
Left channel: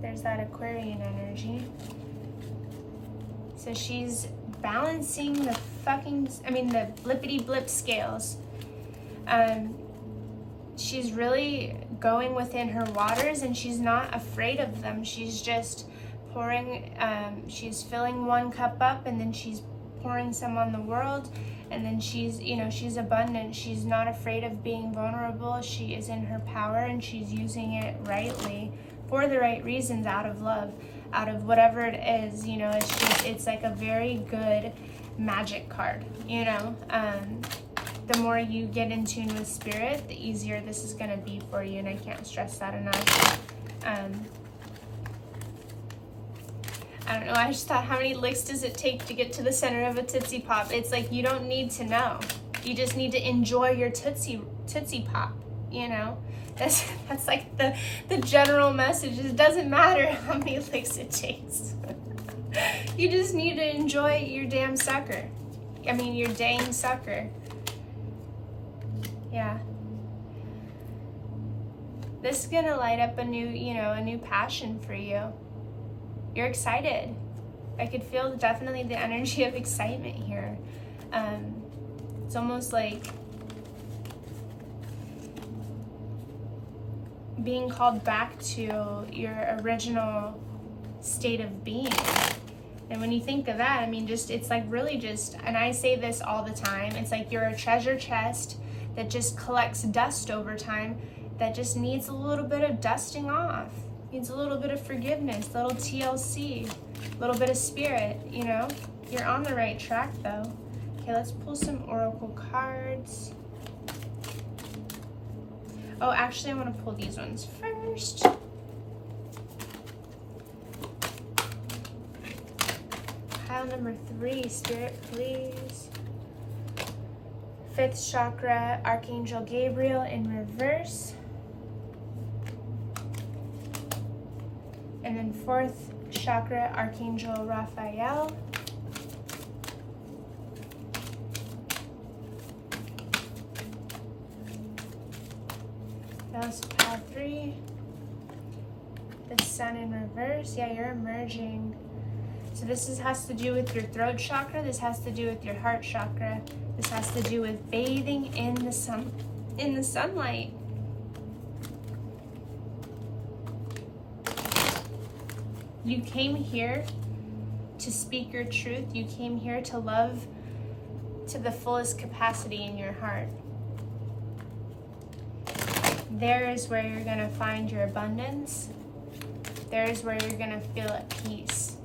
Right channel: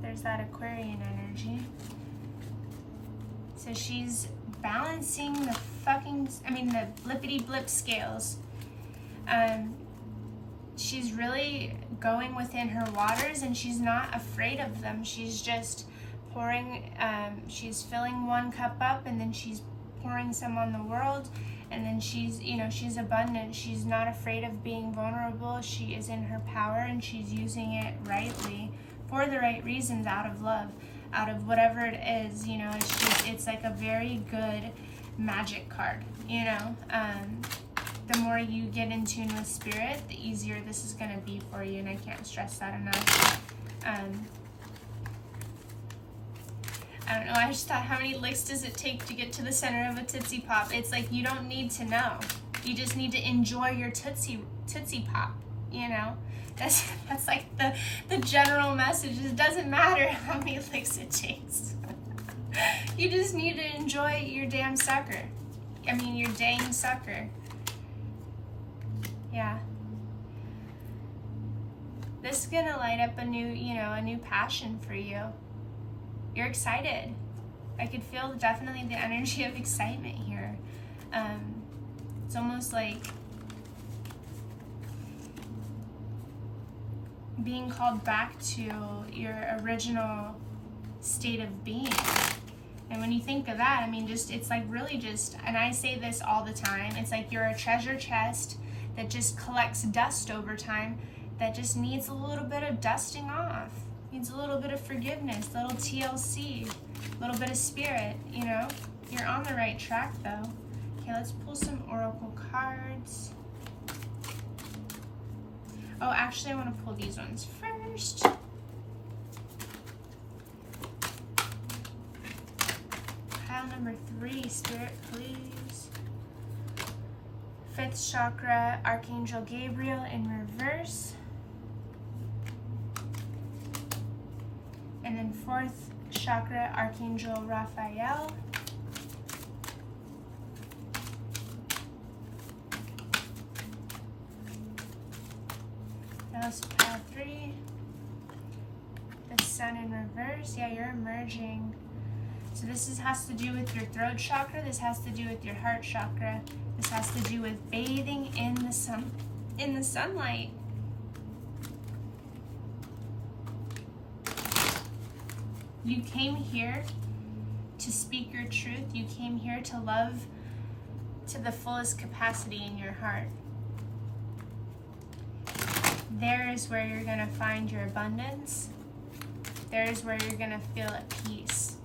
There's that Aquarian energy. So she's balancing the the blippity blip scales. She's really going within her waters and she's not afraid of them. She's just pouring, she's filling one cup up and then she's pouring some on the world, and then she's abundant. She's not afraid of being vulnerable. She is in her power and she's using it rightly for the right reasons, out of love, out of whatever it is, you know. It's like a very good magic card, you know. The more you get in tune with Spirit, the easier this is going to be for you, and I can't stress that enough. I don't know, I just thought, how many licks does it take to get to the center of a Tootsie Pop? It's like, you don't need to know. You just need to enjoy your Tootsie Pop, you know? That's like the general message. It doesn't matter how many licks it takes. You just need to enjoy your damn sucker. I mean, your dang sucker. Yeah. This is gonna light up a new passion for you. You're excited. I could feel definitely the energy of excitement here. It's almost like being called back to your original state of being. And when you think of that, I mean, it's like really just, and I say this all the time, it's like you're a treasure chest that just collects dust over time, that just needs a little bit of dusting off, needs a little bit of forgiveness, a little TLC. A little bit of spirit, you know? You're on the right track though. Okay, let's pull some oracle cards. Oh, actually I want to pull these ones first. Pile number 3, Spirit, please. 5th chakra, Archangel Gabriel in reverse. And then 4th chakra, Archangel Raphael. Now let's pile 3. The Sun in reverse. Yeah, you're emerging. So this has to do with your throat chakra. This has to do with your heart chakra. This has to do with bathing in the sunlight. You came here to speak your truth. You came here to love to the fullest capacity in your heart. There is where you're going to find your abundance. There is where you're going to feel at peace,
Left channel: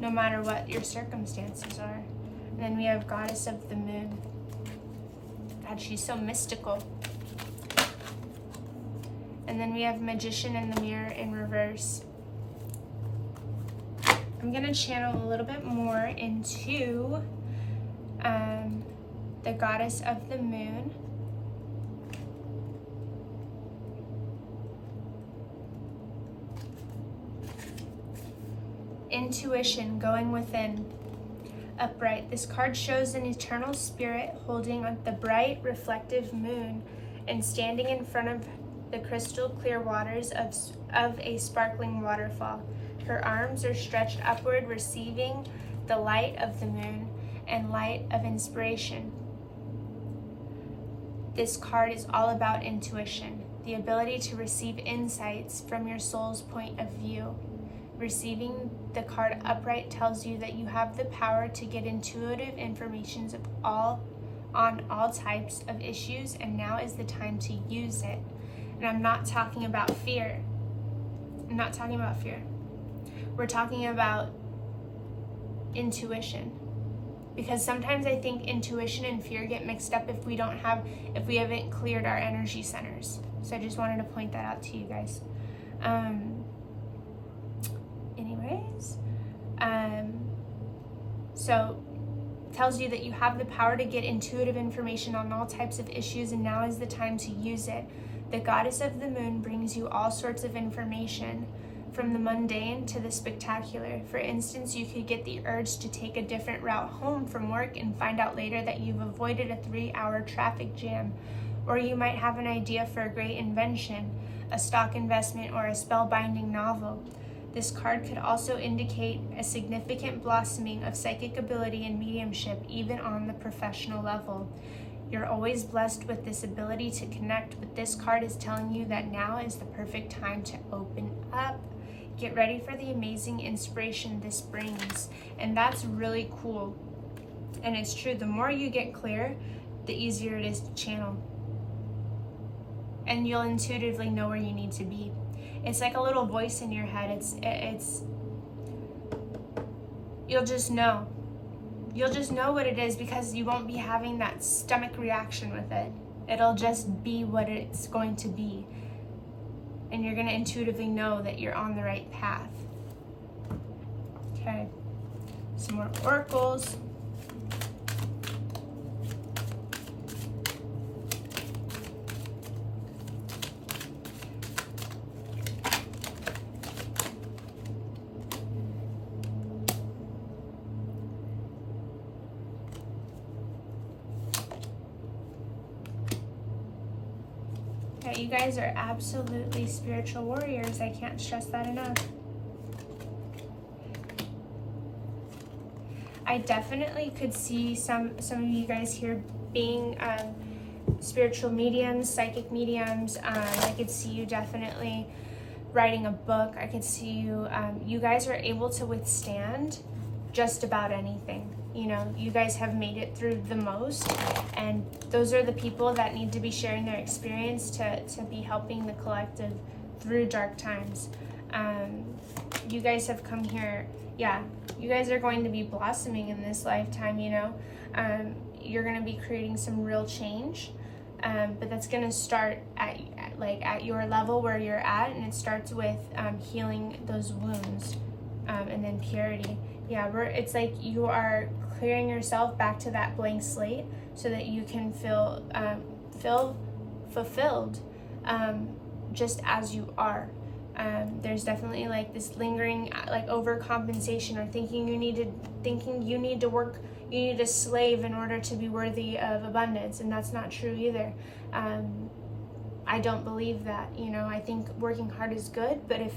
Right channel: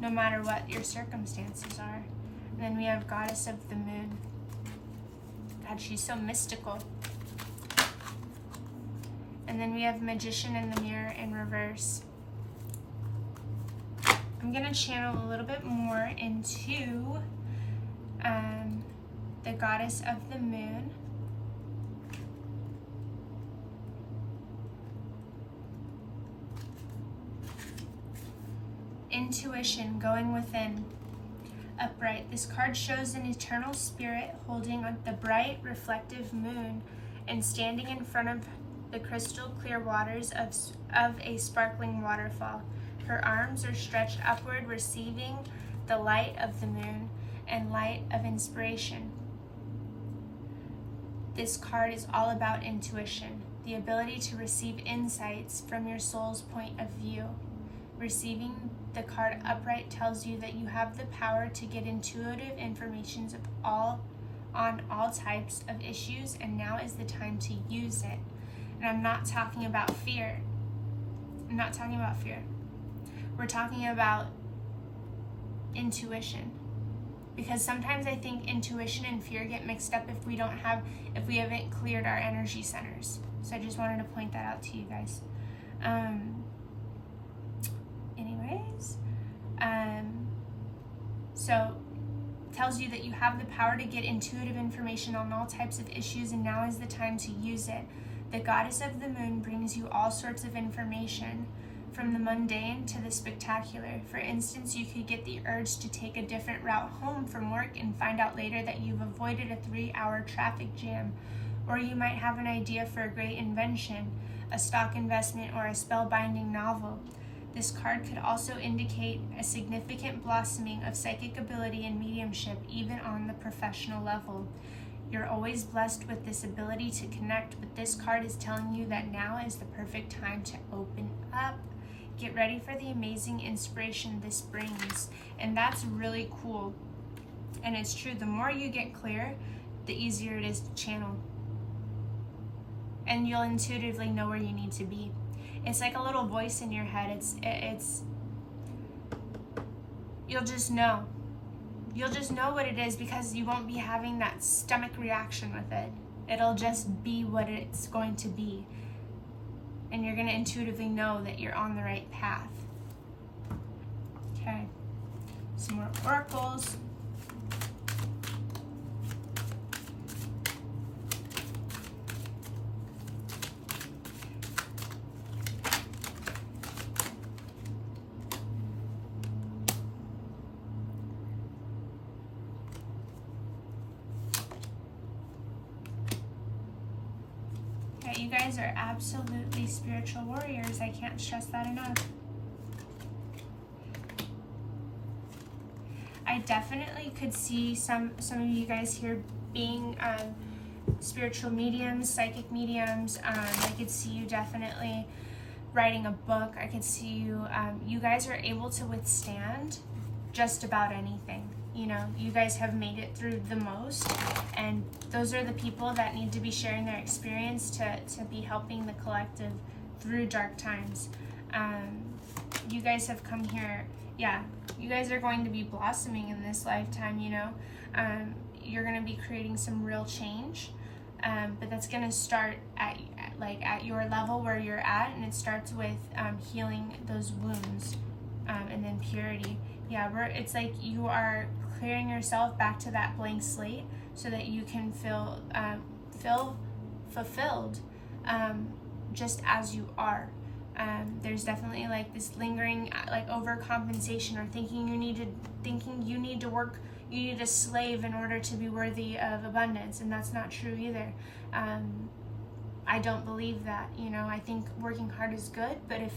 no matter what your circumstances are. And then we have Goddess of the Moon. God, she's so mystical. And then we have Magician in the Mirror in reverse. I'm going to channel a little bit more into the Goddess of the Moon. Intuition, going within. Upright. This card shows an eternal spirit holding on the bright, reflective moon and standing in front of the crystal clear waters of a sparkling waterfall. Her arms are stretched upward, receiving the light of the moon and light of inspiration. This card is all about intuition, the ability to receive insights from your soul's point of view. Receiving the card upright tells you that you have the power to get intuitive information on all types of issues, and now is the time to use it. And I'm not talking about fear. I'm not talking about fear. We're talking about intuition. Because sometimes I think intuition and fear get mixed up if we haven't cleared our energy centers. So I just wanted to point that out to you guys. So it tells you that you have the power to get intuitive information on all types of issues, and now is the time to use it. The Goddess of the Moon brings you all sorts of information, from the mundane to the spectacular. For instance, you could get the urge to take a different route home from work and find out later that you've avoided a 3-hour traffic jam. Or you might have an idea for a great invention, a stock investment, or a spellbinding novel. This card could also indicate a significant blossoming of psychic ability and mediumship, even on the professional level. You're always blessed with this ability to connect, but this card is telling you that now is the perfect time to open up. Get ready for the amazing inspiration this brings. And that's really cool. And it's true, the more you get clear, the easier it is to channel. And you'll intuitively know where you need to be. It's like a little voice in your head. You'll just know. You'll just know what it is, because you won't be having that stomach reaction with it. It'll just be what it's going to be. And you're going to intuitively know that you're on the right path. Okay. Some more oracles. You guys are absolutely spiritual warriors. I can't stress that enough. I definitely could see some of you guys here being spiritual mediums, psychic mediums. I could see you definitely writing a book. I could see you, you guys are able to withstand just about anything. You know, you guys have made it through the most, and those are the people that need to be sharing their experience to be helping the collective through dark times. You guys have come here yeah, you guys are going to be blossoming in this lifetime, you know. You're going to be creating some real change, but that's going to start at your level where you're at, and it starts with healing those wounds, and then purity. Yeah, it's like you are clearing yourself back to that blank slate so that you can feel fulfilled, just as you are. There's definitely like this lingering like overcompensation, or thinking you need to work, you need to slave in order to be worthy of abundance, and that's not true either. I don't believe that, you know. I think working hard is good, but if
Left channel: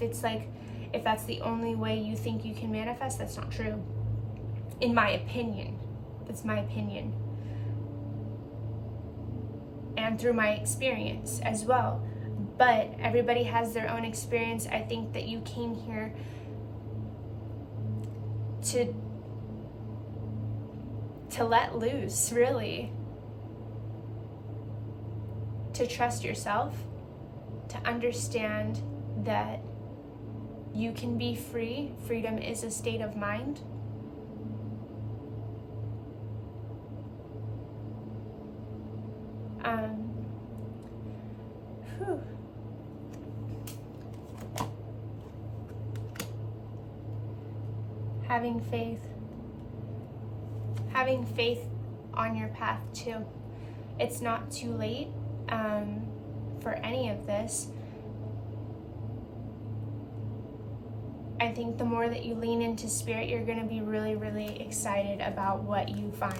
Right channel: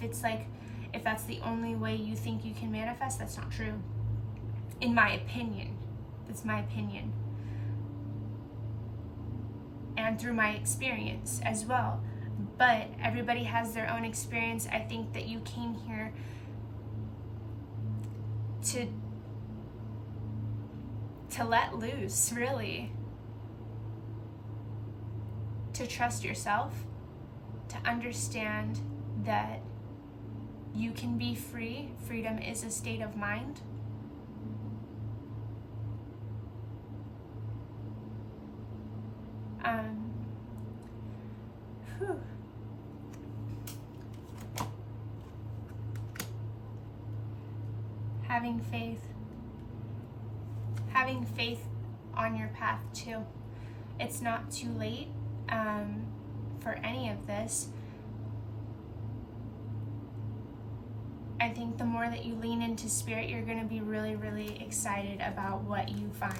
that's the only way you think you can manifest, that's not true. In my opinion, that's my opinion. And through my experience as well. But everybody has their own experience. I think that you came here to let loose, really. To trust yourself, to understand that you can be free. Freedom is a state of mind. Having faith on your path too. It's not too late for any of this. I think the more that you lean into spirit, you're going to be really, really excited about what you find.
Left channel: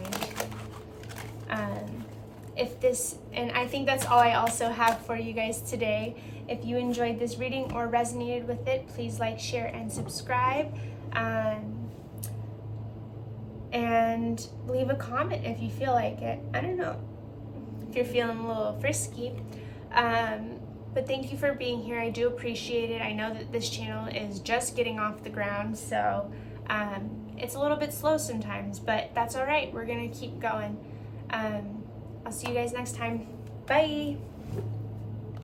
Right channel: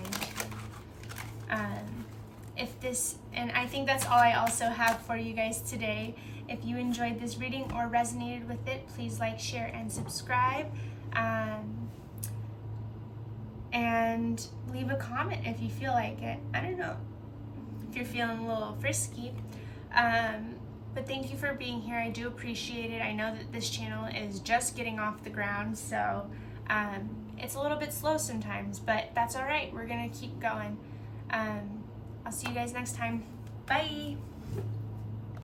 And I think that's all I also have for you guys today. If you enjoyed this reading or resonated with it, please like, share, and subscribe. And leave a comment if you feel like it. I don't know if you're feeling a little frisky. But thank you for being here. I do appreciate it. I know that this channel is just getting off the ground, so it's a little bit slow sometimes, but that's all right. We're gonna keep going. I'll see you guys next time. Bye.